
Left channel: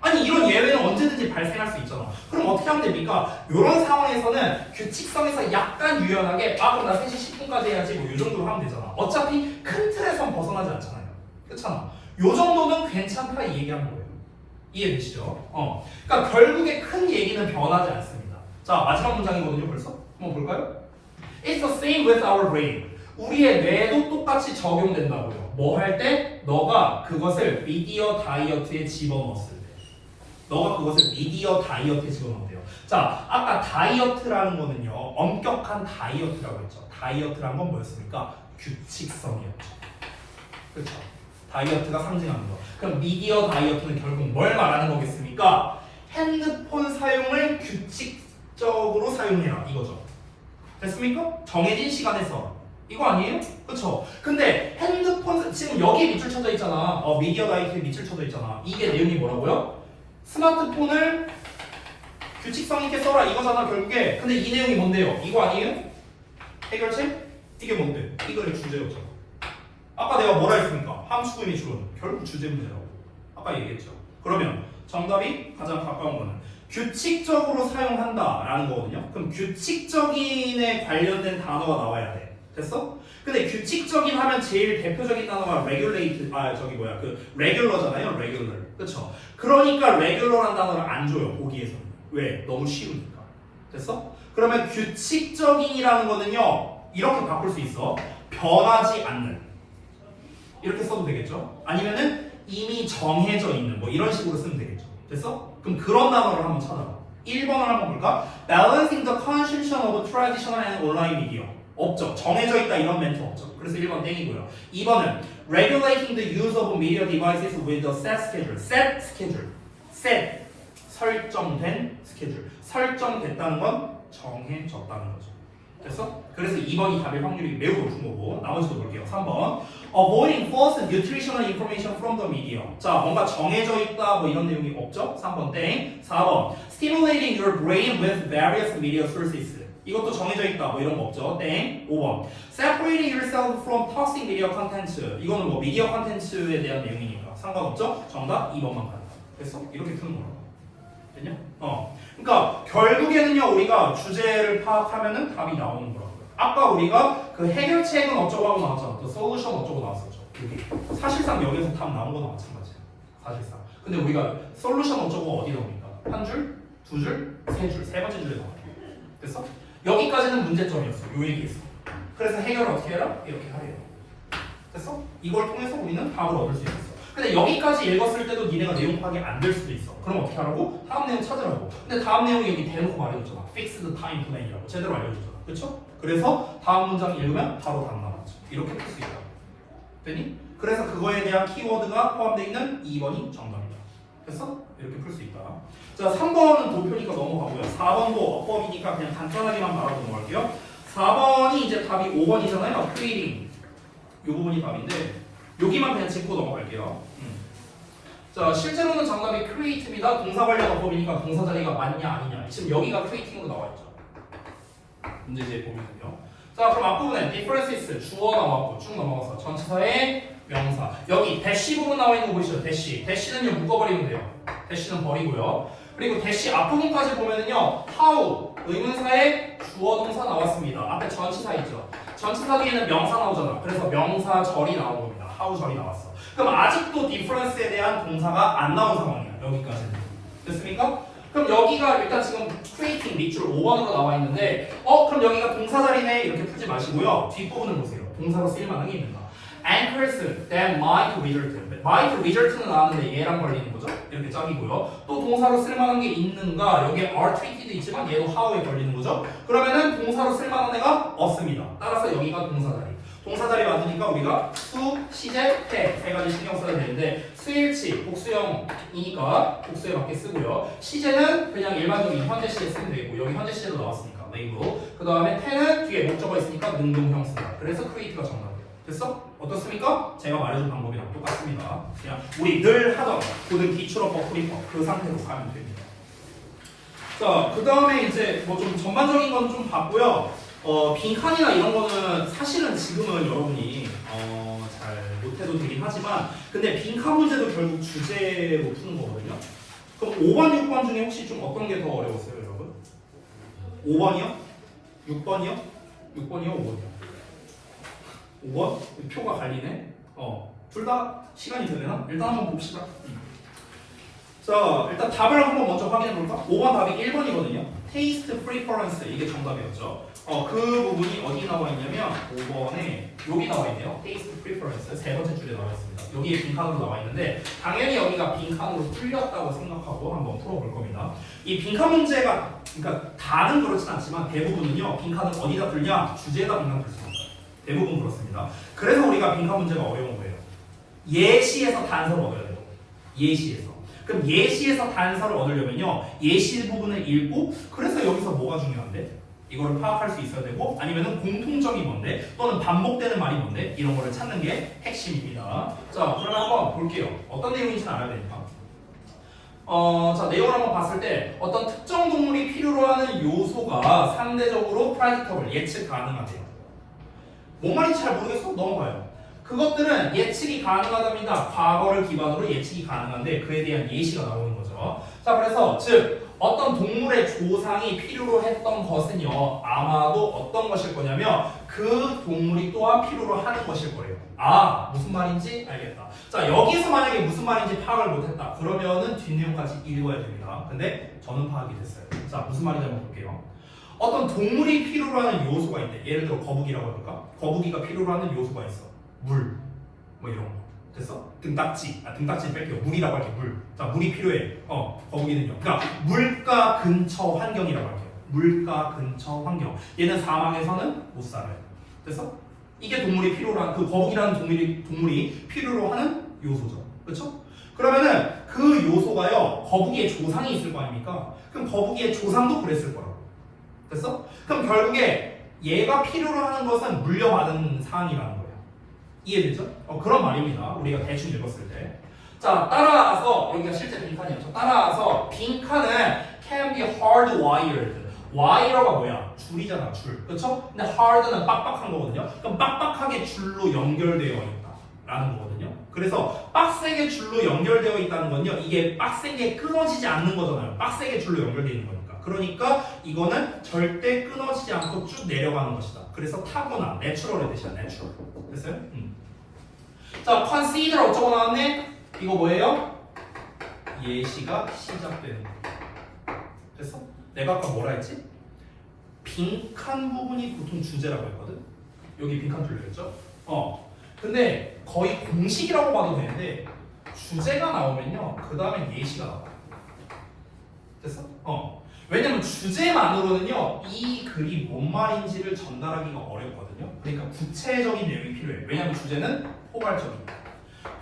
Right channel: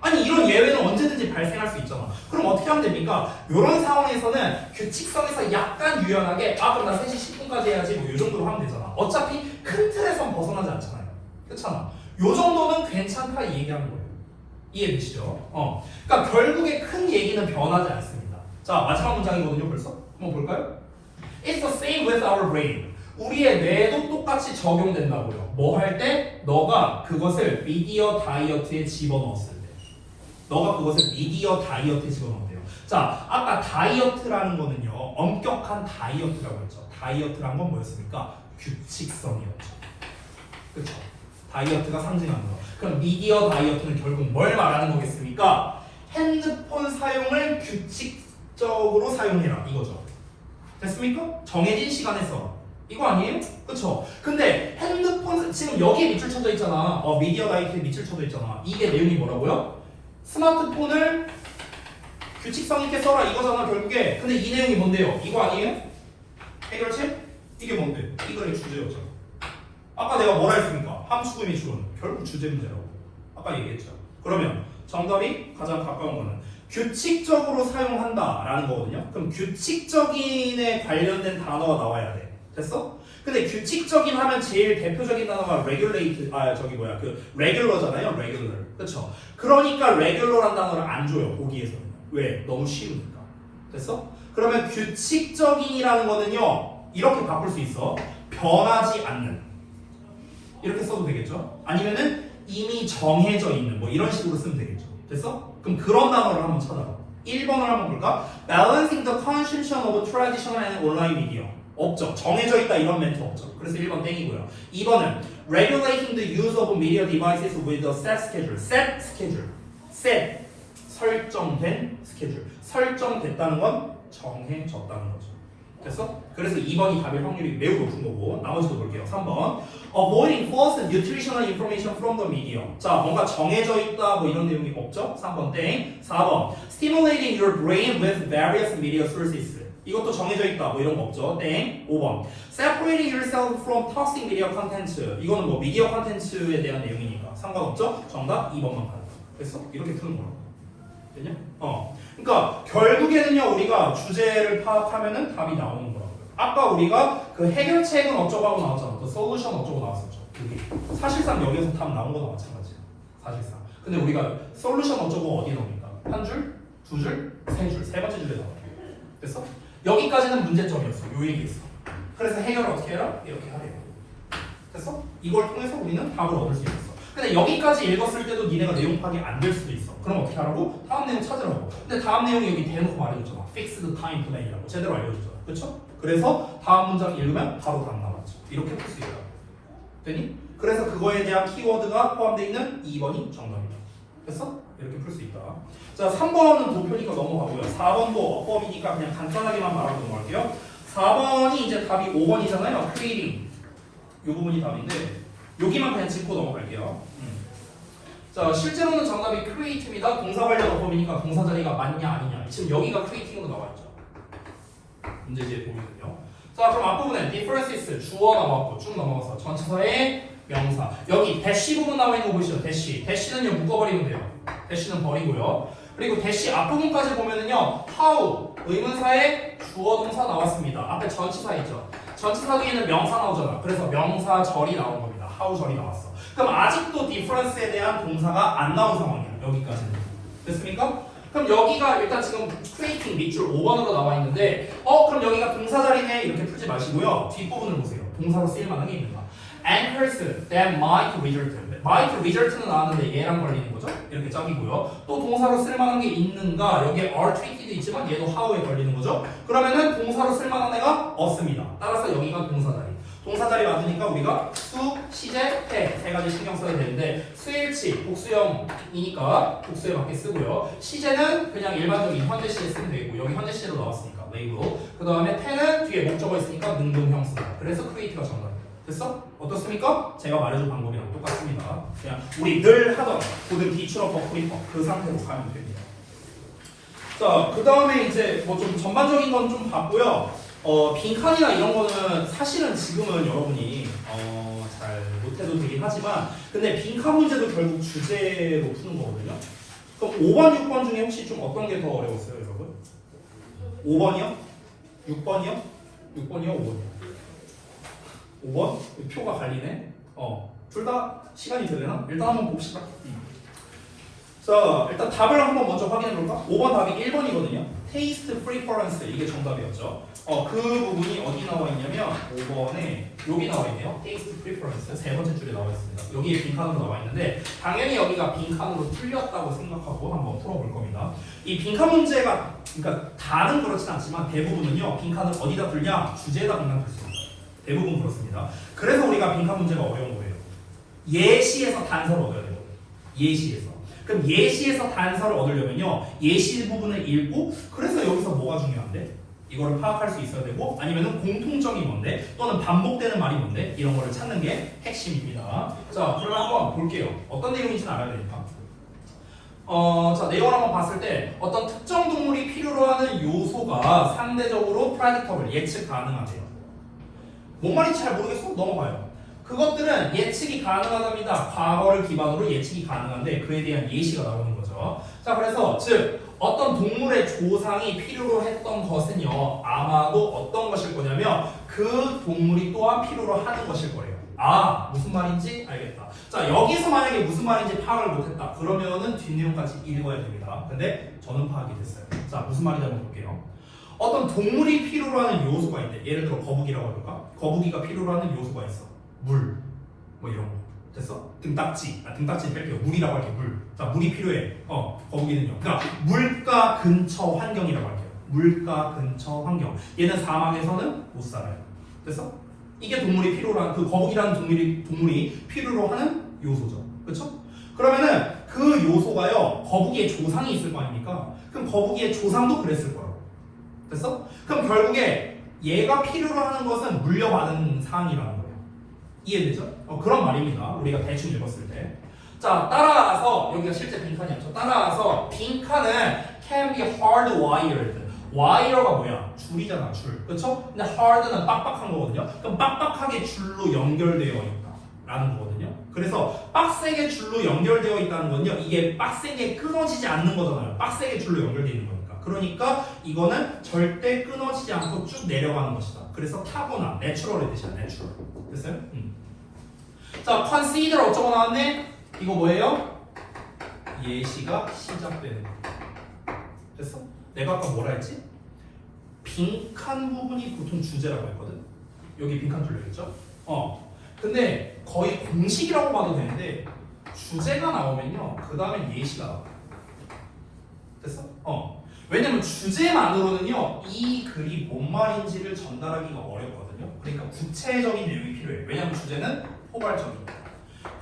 아니 이런 예외는 언제든지 발생할 수 있잖아. 그럼 어떻게 하면 됩니까? 이런 상황에서는 규칙성에서 약간 유연하게 그럼 나 3시 10분까지 해야지 뭐 이 정도로 하면 되잖아. 어차피 큰 틀에선 벗어나지 않잖아요. 그렇잖아. 요 정도는 괜찮다 이 얘기하는 거예요. 이해되시죠? 그러니까 결국에 큰 얘기는 변하지 않습니다. 자, 마지막 문장이거든요 벌써? 한번 볼까요? It's the same with our brain. 우리의 뇌도 똑같이 적용된다고요. 뭐 할 때? 너가 그것을 미디어 다이어트에 집어넣었을 때. 너가 그것을 미디어 다이어트에 집어넣었대요. 자, 아까 다이어트라는 거는요. 엄격한 다이어트라고 했죠. 다이어트라는 건 뭐였습니까? 규칙성이었죠. 그렇죠? 다이어트가 상징하는 거. 그럼 미디어 다이어트는 결국 뭘 말하는 거겠습니까? 핸드폰 사용을 규칙적으로 사용해라 이거죠. 됐습니까? 정해진 시간에서. 이거 아니에요? 그쵸? 근데 핸드폰 지금 여기에 밑줄 쳐져 있잖아. 미디어 다이어트에 밑줄 쳐져 있잖아. 이게 내용이 뭐라고요? 스마트폰을 규칙성 있게 써라 이거잖아 결국에. 근데 이 내용이 뭔데요? 이거 아니에요? 해결책? 이게 뭔데? 이거의 주제였잖아. 아까 내가 뭐라 했습니까? 함수의 미출은 결국 주제 문제라고 아까 얘기했죠. 그러면 정답이 가장 가까운 거는 규칙적으로 사용한다라는 거거든요. 그럼 규칙적인에 관련된 단어가 나와야 돼. 됐어? 근데 규칙적인 하면 제일 대표적인 단어가 regulate, regular잖아요. regular. 그쵸? 그러니까 regular란 단어를 안 줘요. 보기에서는. 왜? 너무 쉬우니까. 됐어? 그러면 규칙적인이라는 거는요. 이렇게 바꿀 수 있어. 변하지 않는. 이렇게 써도 되겠죠? 아니면은 이미 정해져 있는 뭐 이런 식으로 쓰면 되겠죠. 됐어? 그럼 그런 단어를 한번 찾아봐. 1번을 한번 볼까? Balancing the consumption of traditional and online media. 없죠. 정해져 있다 이런 멘트 없죠. 그래서 1번 땡이고요. 2번은 Regulating the use of media devices with a set schedule. Set schedule. Set. 설정된 스케줄. 설정됐다는 건 정해졌다는 거죠. 됐어? 그래서 2번이 답일 확률이 매우 높은 거고 나머지도 볼게요. 3번 Avoiding false and nutritional information from the media. 자, 뭔가 정해져 있다 뭐 이런 내용이 없죠? 3번 땡. 4번 Stimulating your brain with various media sources. 이것도 정해져 있다 뭐 이런 거 없죠? 땡. 5번 Separating yourself from toxic media content. 이거는 뭐 미디어 컨텐츠에 대한 내용이니까 상관없죠? 정답 2번만 간다. 됐어? 이렇게 푸는 거라고. 됐냐? 그러니까 결국에는요 우리가 주제를 파악하면은 답이 나오는 거라고요. 아까 우리가 그 해결책은 어쩌고 하고 나왔잖아. 또 솔루션 어쩌고 나왔었죠. 여기 사실상 여기에서 답 나온 거나 마찬가지야. 사실상. 근데 우리가 솔루션 어쩌고 어디 나옵니까? 한 줄, 두 줄, 세 줄, 세 번째 줄에 나와요. 됐어? 여기까지는 문제점이었어. 요 얘기했어. 그래서 해결을 어떻게 해라? 이렇게 하래요. 됐어? 이걸 통해서 우리는 답을 얻을 수 있었어. 근데 여기까지 읽었을 때도 니네가 내용 파악이 안 될 수도 있어. 그럼 어떻게 하라고? 다음 내용 찾으라고. 근데 다음 내용이 여기 대놓고 말해줬잖아. Fixed time plan이라고 제대로 알려줬잖아. 그쵸? 그래서 다음 문장 읽으면 바로 답 나왔죠. 이렇게 풀 수 있다. 됐니? 그래서 그거에 대한 키워드가 포함되어 있는 2번이 정답이다. 됐어? 이렇게 풀 수 있다. 자, 3번은 도표니까 넘어가고요. 4번도 어법이니까 그냥 간단하게만 말하고 넘어갈게요. 4번이 이제 답이 5번이잖아요. creating. 이 부분이 답인데 여기만 그냥 짚고 넘어갈게요. 자, 실제로는 정답이 create입니다. 동사 관련 어법이니까 동사 자리가 맞냐 아니냐. 지금 여기가 creating으로 나와 있죠. 문제지에 보면요. 자, 그럼 앞부분에 differences 주어 나왔고 쭉 넘어가서 전치사의 명사. 여기 대시 부분 나와 있는 거 보이시죠? 대시. 대시는요 묶어버리면 돼요. 대시는 버리고요. 그리고 대시 앞부분까지 보면은요 how 의문사의 주어 동사 나왔습니다. 앞에 전치사 있죠. 전치사 뒤에는 명사 나오잖아. 그래서 명사절이 나온 겁니다. how 절이 나왔어. 그럼 아직도 difference에 대한 동사가 안 나온 상황이야. 여기까지는. 됐습니까? 그럼 여기가 일단 지금 creating 밑줄 5번으로 나와 있는데 그럼 여기가 동사 자리네 이렇게 풀지 마시고요. 뒷부분을 보세요. 동사로 쓰일 만한 게 있는가? Anchors that might result. might result는 나왔는데 얘랑 걸리는 거죠? 이렇게 짝이고요. 또 동사로 쓸만한 게 있는가? 여기에 are treated 있지만 얘도 how에 걸리는 거죠? 그러면은 동사로 쓸만한 애가 없습니다. 따라서 여기가 동사 자리. 동사 자리 맞으니까 우리가 수, 시제, 해 세 가지 신경 써야 되는데 수일치, 복수형이니까 복수에 맞게 쓰고요. 시제는 그냥 일반적인 현재 시제 쓰면 되고 여기 현재 시제로 나왔으니까 네이버로. 그 다음에 태는 뒤에 목적어 있으니까 능동형 쓴다. 그래서 create가 정답. 됐어? 어떻습니까? 제가 말해준 방법이랑 똑같습니다. 그냥 우리 늘 하던 고등 기출어 버프리퍼 그 상태로 가면 됩니다. 자, 그 다음에 이제 뭐 좀 전반적인 건 좀 봤고요. 빈칸이나 이런 거는 사실은 지금은 여러분이 잘 못해도 되긴 하지만, 근데 빈칸 문제도 결국 주제로 푸는 거거든요. 그럼 5번, 6번 중에 혹시 좀 어떤 게 더 어려웠어요, 여러분? 5번이요? 6번이요? 6번이요? 5번이요? 5번? 표가 갈리네? 둘 다 시간이 되려나? 일단 한번 봅시다. 자, 일단 답을 한번 먼저 확인해 볼까? 5번 답이 1번이거든요. Taste Preference 이게 정답이었죠. 그 부분이 어디 나와 있냐면 5번에 여기 나와 있네요. Taste Preference 세 번째 줄에 나와 있습니다. 여기에 빈칸으로 나와 있는데 당연히 여기가 빈칸으로 뚫렸다고 생각하고 한번 풀어볼 겁니다. 이 빈칸 문제가 그러니까 다는 그렇진 않지만 대부분은요 빈칸은 어디다 뚫냐? 주제에다 빈칸 뚫습니다. 대부분 그렇습니다. 그래서 우리가 빈칸 문제가 어려운 거예요. 예시에서 단서를 얻어야 돼요. 예시에서. 그럼 예시에서 단서를 얻으려면요 예시 부분을 읽고 그래서 여기서 뭐가 중요한데? 이거를 파악할 수 있어야 되고 아니면은 공통점이 뭔데? 또는 반복되는 말이 뭔데? 이런 거를 찾는 게 핵심입니다. 자, 그럼 한번 볼게요. 어떤 내용인지는 알아야 되니까. 자, 내용을 한번 봤을 때 어떤 특정 동물이 필요로 하는 요소가 상대적으로 predictable, 예측 가능하대요. 뭔 말인지 잘 모르겠어? 넘어가요. 그것들은 예측이 가능하답니다. 과거를 기반으로 예측이 가능한데 그에 대한 예시가 나오는 거죠. 자, 그래서 즉 어떤 동물의 조상이 필요로 했던 것은요 아마도 어떤 것일 거냐면 그 동물이 또한 필요로 하는 것일 거예요. 아, 무슨 말인지 알겠다. 자, 여기서 만약에 무슨 말인지 파악을 못했다 그러면은 뒷내용까지 읽어야 됩니다. 근데 저는 파악이 됐어요. 자, 무슨 말인지 한번 볼게요. 어떤 동물이 필요로 하는 요소가 있대. 예를 들어 거북이라고 해볼까? 거북이가 필요로 하는 요소가 있어. 물, 뭐 이런 거. 됐어? 등딱지, 등딱지 뺄게요. 물이라고 할게요. 물. 자, 물이 필요해. 거북이는요. 그러니까 물가 근처 환경이라고 할게요. 물가 근처 환경. 얘는 사막에서는 못 살아요. 됐어? 이게 동물이 필요로 하는 그 거북이라는 동물이 필요로 하는 요소죠. 그렇죠? 그러면은 그 요소가요 거북이의 조상이 있을 거 아닙니까? 그럼 거북이의 조상도 그랬을 거라고. 됐어? 그럼 결국에 얘가 필요로 하는 것은 물려받은 사항이라는 거예요. 이해되죠? 그런 말입니다. 우리가 대충 읽었을 때. 자, 따라서 여기가 실제 빈칸이었죠. 따라서 빈칸은 can be hardwired. wire가 뭐야? 줄이잖아, 줄. 그렇죠? 근데 hard는 빡빡한 거거든요. 그럼 빡빡하게 줄로 연결되어 있다라는 거거든요. 그래서 빡세게 줄로 연결되어 있다는 건요. 이게 빡세게 끊어지지 않는 거잖아요. 빡세게 줄로 연결되어 있는 거니까. 그러니까 이거는 절대 끊어지지 않고 쭉 내려가는 것이다. 그래서 타고난, 내추럴의 뜻이야, 내추럴. 됐어요? 자, consider 어쩌고 나왔네? 이거 뭐예요? 예시가 시작되는 거. 됐어? 내가 아까 뭐라 했지? 빈칸 부분이 보통 주제라고 했거든? 여기 빈칸 뚫려있죠? 근데 거의 공식이라고 봐도 되는데 주제가 나오면요 그 다음에 예시가 나와요. 됐어? 왜냐면 주제만으로는요 이 글이 뭔 말인지를 전달하기가 어렵거든요. 그러니까 구체적인 내용이 필요해요. 왜냐면 주제는 포괄적이니까.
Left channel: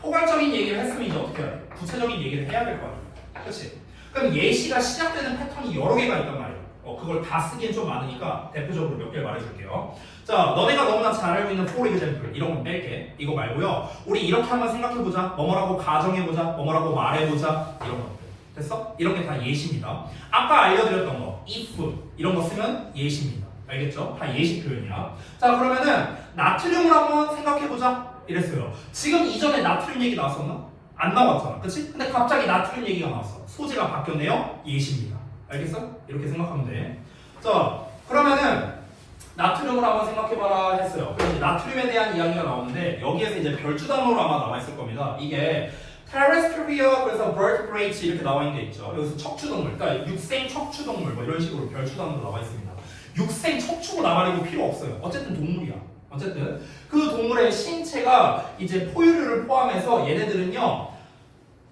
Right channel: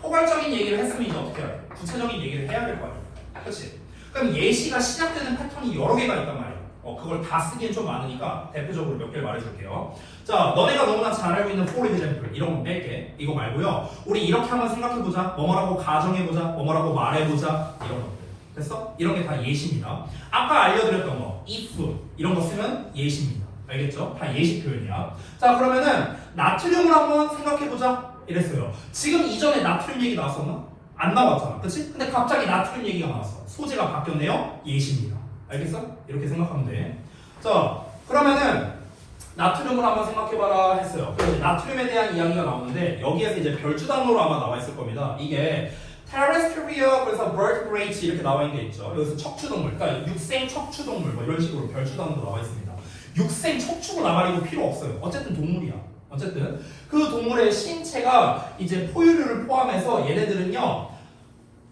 포괄적인 얘기를 했으면 이제 어떻게 해야 돼? 구체적인 얘기를 해야 될 거 아니야. 그렇지? 그럼 예시가 시작되는 패턴이 여러 개가 있단 말이야. 그걸 다 쓰기엔 좀 많으니까 대표적으로 몇 개를 말해줄게요. 자, 너네가 너무나 잘 알고 있는 for example 이런 거 뺄게. 이거 말고요. 우리 이렇게 한번 생각해보자. 뭐뭐라고 가정해보자. 뭐뭐라고 말해보자. 이런 것들. 됐어? 이런 게 다 예시입니다. 아까 알려드렸던 거 if 이런 거 쓰면 예시입니다. 알겠죠? 다 예시 표현이야. 자, 그러면은 나트륨을 한번 생각해보자. 이랬어요. 지금 이전에 나트륨 얘기 나왔었나? 안 나왔잖아. 그치? 근데 갑자기 나트륨 얘기가 나왔어. 소재가 바뀌었네요? 예시입니다. 알겠어? 이렇게 생각하면 돼. 자, 그러면은 나트륨을 한번 생각해봐라 했어요. 그래서 나트륨에 대한 이야기가 나오는데 여기에서 이제 별주단으로 아마 나와 있을 겁니다. 이게 terrestrial, 그래서 vertebrates 이렇게 나와 있는 게 있죠. 여기서 척추동물, 그러니까 육생 척추동물 뭐 이런 식으로 별주단으로 나와 있습니다. 육생 척추고 나발이고 필요 없어요. 어쨌든 동물이야. 어쨌든 그 동물의 신체가 이제 포유류를 포함해서 얘네들은요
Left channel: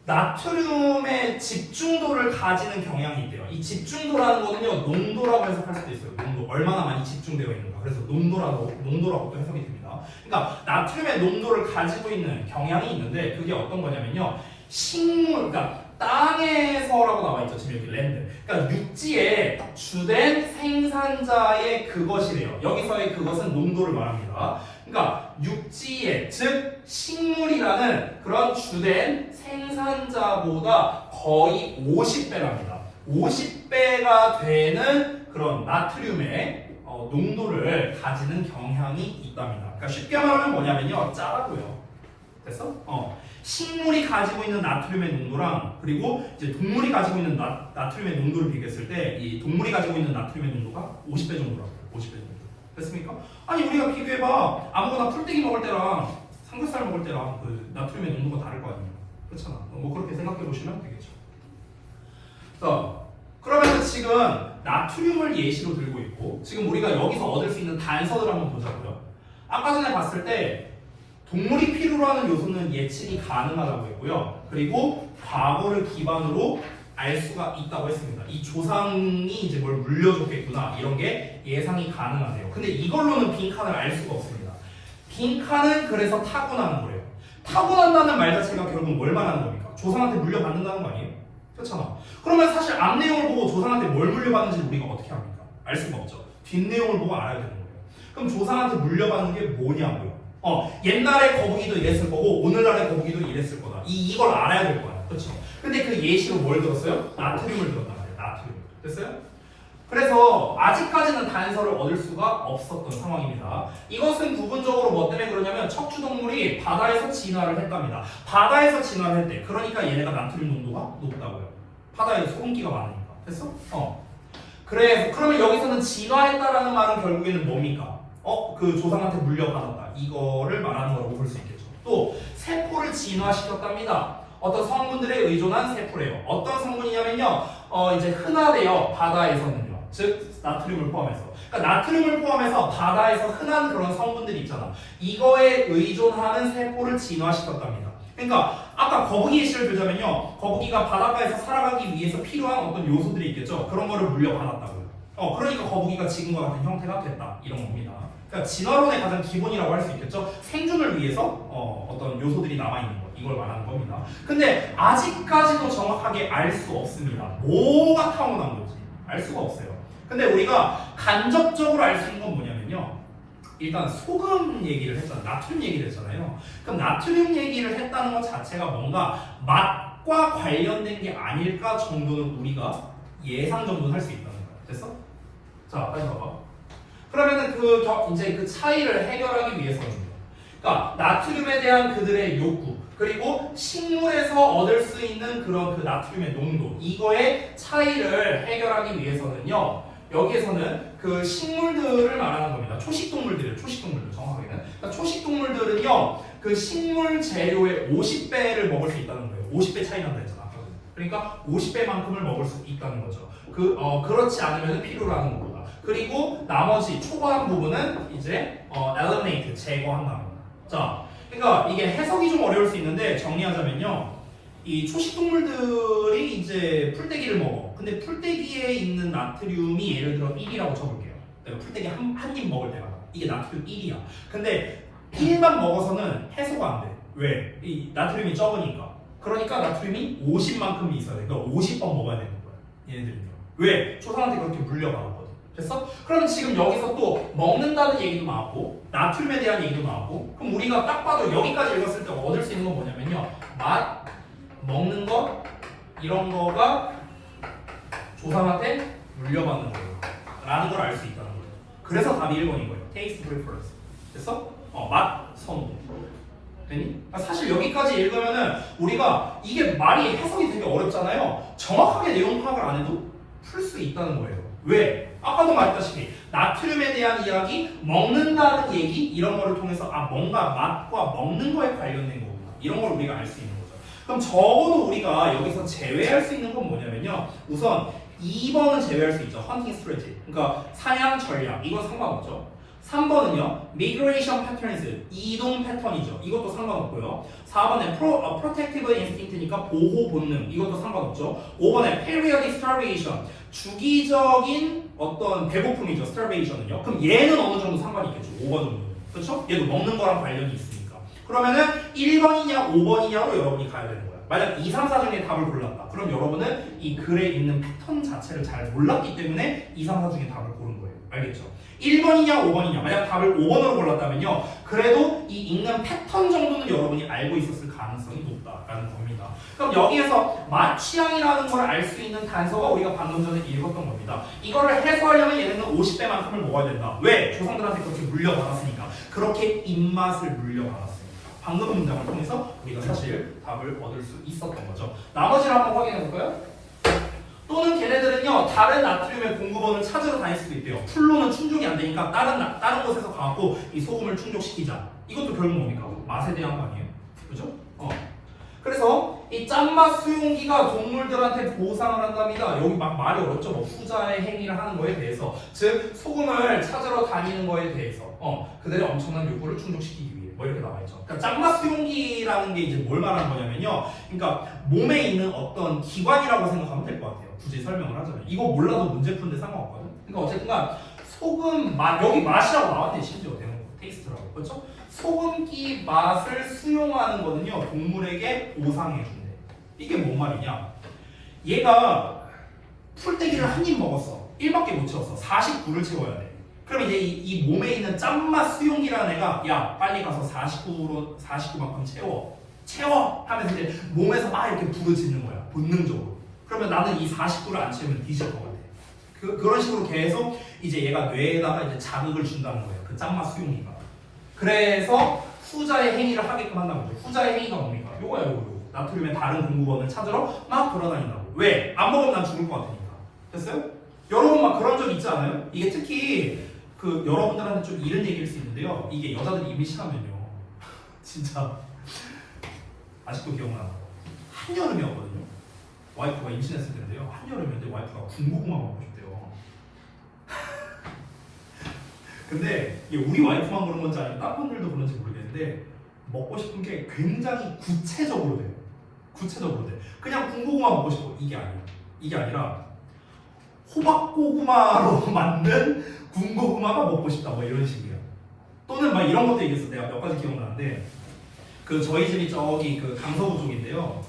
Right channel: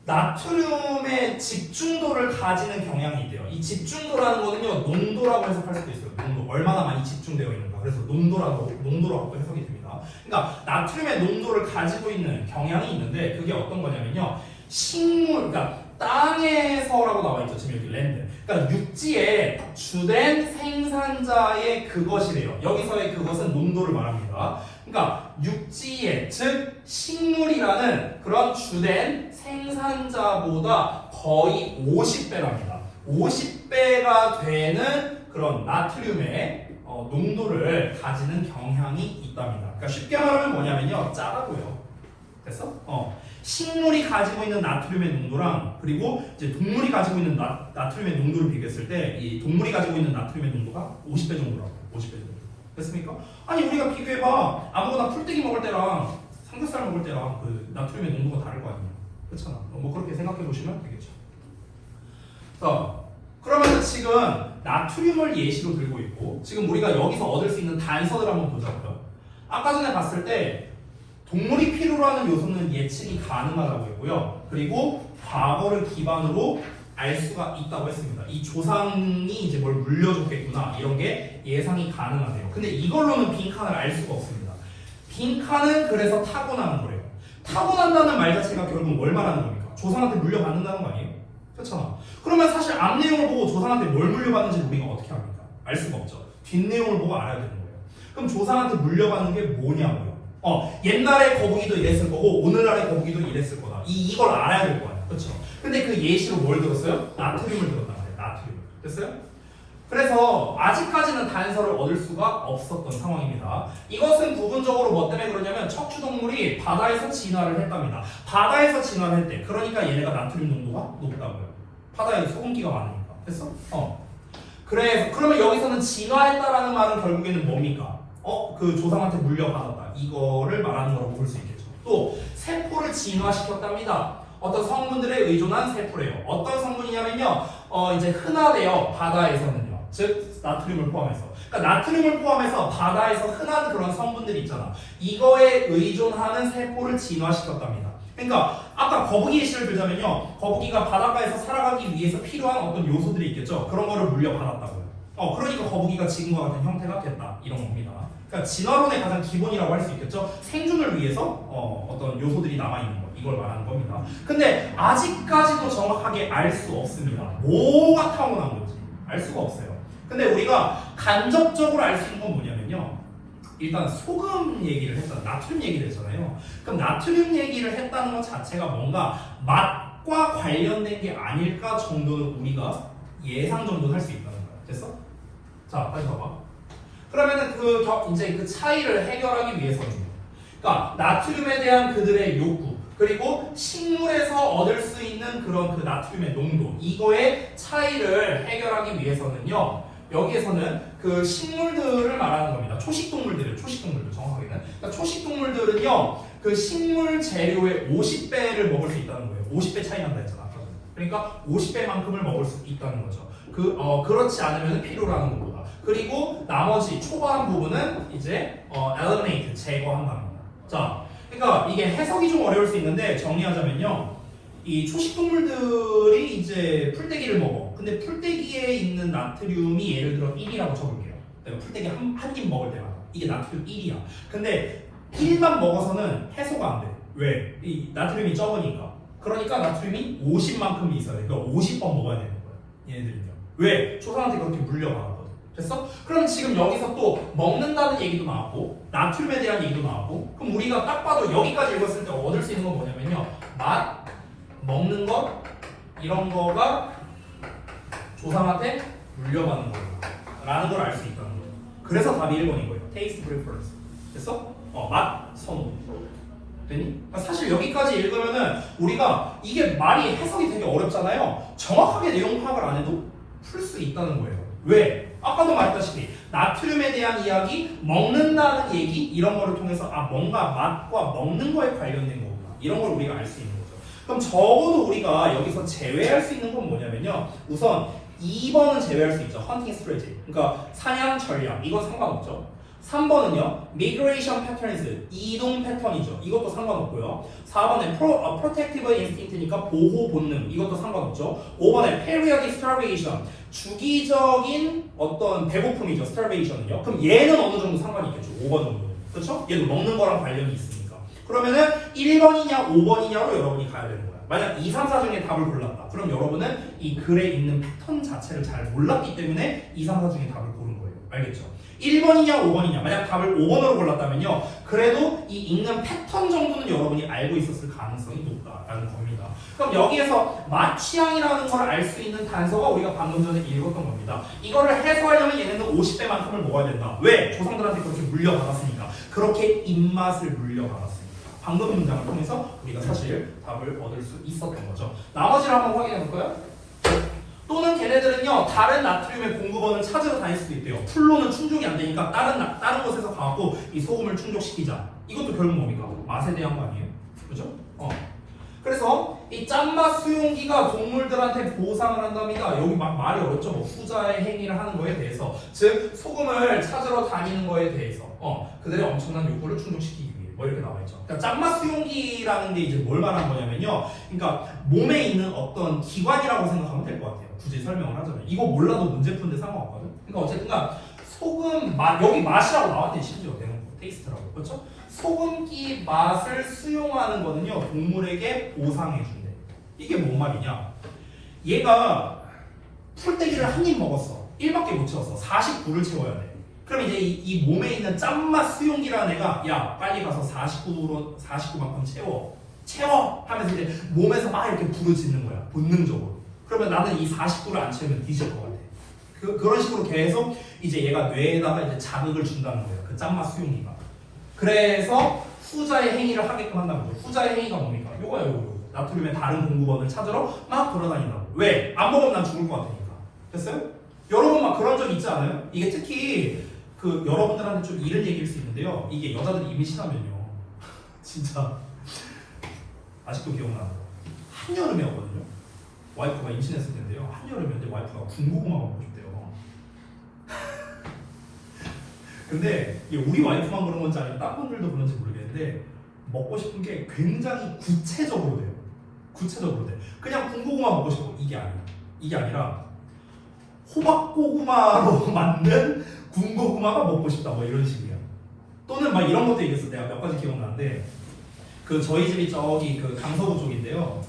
나트륨의 집중도를 가지는 경향이 있대요. 이 집중도라는 거는요 농도라고 해석할 수도 있어요. 농도 얼마나 많이 집중되어 있는가. 그래서 농도라고 또 해석이 됩니다. 그러니까 나트륨의 농도를 가지고 있는 경향이 있는데 그게 어떤 거냐면요 식물, 그러니까 땅에서라고 나와 있죠. 지금 여기 랜드. 그러니까 육지의 주된 생산자의 그것이래요. 여기서의 그것은 농도를 말합니다. 그러니까 육지의, 즉 식물이라는 그런 주된 생산자보다 거의 50배랍니다. 50배가 되는 그런 나트륨의 농도를 가지는 경향이 있답니다. 그러니까 쉽게 말하면 뭐냐면요, 짜다고요. 됐어? 식물이 가지고 있는 나트륨의 농도랑 그리고 이제 동물이 가지고 있는 나트륨의 농도를 비교했을 때 이 동물이 가지고 있는 나트륨의 농도가 50배 정도라고. 50배 정도. 됐습니까? 아니 우리가 비교해봐. 아무거나 풀떼기 먹을 때랑 삼겹살 먹을 때랑 그 나트륨의 농도가 다를 거 아니에요. 그렇잖아. 뭐 그렇게 생각해 보시면 되겠죠. 자, 그러면 지금 나트륨을 예시로 들고 있고 지금 우리가 여기서 얻을 수 있는 단서를 한번 보자고요. 아까 전에 봤을 때 동물이 필요로 하는 요소는 예측이 가능하다고 했고요. 그리고 과거를 기반으로 알 수가 있다고 했습니다. 이 조상이 이제 뭘 물려줬겠구나 이런 게 예상이 가능하대요. 근데 이걸로는 빈칸을 알 수가 없습니다. 빈칸은 그래서 타고나는 거예요. 타고난다는 말 자체가 결국은 뭘 말하는 겁니까? 조상한테 물려받는다는 거 아니에요? 그렇잖아. 그러면 사실 앞 내용을 보고 조상한테 뭘 물려받는지 우리가 어떻게 합니까? 알 수가 없죠. 뒷 내용을 보고 알아야 되는 거예요. 그럼 조상한테 물려받는 게 뭐냐고요? 옛날에 거북이도 이랬을 거고 오늘날의 거북이도 이랬을 거다. 이걸 알아야 될 거야. 그렇죠? 근데 그 예시로 뭘 들었어요? 나트륨을 들었단 말이에요. 나트륨. 됐어요? 그래서 아직까지는 단서를 얻을 수가 없었던 상황입니다. 이것은 부분적으로 뭐 때문에 그러냐면 척추동물이 바다에서 진화를 했답니다. 바다에서 진화를 했대. 그러니까 얘네가 나트륨 농도가 높다고요. 바다에 소금기가 많으니까. 됐어? 그러면 여기서는 진화했다라는 말은 결국에는 뭡니까? 그 조상한테 물려받았다. 이거를 말하는 거라고 볼 수 있겠죠. 또 세포를 진화시켰답니다. 어떤 성분들에 의존한 세포래요. 어떤 성분이냐면요. 이제 흔하대요. 바다에서는요. 즉 나트륨을 포함해서. 그러니까 나트륨을 포함해서 바다에서 흔한 그런 성분들이 있잖아. 이거에 의존하는 세포를 진화시켰답니다. 그러니까 아까 거북이 예시를 들자면요. 거북이가 바닷가에서 살아가기 위해서 필요한 어떤 요소들이 있겠죠. 그런 거를 물려받았다고요. 그러니까 거북이가 지금과 같은 형태가 됐다. 이런 겁니다. 그러니까 진화론의 가장 기본이라고 할 수 있겠죠. 생존을 위해서 어떤 요소들이 남아있는 것. 이걸 말하는 겁니다. 근데 아직까지도 정확하게 알 수 없습니다. 뭐가 타고난 건지 알 수가 없어요. 근데 우리가 간접적으로 알 수 있는 건 뭐냐면요. 일단 소금 얘기를 했잖아요. 나트륨 얘기를 했잖아요. 그럼 나트륨 얘기를 했다는 것 자체가 뭔가 맛과 관련된 게 아닐까 정도는 우리가 예상 정도는 할 수 있다는 거야. 됐어? 자, 빨리 봐봐. 그러면은 이제 그 차이를 해결하기 위해서는 그러니까 나트륨에 대한 그들의 욕구 그리고 식물에서 얻을 수 있는 그런 그 나트륨의 농도 이거의 차이를 해결하기 위해서는요. 여기에서는 그 식물들을 말하는 겁니다. 초식동물들이에요. 초식동물들 정확하게는. 그러니까 초식동물들은요. 그 식물 재료의 50배를 먹을 수 있다는 거예요. 50배 차이 난다 했잖아. 그러니까 50배만큼을 먹을 수 있다는 거죠. 그렇지 않으면 필요로 하는 거고요. 그리고 나머지 초과한 부분은 이제 eliminate 제거한다는 거예요. 자, 그러니까 이게 해석이 좀 어려울 수 있는데 정리하자면요. 이 초식동물들이 이제 풀떼기를 먹어. 근데 풀떼기에 있는 나트륨이 예를 들어 1이라고 쳐볼게요. 내가 풀떼기 한 입 먹을 때마다 이게 나트륨 1이야. 근데 1만 먹어서는 해소가 안 돼. 왜? 이 나트륨이 적으니까. 그러니까 나트륨이 50만큼이 있어야 돼. 그러니까 50번 먹어야 되는 거야. 얘네들은요. 왜? 초상한테 그렇게 물려받았거든. 됐어? 그럼 지금 여기서 또 먹는다는 얘기도 나왔고 나트륨에 대한 얘기도 나왔고 그럼 우리가 딱 봐도 여기까지 읽었을 때 얻을 수 있는 건 뭐냐면요. 맛, 먹는 것 이런 거가 조상한테 물려받는 거예요. 라는 걸 알 수 있다는 거예요. 그래서 답이 1번인 거예요. Taste preference. 됐어? 맛, 선호. 되니? 사실 여기까지 읽으면은 우리가 이게 말이 해석이 되게 어렵잖아요. 정확하게 내용 파악을 안 해도 풀 수 있다는 거예요. 왜? 아까도 말했다시피 나트륨에 대한 이야기, 먹는다는 얘기 이런 거를 통해서 뭔가 맛과 먹는 거에 관련된 거구나. 이런 걸 우리가 알 수 있는 거죠. 그럼 적어도 우리가 여기서 제외할 수 있는 건 뭐냐면요. 우선 2번은 제외할 수 있죠. 헌팅 스트래티. 그러니까 사냥 전략. 이건 상관없죠. 3번은요. migration patterns. 이동 패턴이죠. 이것도 상관없고요. 4번에 protective instinct니까 보호 본능. 이것도 상관없죠. 5번에 periodic starvation. 주기적인 어떤 배고픔이죠. starvation은요. 그럼 얘는 어느 정도 상관이 있겠죠. 5번 정도는. 그렇죠? 얘도 먹는 거랑 관련이 있으니까. 그러면은 1번이냐 5번이냐로 여러분이 가야 되는 거예요. 만약 2, 3, 4 중에 답을 골랐다. 그럼 여러분은 이 글에 있는 패턴 자체를 잘 몰랐기 때문에 2, 3, 4 중에 답을 고른 거예요. 알겠죠? 1번이냐 5번이냐 만약 답을 5번으로 골랐다면요 그래도 이 읽는 패턴 정도는 여러분이 알고 있었을 가능성이 높다라는 겁니다. 그럼 여기에서 맛 취향이라는 걸 알 수 있는 단서가 우리가 방금 전에 읽었던 겁니다. 이거를 해소하려면 얘네는 50대만큼을 먹어야 된다. 왜? 조상들한테 그렇게 물려받았으니까. 그렇게 입맛을 물려받았으니까. 방금 문장을 통해서 우리가 사실 답을 얻을 수 있었던 거죠. 나머지를 한번 확인해 볼까요? 또는 걔네들은요 다른 나트륨의 공급원을 찾으러 다닐 수도 있대요. 풀로는 충족이 안 되니까 다른 곳에서 가고 이 소금을 충족시키자. 이것도 결국 뭡니까? 맛에 대한 거 아니에요? 그죠? 그래서 이 짠맛 수용기가 동물들한테 보상을 한답니다. 여기 막 말이 어렵죠. 뭐 후자의 행위를 하는 거에 대해서, 즉 소금을 찾으러 다니는 거에 대해서 그들의 엄청난 욕구를 충족시키기 위해 뭐 이렇게 나와 있죠. 그러니까 짠맛 수용기라는 게 이제 뭘 말하는 거냐면요. 그러니까 몸에 있는 어떤 기관이라고 생각하면 될 것 같아요. 굳이 설명을 하자면 이거 몰라도 문제 푸는데 상관없거든. 그러니까 어쨌든간 소금 맛 여기 맛이라고 나왔대 심지어 대놓고 테이스트라고 그렇죠? 소금기 맛을 수용하는 거는요 동물에게 보상해 준대. 이게 뭔 말이냐? 얘가 풀떼기를 한 입 먹었어. 1밖에 못 채웠어. 49를 채워야 돼. 그럼 이제 이 몸에 있는 짠맛 수용기라는 애가 야 빨리 가서 49만큼 채워 하면서 이제 몸에서 막 이렇게 부르짖는 거야 본능적으로. 그러면 나는 이 49를 안 채우면 뒤질 것 같아. 그런 식으로 계속 이제 얘가 뇌에다가 이제 자극을 준다는 거예요. 그 짠맛 수용기가. 그래서 후자의 행위를 하게끔 한다는 거죠. 후자의 행위가 뭡니까? 요거야 요거. 나트륨의 다른 공급원을 찾으러 막 돌아다닌다고. 왜? 안 먹으면 난 죽을 것 같으니까. 됐어요? 여러분 막 그런 적 있지 않아요? 이게 특히 그 여러분들한테 좀 이런 얘기일 수 있는데요. 이게 여자들이 임신하면요. 진짜 아직도 기억나요. 한여름이었거든요. 와이프가 임신했을 텐데요. 한여름인데 와이프가 군고구마 먹고 싶대요. 근데 이게 우리 와이프만 그런 건지 아니면 다른 분들도 그런지 모르겠는데 먹고 싶은 게 굉장히 구체적으로 돼요. 구체적으로 돼. 그냥 군고구마 먹고 싶어. 이게 아니야. 이게 아니라 호박고구마로 만든 군고구마가 먹고 싶다. 뭐 이런 식이야. 또는 막 이런 것도 얘기했어. 내가 몇 가지 기억나는데 그 저희 집이 저기 그 강서구 쪽인데요.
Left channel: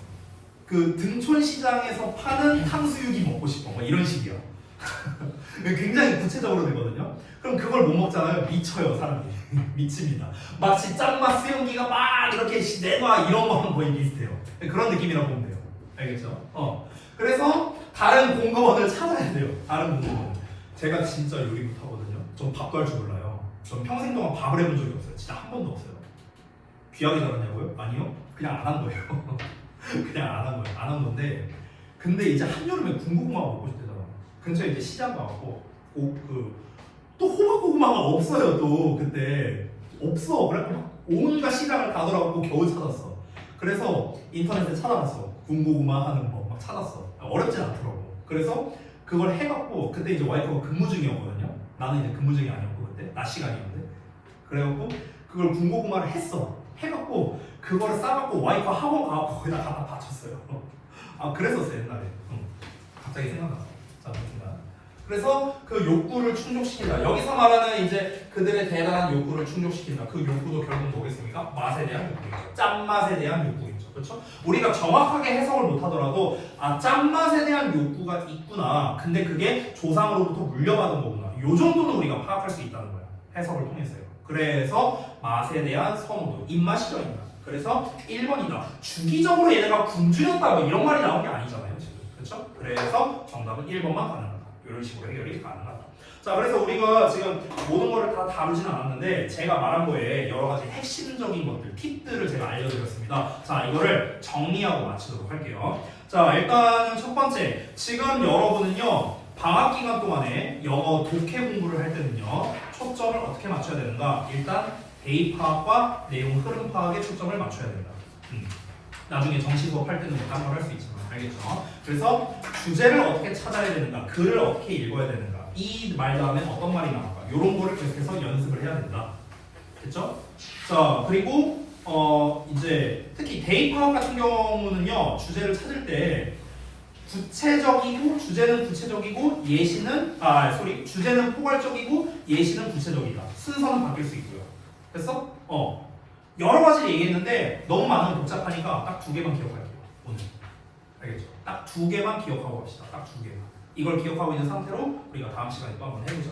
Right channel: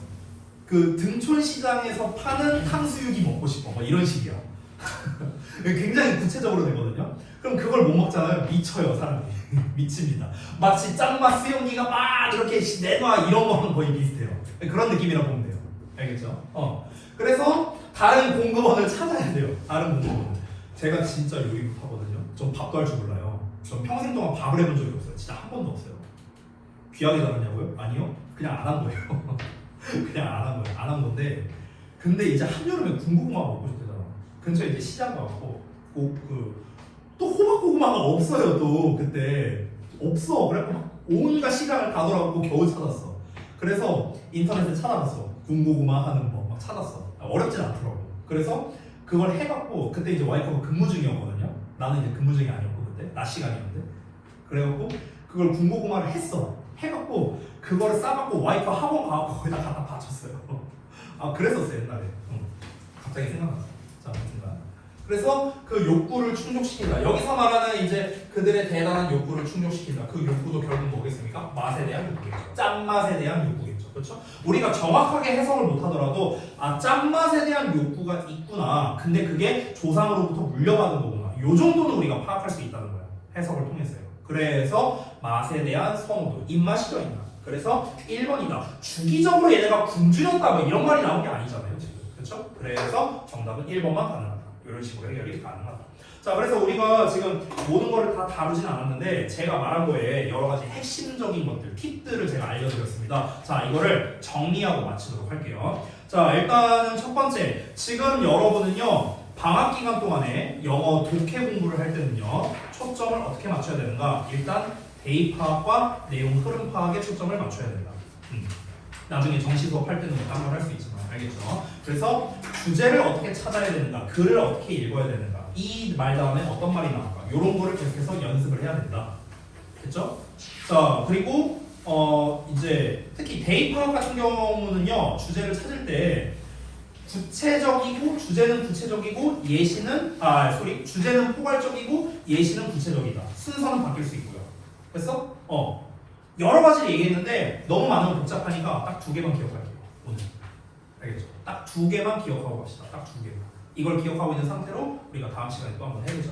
그 등촌시장에서 파는 탕수육이 먹고 싶어. 뭐 이런 식이야. 굉장히 구체적으로 되거든요. 그럼 그걸 못 먹잖아요. 미쳐요 사람들이. 미칩니다. 마치 짠맛 수용기가 막 이렇게 내놔 이런 거랑 거의 비슷해요. 그런 느낌이라고 보면 돼요. 알겠죠? 그래서 다른 공급원을 찾아야 돼요. 다른 공급원을. 제가 진짜 요리 못하거든요. 전 밥도 할 줄 몰라요. 전 평생 동안 밥을 해본 적이 없어요. 진짜 한 번도 없어요. 귀하게 자랐냐고요? 아니요. 그냥 안 한 거예요. 그냥 안 한 거예요. 안 한 건데 근데 이제 한여름에 군고구마 먹고 싶대잖아. 근처에 이제 시장 가고 또 호박고구마가 없어요. 또 그때 없어. 그래갖고 막 온갖 시장을 다 돌아가고 겨우 찾았어. 그래서 인터넷에 찾아봤어. 군고구마 하는 법 막 찾았어. 어렵진 않더라고. 그래서 그걸 해갖고 그때 이제 와이프가 근무 중이었거든요. 나는 이제 근무 중이 아니었고 그때 낮 시간이었는데 그래갖고 그걸 군고구마를 했어. 해갖고 그거를 싸갖고 와이프 학원 가갖고 거기다 갖다 바쳤어요. 그랬었어 옛날에. 갑자기 생각나. 자, 그래서 그 욕구를 충족시킨다. 여기서 말하는 이제 그들의 대단한 욕구를 충족시킨다. 그 욕구도 결국 뭐겠습니까? 맛에 대한 욕구겠죠. 짠맛에 대한 욕구겠죠. 그렇죠? 우리가 정확하게 해석을 못하더라도 짠맛에 대한 욕구가 있구나. 근데 그게 조상으로부터 물려받은 거구나. 요 정도는 우리가 파악할 수 있다는 거야. 해석을 통해서요. 그래서 맛에 대한 선호도, 입맛이죠, 입맛. 그래서 1번이다. 주기적으로 얘네가 굶주렸다 뭐 이런 말이 나온 게 아니잖아요, 지금. 그렇죠? 그래서 정답은 1번만 가능하다. 이런 식으로 해결이 가능하다. 자, 그래서 우리가 지금 모든 거를 다 다루진 않았는데 제가 말한 거에 여러 가지 핵심적인 것들, 팁들을 제가 알려드렸습니다. 자, 이거를 정리하고 마치도록 할게요. 자, 일단은 첫 번째, 지금 여러분은요 방학 기간 동안에 영어 독해 공부를 할 때는요 초점을 어떻게 맞춰야 되는가? 일단 대입 파악과 내용 흐름 파악에 초점을 맞춰야 된다. 나중에 정시 수업 할 때는 뭐 딴 걸 할 수 있지만 알겠죠? 그래서 주제를 어떻게 찾아야 되는가, 글을 어떻게 읽어야 되는가, 이 말 다음에 어떤 말이 나올까, 이런 거를 계속해서 연습을 해야 된다. 됐죠? 자, 그리고 이제 특히 대입 파악 같은 경우는요 주제를 찾을 때 구체적이고 주제는 구체적이고 예시는 주제는 포괄적이고 예시는 구체적이다. 순서는 바뀔 수 있고요. 됐어? 여러 가지를 얘기했는데 너무 많으면 복잡하니까 딱 2개만 기억할게요. 오늘. 알겠죠? 딱 2개만 기억하고 갑시다. 딱 2개만. 이걸 기억하고 있는 상태로 우리가 다음 시간에 또 한번 해보자.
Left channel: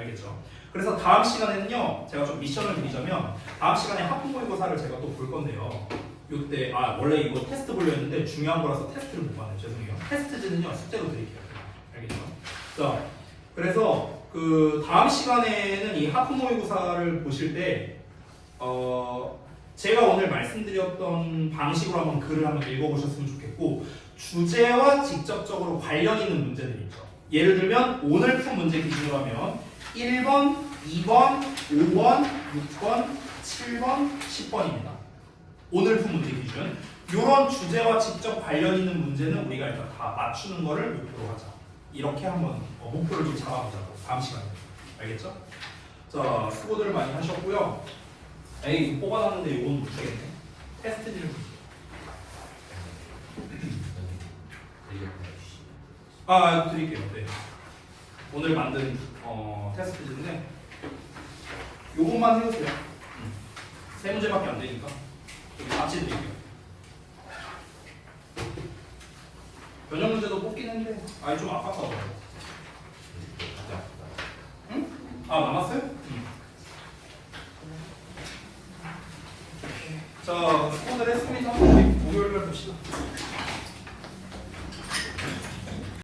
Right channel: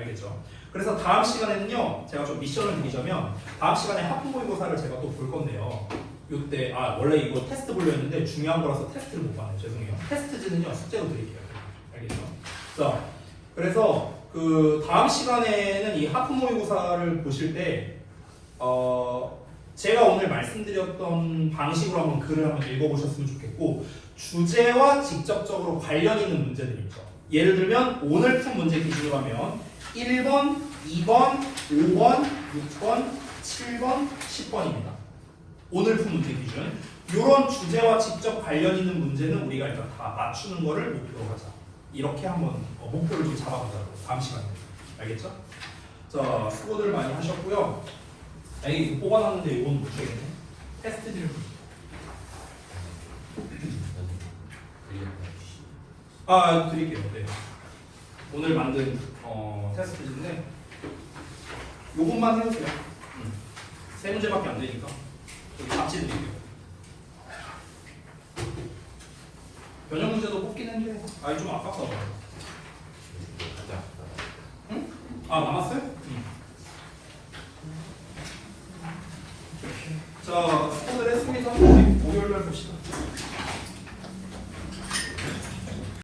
알겠죠? 그래서 다음 시간에는요, 제가 좀 미션을 드리자면 다음 시간에 하프 모의고사를 제가 또 볼 건데요. 요때 원래 이거 테스트 보려 했는데 중요한 거라서 테스트를 못 봤네요. 죄송해요. 테스트지는요 숙제로 드릴게요. 알겠죠? 자, 그래서 그 다음 시간에는 이 하프 모의고사를 보실 때 제가 오늘 말씀드렸던 방식으로 한번 글을 한번 읽어보셨으면 좋겠고 주제와 직접적으로 관련 있는 문제들이 있죠. 예를 들면 오늘 푼 문제 기준으로 하면 1번, 2번, 5번, 6번, 7번, 10번입니다. 오늘 푼 문제 기준. 이런 주제와 직접 관련 있는 문제는 우리가 일단 다 맞추는 거를 목표로 하자. 이렇게 한번 목표를 좀 잡아보자고요. 다음 시간에. 알겠죠? 자, 수고들 많이 하셨고요. 에이, 뽑아놨는데 이건 못하겠네. 테스트 질문. 드릴게요. 네. 오늘 만든 테스트인데 요것만 해보세요. 세 문제밖에 안 되니까 여기 같이 드릴게요. 변형 문제도 뽑긴 했는데 좀 아깝다. 응? 남았어요? 응. 자, 수고들 했습니다. 목요일날 봅시다.